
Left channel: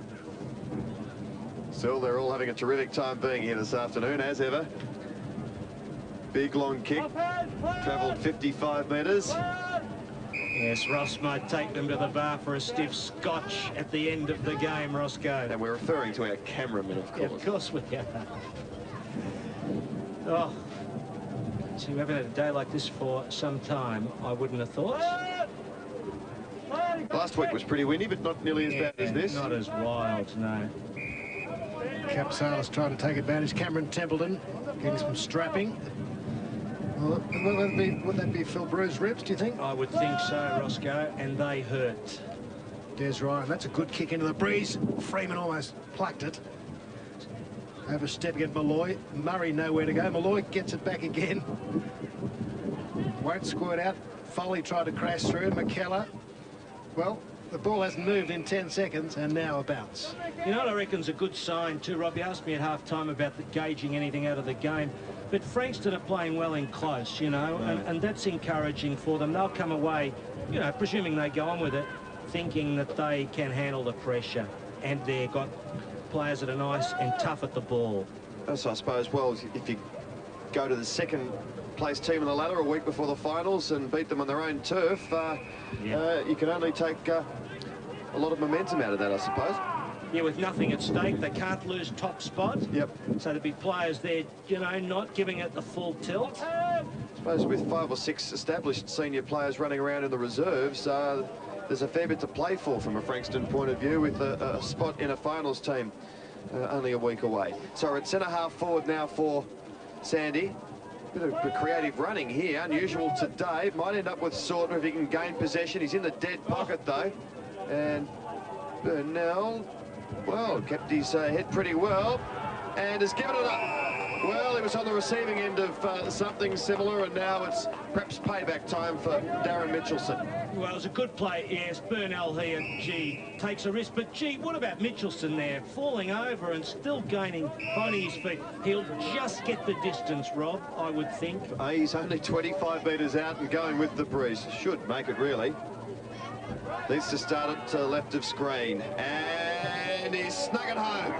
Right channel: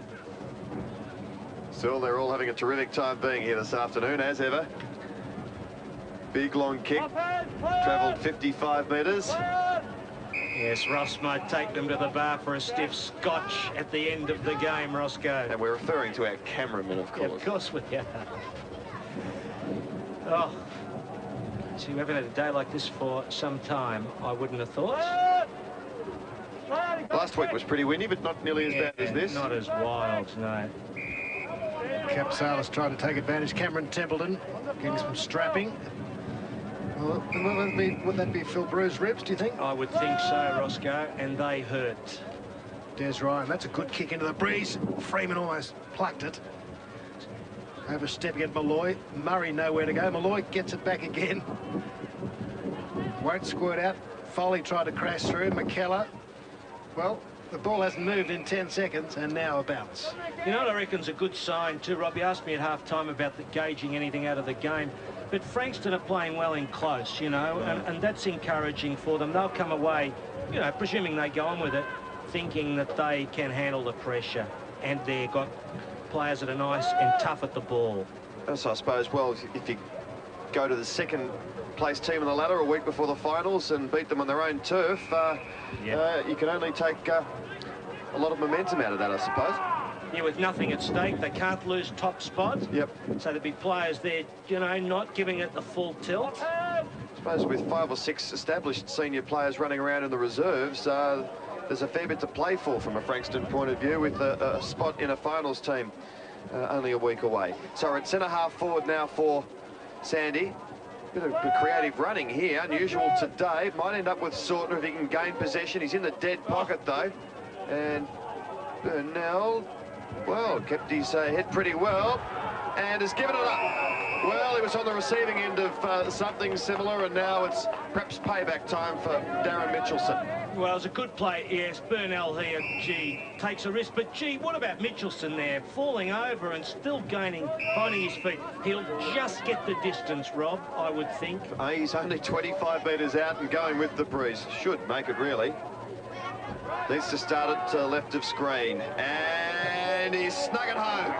So they're all having a terrific time being here this afternoon, as ever. Big long kick, travelled 55 metres. Yes, Ross might take them to the bar for a stiff scotch at the end of the game, Roscoe. And we're referring to our cameraman, of course. Yeah, of course we are. Oh, see, we haven't had a day like this for some time, I wouldn't have thought. Last week was pretty windy, but not nearly as bad as this. Not as wild, no. Capsalis trying to take advantage. Cameron Templeton getting some strapping. Would that be Phil Bruce's ribs, do you think? I would think so, Roscoe, and they hurt. Des Ryan, that's a good kick into the breeze. Freeman almost plucked it. Overstepping at Malloy. Murray nowhere to go. Malloy gets it back again. Won't squirt out. Foley tried to crash through. McKellar. Well, The ball hasn't moved in 10 seconds, and now a bounce. You know what I reckon's a good sign too, Rob? You asked me at half-time about the gauging anything out of the game. But Frankston are playing well in close, you know, and that's encouraging for them. They'll come away, you know, presuming they go on with it, thinking that they can handle the pressure. And they've got players that are nice and tough at the ball. Yes, I suppose, well, if you go to the second place team in the ladder a week before the finals and beat them on their own turf, you can only take a lot of momentum out of that, I suppose. Yeah, with nothing at stake, they can't lose top spot. Yep. So there'll be players there, you know, not giving it the full tilt. I suppose with 5 or 6 established senior players running around in the reserves, there's a fair bit to play for from a Frankston point of view, with a spot in a finals team only a week away. So we're at centre-half forward now for Sandy. Bit of creative running here, unusual today. Might end up with Sorter if he can gain possession. He's in the dead pocket though. And Burnell, well, kept his head pretty well and has given it up. Well, he was on the receiving end of something similar, and now it's perhaps payback time for Darren Mitchelson. Well, it's a good play, yes. Burnell here, gee, takes a risk. But, gee, what about Mitchelson there? Falling over and still gaining, finding his feet. He'll just get the distance, Rob, I would think. He's only 25 metres out and going with the breeze. Should make it, really. Needs to start it to left of screen. And he's snug it home.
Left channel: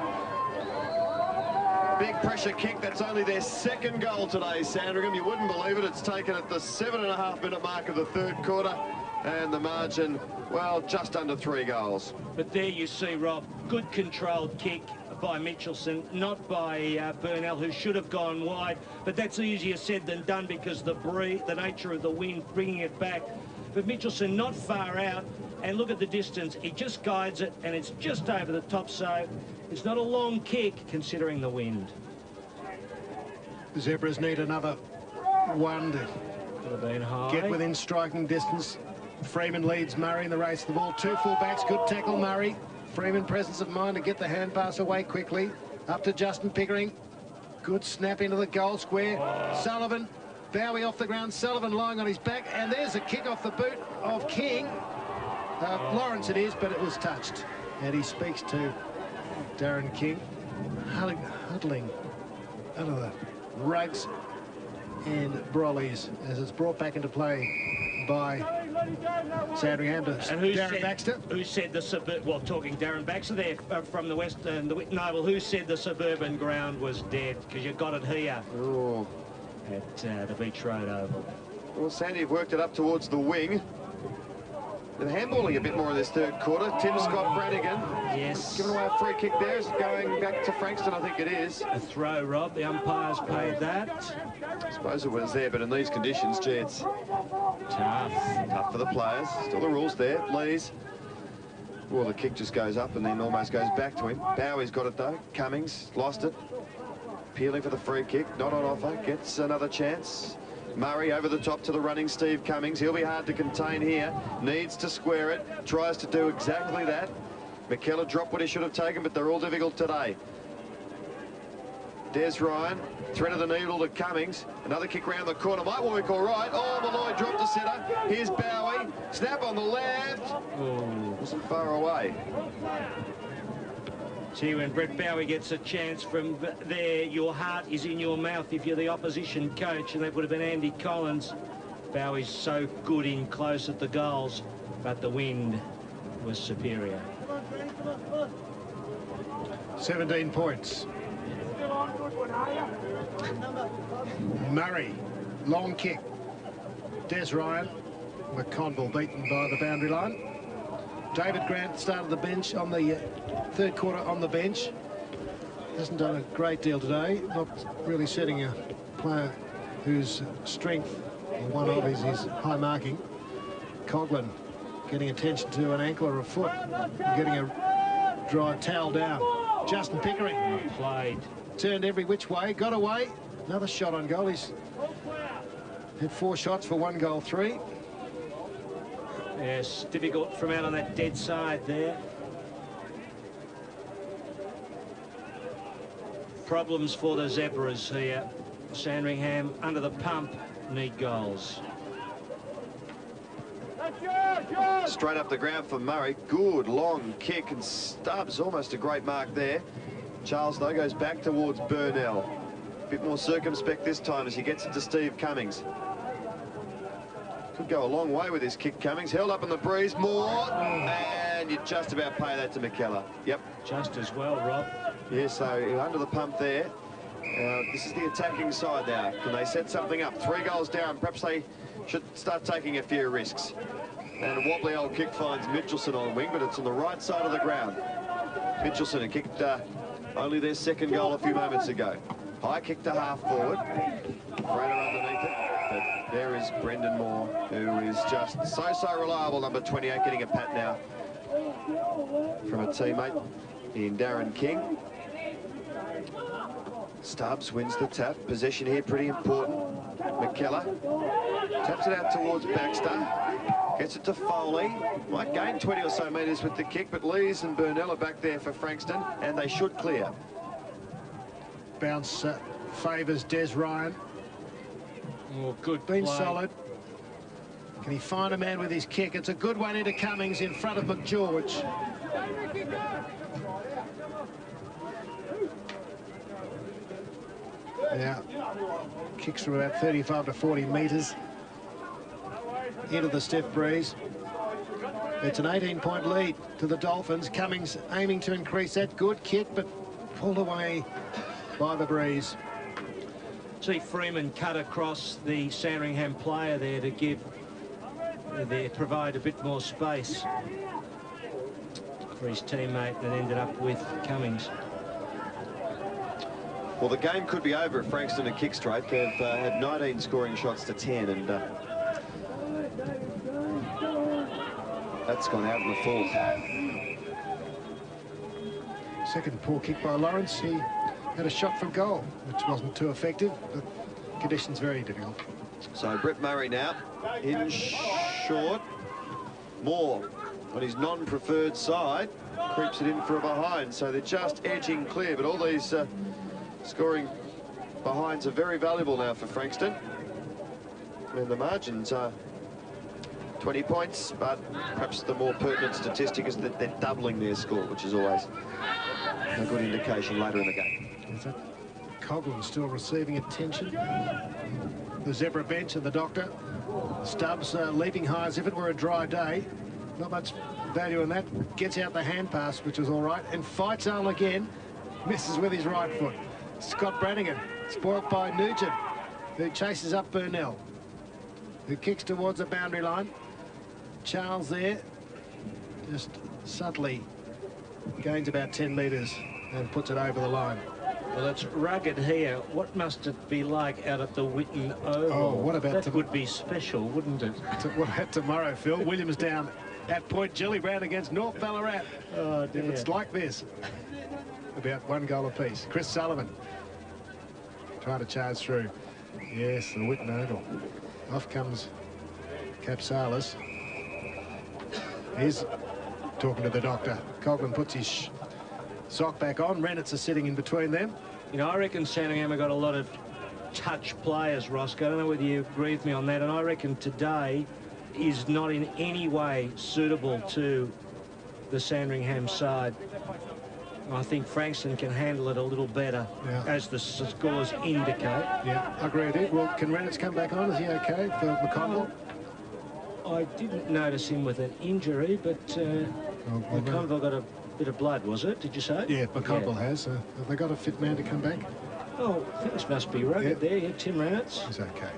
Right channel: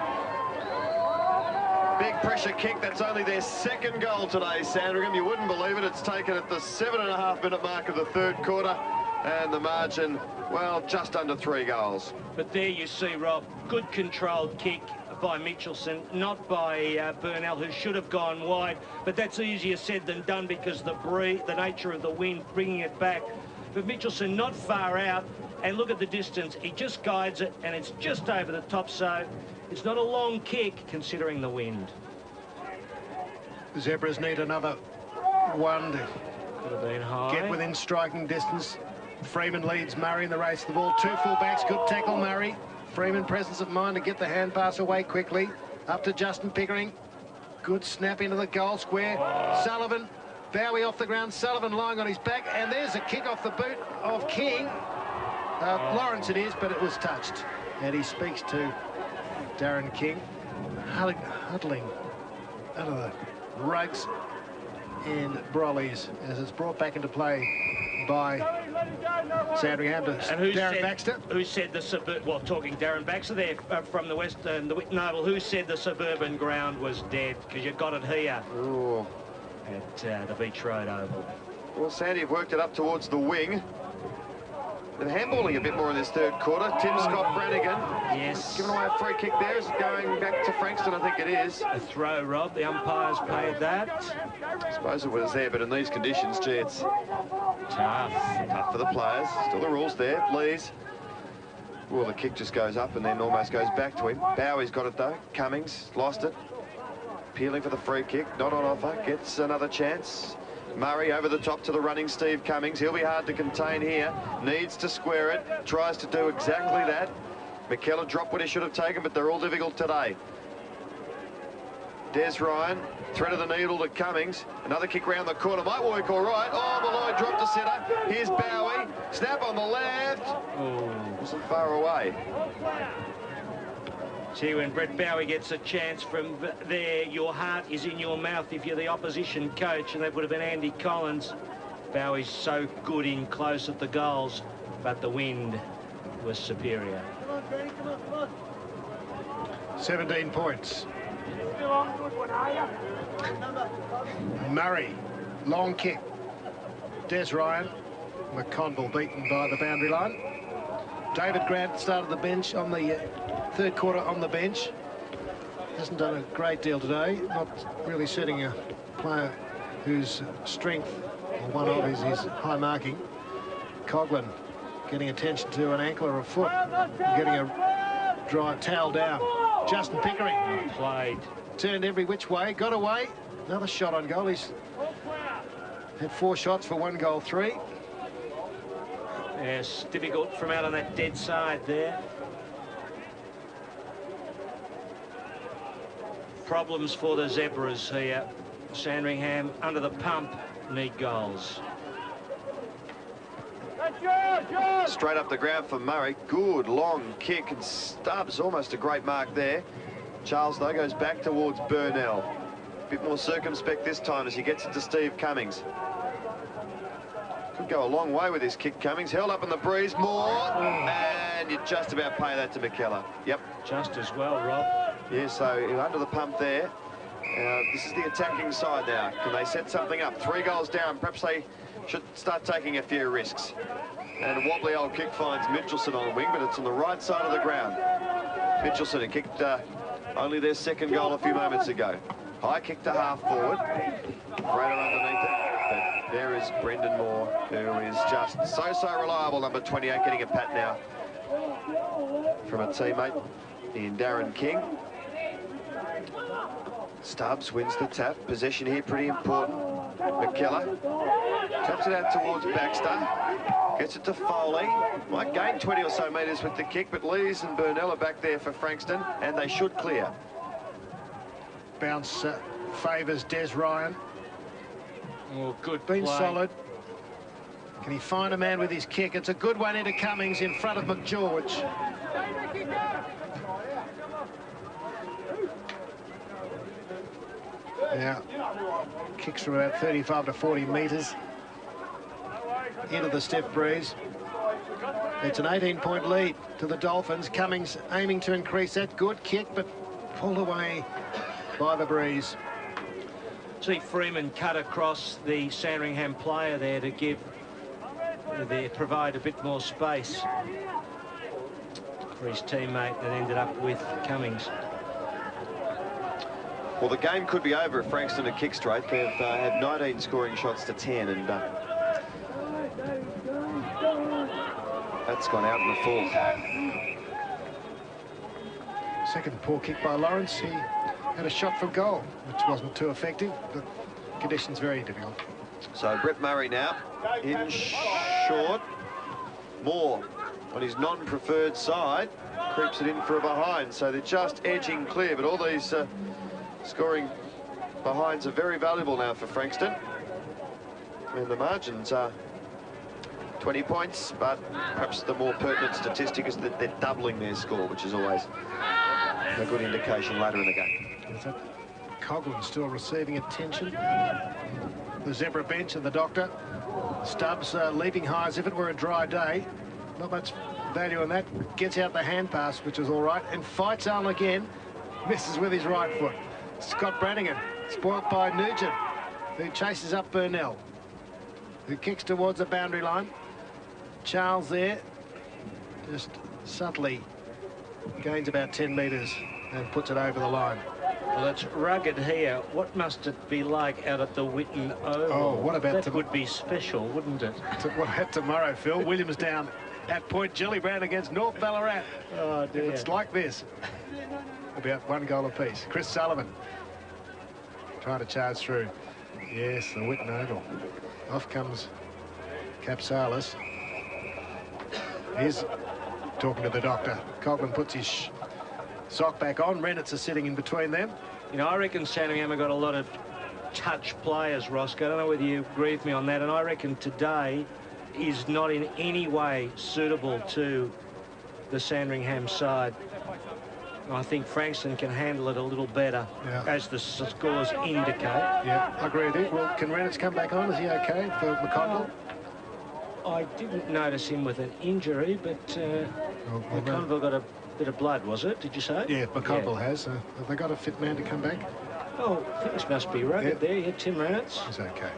Big pressure kick. That's only their second goal today, Sandringham. You wouldn't believe it. It's taken at the 7.5-minute mark of the third quarter. And the margin, well, just under 3 goals. But there you see, Rob, good controlled kick by Mitchelson, not by Burnell, who should have gone wide. But that's easier said than done because the nature of the wind bringing it back. But Mitchelson not far out, and look at the distance. He just guides it, and it's just over the top, so it's not a long kick considering the wind. The Zebras need another one to Could have been high. Get within striking distance. Freeman leads Murray in the race to the ball. 2 fullbacks, good tackle Murray. Freeman presence of mind to get the hand pass away quickly. Up to Justin Pickering. Good snap into the goal square. Sullivan, Bowie off the ground. Sullivan lying on his back, and there's a kick off the boot of King. Lawrence it is, but it was touched. And he speaks to Darren King, huddling under the rugs in Brollies as it's brought back into play by Sandringham to Darren Baxter. Who said the suburban, well, talking Darren Baxter there from the west, who said the suburban ground was dead? Because you got it here at the Beach Road Oval. Well, Sandy have worked it up towards the wing. They're handballing a bit more in this third quarter. Tim Scott Brannigan. Yes. Giving away a free kick there. It's going back to Frankston, I think it is. A throw, Rob. The umpires paid that. I suppose it was there, but in these conditions, gee, it's tough for the players. Still the rules there, please. Well, the kick just goes up and then almost goes back to him. Bowie's got it, though. Cummings lost it. Peeling for the free kick. Not on offer. Gets another chance. Murray over the top to the running Steve Cummings. He'll be hard to contain here. Needs to square it. Tries to do exactly that. McKellar dropped what he should have taken, but they're all difficult today. Des Ryan, thread of the needle to Cummings. Another kick round the corner. Might work all right. Oh, Malloy dropped to centre. Here's Bowie. Snap on the left. Wasn't far away. See, when Brett Bowie gets a chance from there, your heart is in your mouth if you're the opposition coach, and that would have been Andy Collins. Bowie's so good in close at the goals, but the wind was superior. 17 points. Murray, long kick. Des Ryan, McConville beaten by the boundary line. David Grant started the bench on the third quarter on the bench. Hasn't done a great deal today. Not really setting a player whose strength, or one of, is his high marking. Coghlan getting attention to an ankle or a foot, getting a dry towel down. Justin Pickering played, turned every which way, got away. Another shot on goal. He's had 4 shots for 1 goal, 3. Yes, difficult from out on that dead side there. Problems for the Zebras here. Sandringham under the pump need goals. Straight up the ground for Murray. Good long kick, and Stubbs almost a great mark there. Charles, though, goes back towards Burnell. A bit more circumspect this time as he gets it to Steve Cummings. Could go a long way with his kick, Cummings. Held up in the breeze. More. And you just about pay that to McKellar. Yep. Just as well, Rob. Yeah, so under the pump there. This is the attacking side now. Can they set something up? 3 goals down. Perhaps they should start taking a few risks. And a wobbly old kick finds Mitchelson on wing, but it's on the right side of the ground. Mitchelson had kicked only their second goal a few moments ago. High kick to half forward. Right underneath it. But there is Brendan Moore, who is just so reliable, number 28, getting a pat now from a teammate in Darren King. Stubbs wins the tap. Possession here pretty important. McKellar taps it out towards Baxter. Gets it to Foley. Might gain 20 or so metres with the kick, but Lees and Burnell are back there for Frankston, and they should clear. Bounce favours Des Ryan. Oh, good Been play. solid. Can he find a man with his kick? It's a good one into Cummings in front of McGeorge. Now, kicks from about 35 to 40 metres into the stiff breeze. It's an 18-point lead to the Dolphins. Cummings aiming to increase that. Good kick, but pulled away by the breeze. See Freeman cut across the Sandringham player there to provide a bit more space for his teammate that ended up with Cummings. Well, the game could be over if Frankston had kick straight. They've had 19 scoring shots to 10, and that's gone out in the full. Second poor kick by Lawrence. He had a shot for goal, which wasn't too effective, but conditions very difficult. So Brett Murray now in short. Moore on his non-preferred side creeps it in for a behind, so they're just edging clear, but all these scoring behinds are very valuable now for Frankston, and the margins are 20 points, but perhaps the more pertinent statistic is that they're doubling their score, which is always a good indication later in the game. Is that Coughlin still receiving attention? The zebra bench and the doctor. Stubbs leaping high as if it were a dry day. Not much value in that. Gets out the hand pass, which is all right, and fights Allen again. Misses with his right foot. Scott Brannigan, spoilt by Nugent, who chases up Burnell, who kicks towards the boundary line. Charles there, just subtly gains about 10 metres and puts it over the line. Well, it's rugged here. What must it be like out at the Whitten Oval? Oh, what about that would be special, wouldn't it? What about tomorrow, Phil? Williams down at Point Gillibrand against North Ballarat. Oh, dear. It's like this. About 1 goal apiece. Chris Sullivan trying to charge through. Yes, the Whitten Oval. Off comes Capsalis. He's talking to the doctor. Coughlin puts his sock back on. Rennett's are sitting in between them. You know, I reckon Sandringham have got a lot of touch players, Roscoe. I don't know whether you agree with me on that. And I reckon today is not in any way suitable to the Sandringham side. I think Frankston can handle it a little better, as the scores indicate. Yeah, I agree with you. Well, can Rennett's come back on? Is he okay for McConville? I didn't notice him with an injury, but McConville got a bit of blood, was it? Did you say? Yeah, McConville has. Have they got a fit man to come back? Oh, things must be rugged there. Yeah, Tim Rannitz. He's okay.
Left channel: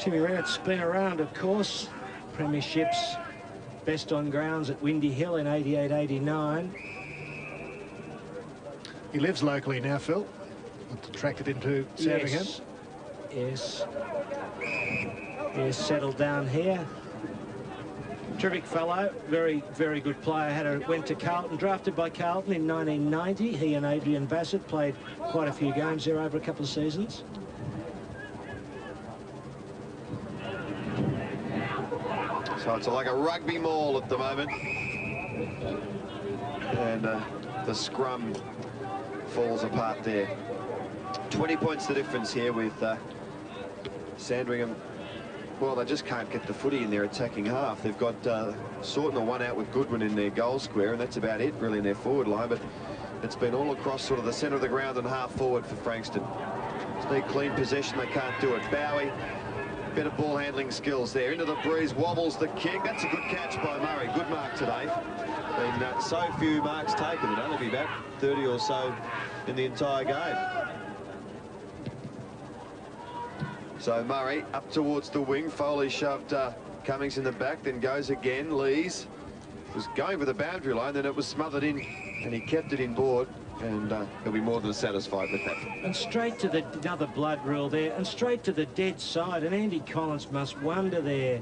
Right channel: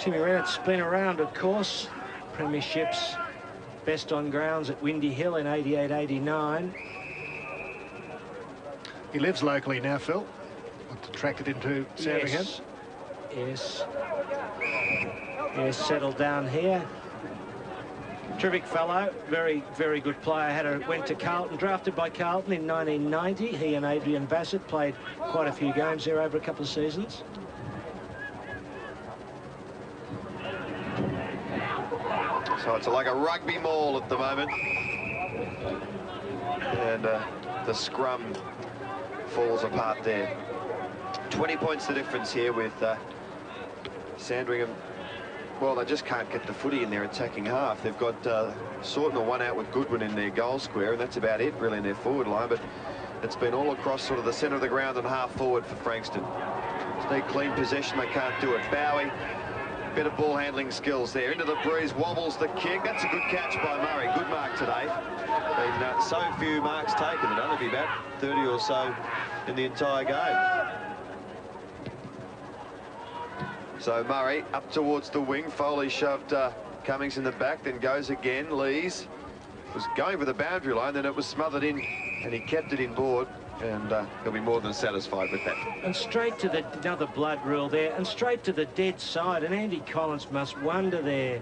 Timmy Rannett's been around, of course. Premierships, best on grounds at Windy Hill in 88-89. He lives locally now, Phil. Attracted into Sandringham. Yes. Yes, settled down here. Terrific fellow, very, very good player. Went to Carlton, drafted by Carlton in 1990. He and Adrian Bassett played quite a few games there over a couple of seasons. So it's like a rugby maul at the moment. And the scrum falls apart there. 20 points the difference here with Sandringham, well, they just can't get the footy in their attacking half. They've got Sorton one out with Goodwin in their goal square, and that's about it really in their forward line, but it's been all across sort of the centre of the ground and half forward for Frankston. Just need clean possession, they can't do it. Bowie, bit of ball handling skills there. Into the breeze, wobbles the kick. That's a good catch by Murray. Good mark today. And so few marks taken. It'd only be about 30 or so in the entire game. So Murray up towards the wing. Foley shoved Cummings in the back, then goes again. Lees was going for the boundary line, then it was smothered in, and he kept it inboard. And he'll be more than satisfied with that. And straight to the another blood rule there, and straight to the dead side. And Andy Collins must wonder there,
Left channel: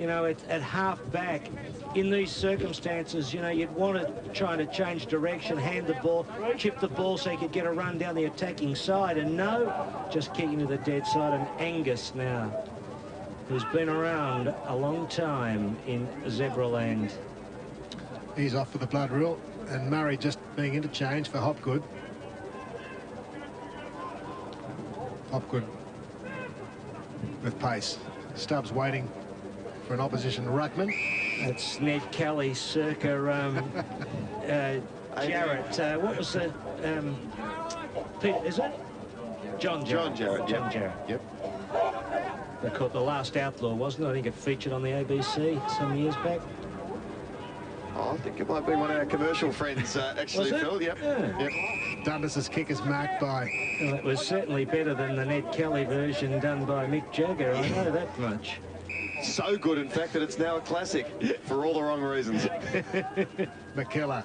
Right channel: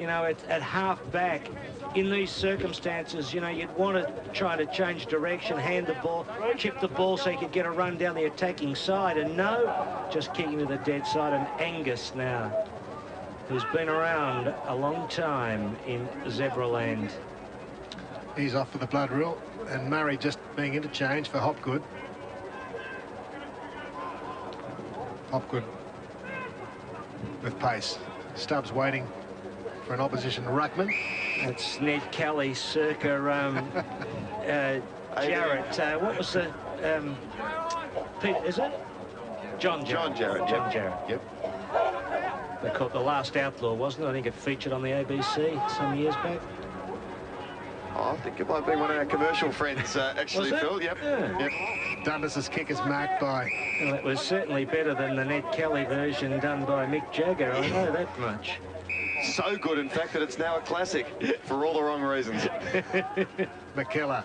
you know, at half back, in these circumstances, you know, you'd want to try to change direction, hand the ball, chip the ball so you could get a run down the attacking side. And no, just kicking to the dead side. And Angus now, who's been around a long time in Zebraland. He's off with the blood rule, and Murray just being interchanged for Hopgood. Hopgood with pace. Stubbs waiting for an opposition ruckman. It's Ned Kelly circa Jarrett. What was the Peter, is it? John Jarrett. John Jarrett. Yep. They called it The Last Outlaw, wasn't it? I think it featured on the ABC some years back. Oh, I think it might be one of our commercial friends, actually, Phil. Yep. Yeah. Yep. Dundas' kick is marked by... Well, it was certainly better than the Ned Kelly version done by Mick Jagger. I know that much. So good, in fact, that it's now a classic for all the wrong reasons. McKellar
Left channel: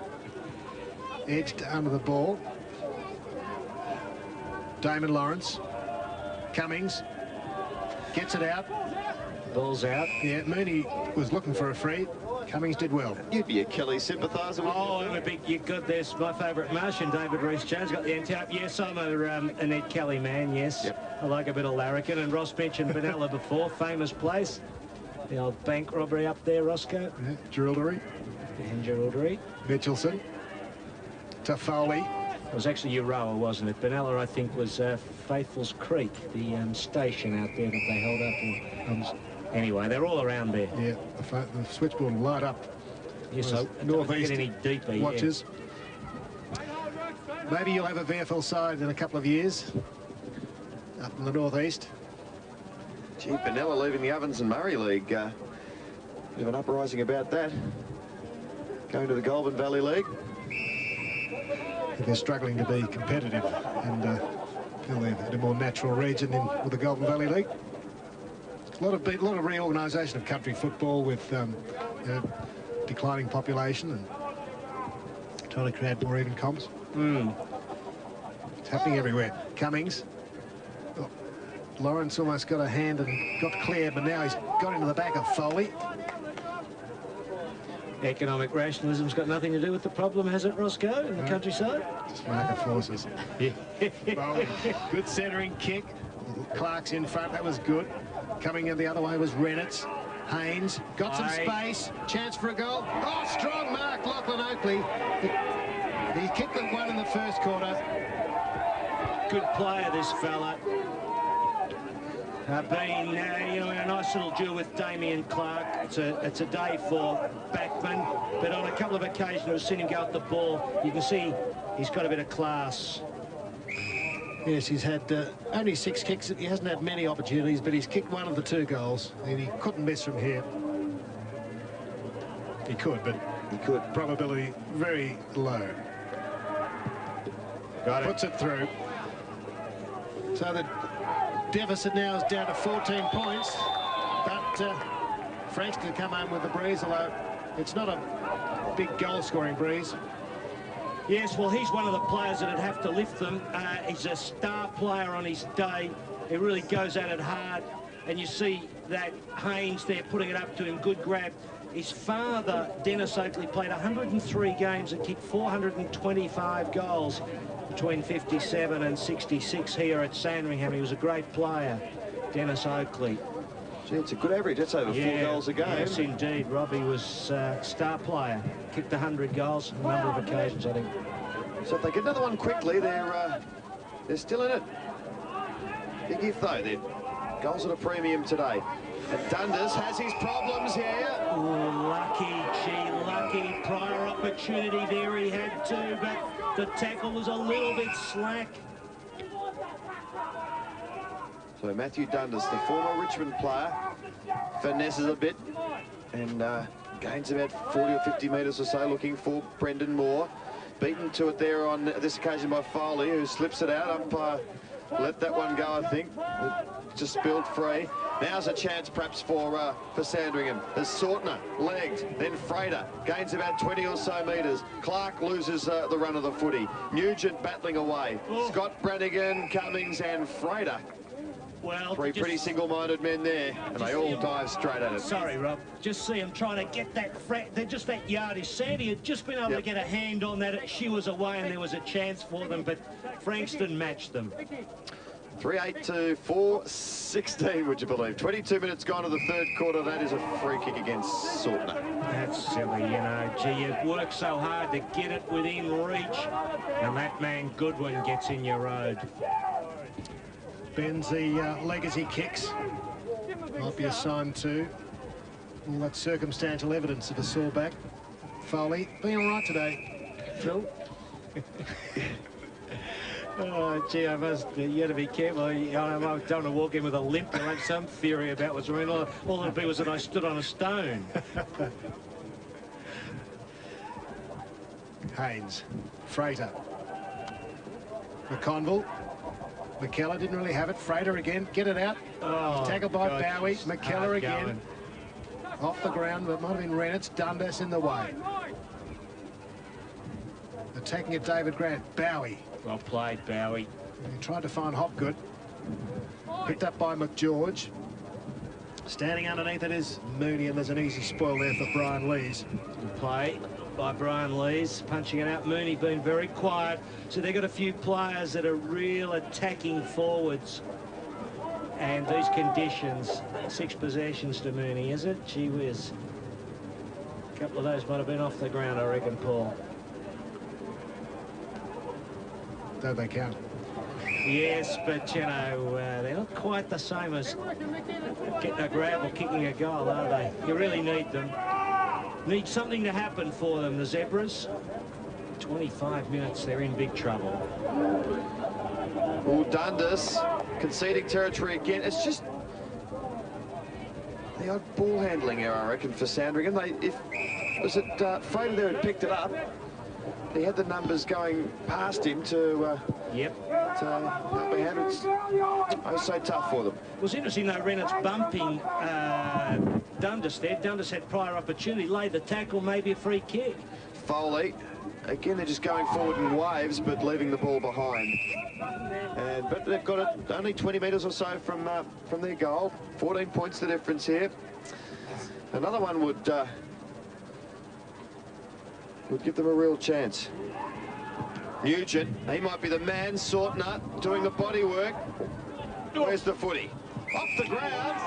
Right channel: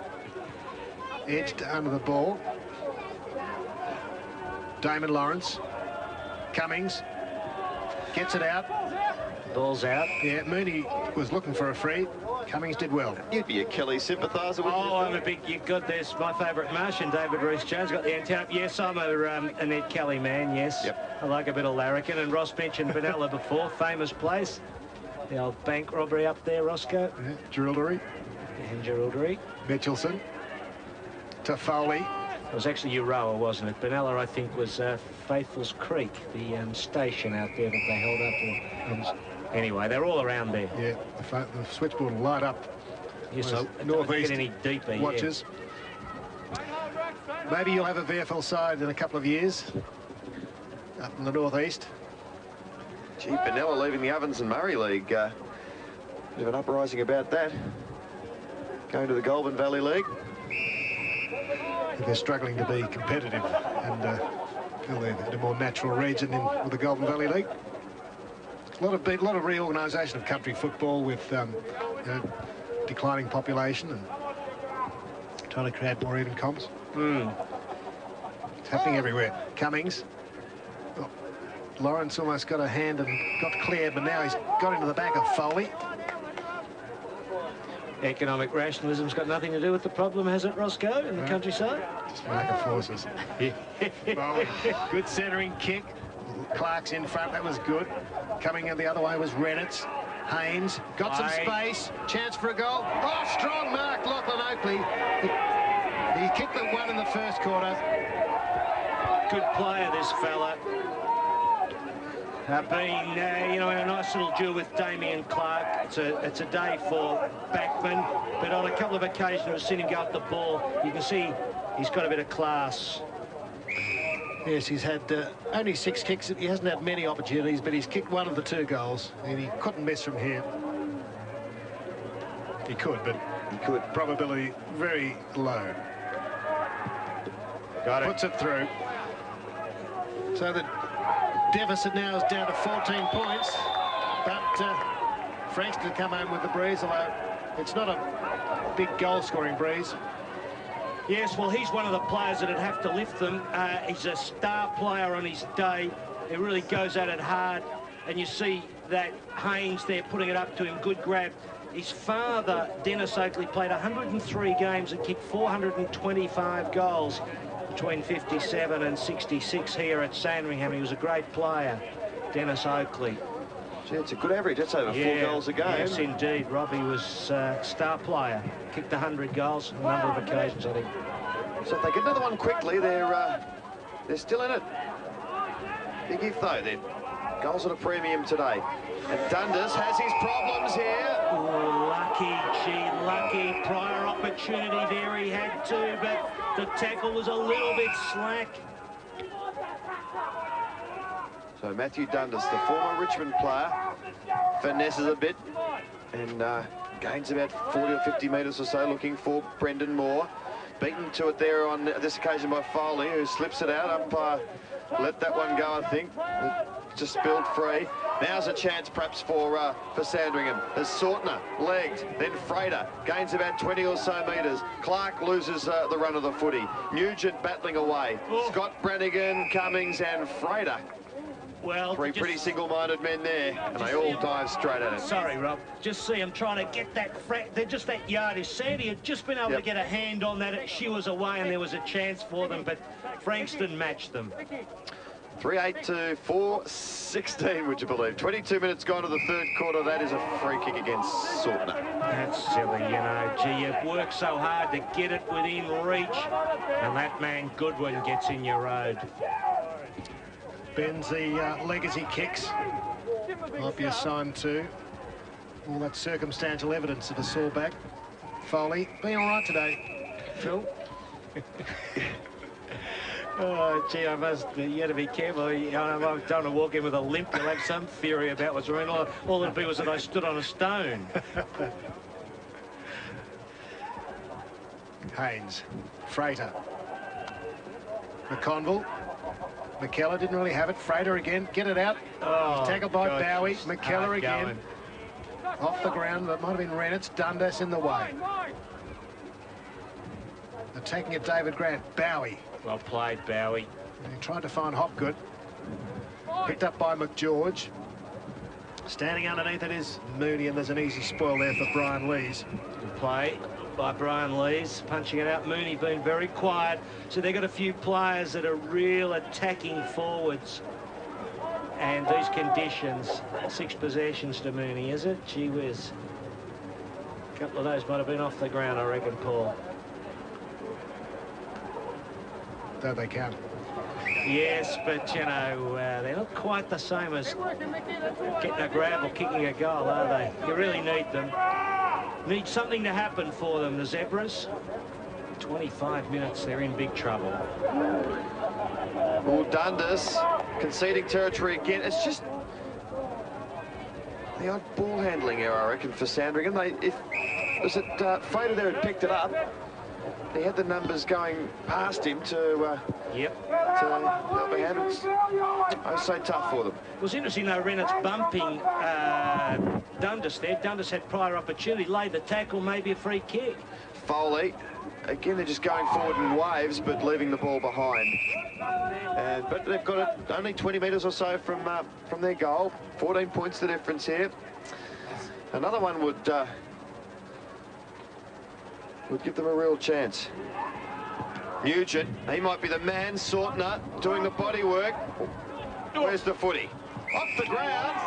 edged under the ball. Damon Lawrence. Cummings gets it out. Ball's out. Yeah, Mooney was looking for a free. Cummings did well. You'd be a Kelly sympathiser, wouldn't you? Oh, I'm a big... You got this. My favourite Martian, David Rees-Jones, got the antenna. Yes, I'm a Ned Kelly man, yes. Yep. I like a bit of larrikin. And Ross mentioned Benalla before. Famous place. The old bank robbery up there, Roscoe. Yeah, Geraldry. And Geraldry. Mitchelson. To Foley. It was actually Euroa, wasn't it? Benalla, I think, was Faithful's Creek, the station out there that they held up. Anyway, they're all around there. Yeah, the switchboard will light up. Yes, so northeast any deeper watches. Yeah. Maybe you'll have a VFL side in a couple of years up in the northeast. Gee, Benalla leaving the Ovens and Murray League. Bit of an uprising about that. Going to the Goulburn Valley League. They're struggling to be competitive, and feel they're in a more natural region with the Goulburn Valley League. A lot of reorganisation of country football with you know, declining population and trying to create more even comps. It's happening everywhere. Cummings. Oh, Lawrence almost got a hand and got cleared, but now he's got into the back of Foley. Economic rationalism's got nothing to do with the problem, has it, Roscoe, in the countryside? Just lack of forces. Oh, good centering kick. Clark's in front, that was good. Coming in the other way was Reynolds. Haynes got some space, chance for a goal. Oh, strong mark, Lachlan Oakley. He kicked the one in the first quarter. Good player, this fella. Been, you know, in a nice little duel with Damien Clark. It's a day for Backman, but on a couple of occasions we've seen him go at the ball. You can see he's got a bit of class. Yes, he's had only 6 kicks. He hasn't had many opportunities, but he's kicked one of the 2 goals, and he couldn't miss from here. He could, but he could. Probability very low. Puts it through. So the deficit now is down to 14 points, but Frankston come home with the breeze, although it's not a big goal-scoring breeze. Yes, well, he's one of the players that would have to lift them. He's a star player on his day. He really goes at it hard. And you see that Haynes there putting it up to him. Good grab. His father, Dennis Oakley, played 103 games and kicked 425 goals between 57 and 66 here at Sandringham. He was a great player, Dennis Oakley. Gee, it's a good average. That's over 4 goals a game. Yes, indeed. Robbie was star player. Kicked 100 goals on a number of occasions, I think. So if they get another one quickly, they're still in it. Big if, though. They're Goals at a premium today. And Dundas has his problems here. Oh, lucky. Prior opportunity there, he had to, but the tackle was a little bit slack. So Matthew Dundas, the former Richmond player, finesses a bit and gains about 40 or 50 metres or so, looking for Brendan Moore. Beaten to it there on this occasion by Foley, who slips it out up. Let that one go, I think. Just spilled free. Now's a chance perhaps for Sandringham. There's Sortner, legged, then Frater, gains about 20 or so metres. Clark loses the run of the footy. Nugent battling away. Oh. Scott Brannigan, Cummings and Frater. Well, Three pretty single-minded men there, and they all dive straight at it. Sorry, Rob. Just see him trying to get that they're just that yardage. Sandy had just been able to get a hand on that. She was away and there was a chance for them, but Frankston matched them. 3-8 to 4-16, would you believe? 22 minutes gone to the third quarter. That is a free kick against Sortner. That's silly, you know. Gee, you've worked so hard to get it within reach, and that man Goodwin gets in your road. Bends the legacy kicks. Might be assigned to all that circumstantial evidence of a sore back. Foley, been all right today, Phil? Oh, gee, you got to be careful. I don't want to walk in with a limp. You'll have some theory about what's wrong. All it'll be was that I stood on a stone. Haynes, Frater, McConville. McKellar didn't really have it. Frater again, get it out. Oh, tackled by God. Bowie. McKellar again. Going. Off the ground, that might have been Reynolds. Dundas in the way. Attacking at David Grant. Bowie. Well played, Bowie. He tried to find Hopgood. Picked up by McGeorge. Standing underneath it is Mooney, and there's an easy spoil there for Brian Lees. Good play by Brian Lees, punching it out. Mooney been very quiet, so they've got a few players that are real attacking forwards. And these conditions, 6 possessions to Mooney, is it? Gee whiz. A couple of those might have been off the ground, I reckon, Paul. Though they count. Yes, but, you know, they're not quite the same as getting a grab or kicking a goal, are they? You really need them. Need something to happen for them, the Zebras. 25 minutes, they're in big trouble. Well, Dundas conceding territory again. It's just the odd ball handling error, I reckon, for Sandringham. Frater there had picked it up. He had the numbers going past him to help a hand. I was so tough for them. It was interesting, though, Reynolds bumping Dundas there. Dundas had prior opportunity, laid the tackle, maybe a free kick. Foley, again, they're just going forward in waves, but leaving the ball behind. But they've got it only 20 metres or so from their goal. 14 points the difference here. Another one would give them a real chance. Nugent, he might be the man. Sortner doing the body work. Where's the footy? Off the ground.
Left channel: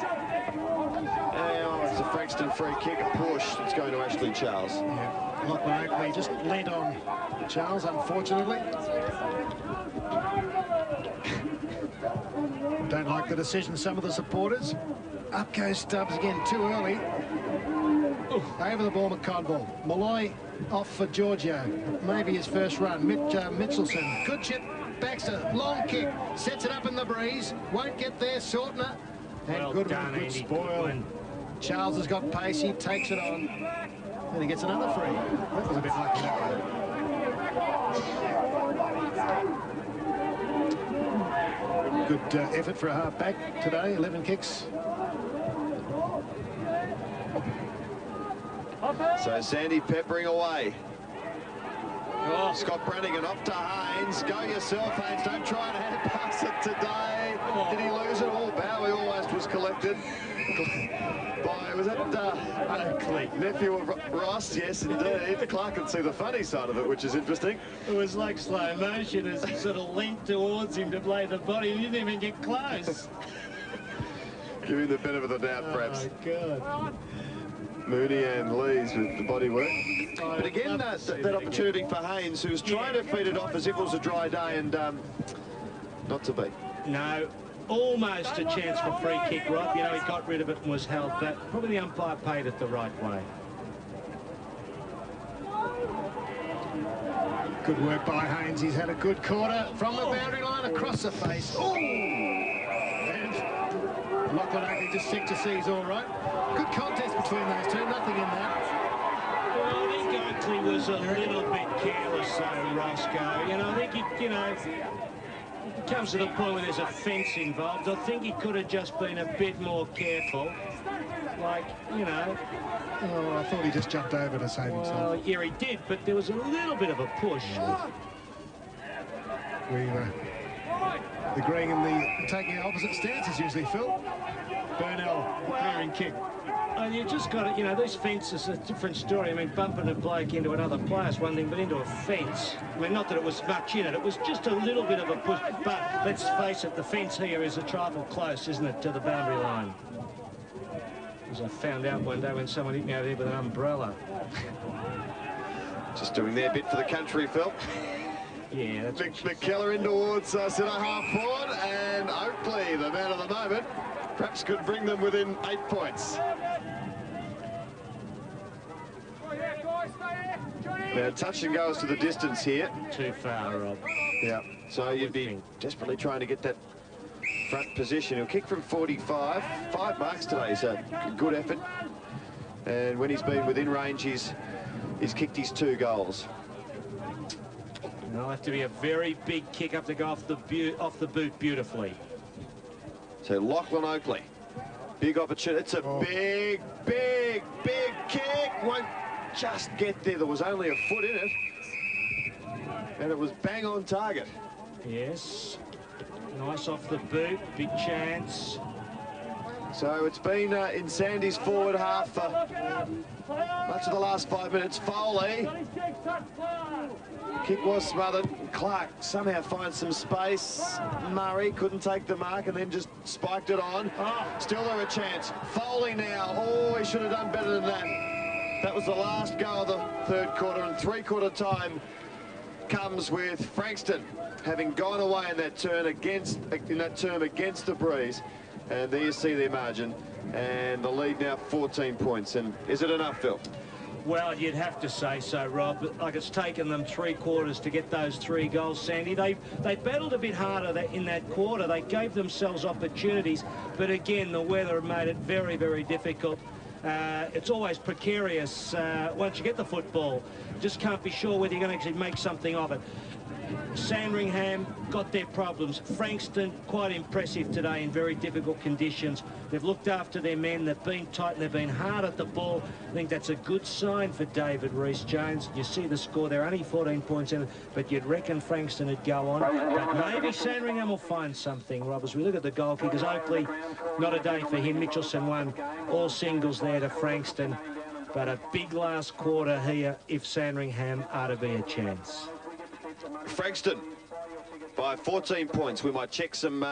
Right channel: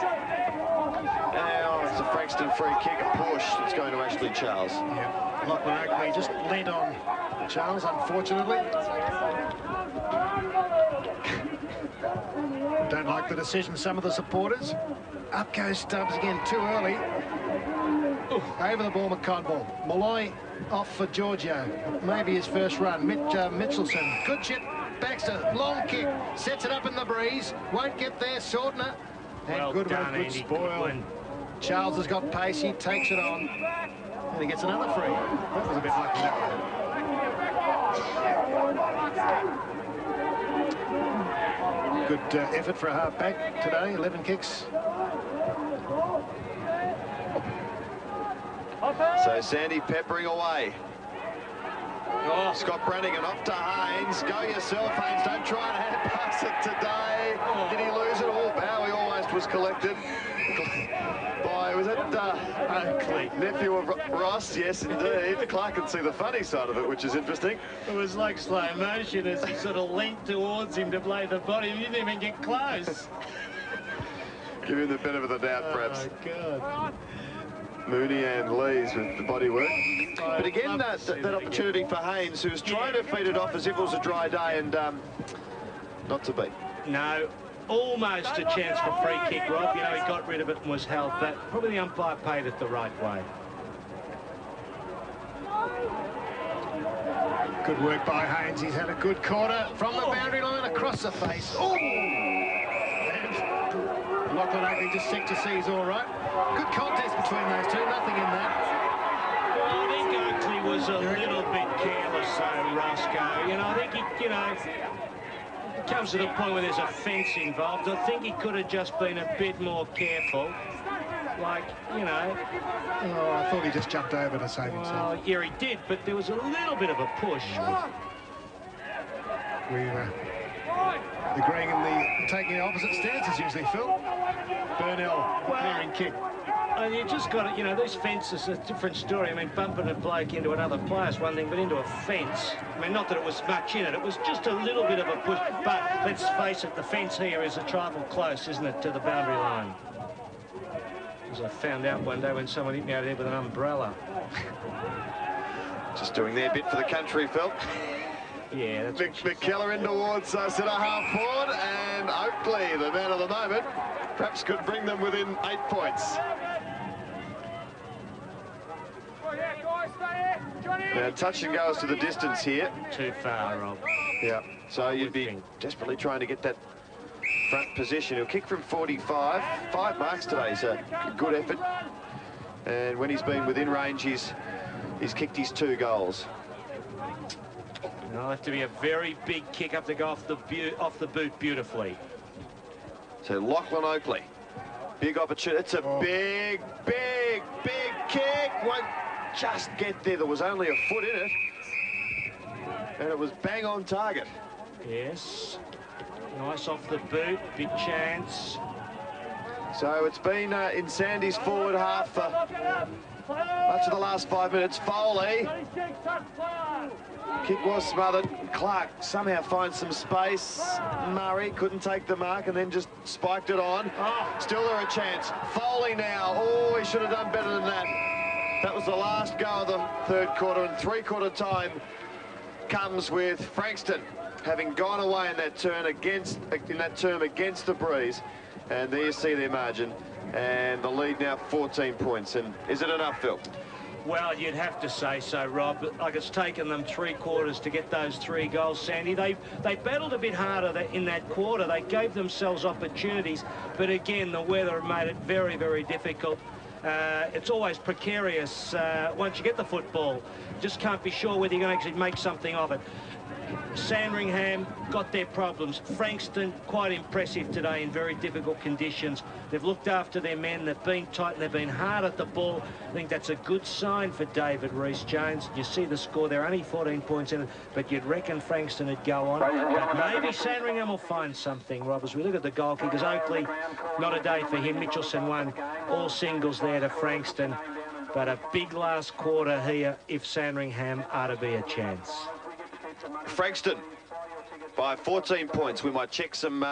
Now it's a Frankston free kick, a push. It's going to Ashley Charles. Yeah, Lachlan Oakley just leaned on Charles, unfortunately. Don't like the decision, some of the supporters. Up goes Stubbs again, too early. Over the ball, McConville. Malloy off for Giorgio. Maybe his first run. Mitchelson. Good chip. Baxter. Long kick. Sets it up in the breeze. Won't get there. Sortner. And Well Goodwin. done, Good Andy spoil. Goodwin. Charles has got pace. He takes it on. And he gets another free. That was a bit lucky, that one. Good effort for a half-back today. 11 kicks. So Sandy peppering away. Oh, Scott Brannigan off to Haynes. Go yourself, Haynes. Don't try and hand pass it today. Did he lose it? Oh, Bowie almost was collected by, was it Oakley. nephew of Ross? Yes, indeed. Clark can see the funny side of it, which is interesting. It was like slow motion as he sort of leant towards him to play the body. He didn't even get close. Give him the benefit of the doubt, perhaps. Oh, God. Mooney and Lees with the body work. But again, that opportunity for Haynes, who was trying to feed it off as if it was a dry day, and not to be. No, almost a chance for free kick, Rob. You know, he got rid of it and was held, but probably the umpire paid it the right way. Good work by Haynes. He's had a good quarter from the boundary line across the face. Oh! Lachlan Oakley just checked to see he's all right. Good contest between those two. Nothing in that. Well, I think Oakley was a little bit careless, though, Roscoe. You know, I think he, you know, it comes to the point where there's a fence involved. I think he could have just been a bit more careful. Like, you know. Oh, I thought he just jumped over to save himself. Yeah, he did, but there was a little bit of a push. We agreeing in the taking the opposite stances usually, Phil. Burnell, clearing kick. And you just got it, you know, these fences are a different story. I mean, bumping a bloke into another player's one thing, but into a fence, I mean, not that it was much in it, it was just a little bit of a push. But let's face it, the fence here is a trifle close, isn't it, to the boundary line? As I found out one day when someone hit me out here with an umbrella. Just doing their bit for the country, Phil. Yeah, that's McKellar in towards centre half forward, and Oakley, the man of the moment, perhaps could bring them within 8 points. Now, touch and goes to the distance here. Too far, Rob. Yeah, so you'd be desperately trying to get that front position. He'll kick from 45. 5 marks today, so good effort. And when he's been within range, he's kicked his 2 goals. It'll have to be a very big kick up to go off the boot beautifully. So Lachlan Oakley, big opportunity. It's a big kick. Won't just get there. There was only a foot in it, and it was bang on target. Yes, nice off the boot, big chance. So it's been in Sandy's forward half for much of the last 5 minutes. Foley. Kick was smothered. Clark somehow finds some space. Murray couldn't take the mark and then just spiked it on. Still there a chance. Foley now. Oh, he should have done better than that. That was the last go of the 3rd quarter, and 3/4 time comes with Frankston having gone away in that turn against the breeze. And there you see their margin, and the lead now 14 points. And is it enough, Phil? Well, you'd have to say so, Rob. Like, it's taken them 3 quarters to get those 3 goals, Sandy. They battled a bit harder in that quarter. They gave themselves opportunities, but again, the weather made it very, very difficult. It's always precarious once you get the football. Just can't be sure whether you're going to actually make something of it. Sandringham got their problems. Frankston, quite impressive today in very difficult conditions. They've looked after their men. They've been tight and they've been hard at the ball. I think that's a good sign for David Rees-Jones. You see the score there, only 14 points in it, but you'd reckon Frankston would go on. But maybe Sandringham will find something, Rob, as we look at the goal kickers. Oakley, not a day for him. Mitchelson won all singles there to Frankston. But a big last quarter here if Sandringham are to be a chance. Frankston by 14 points. We might check some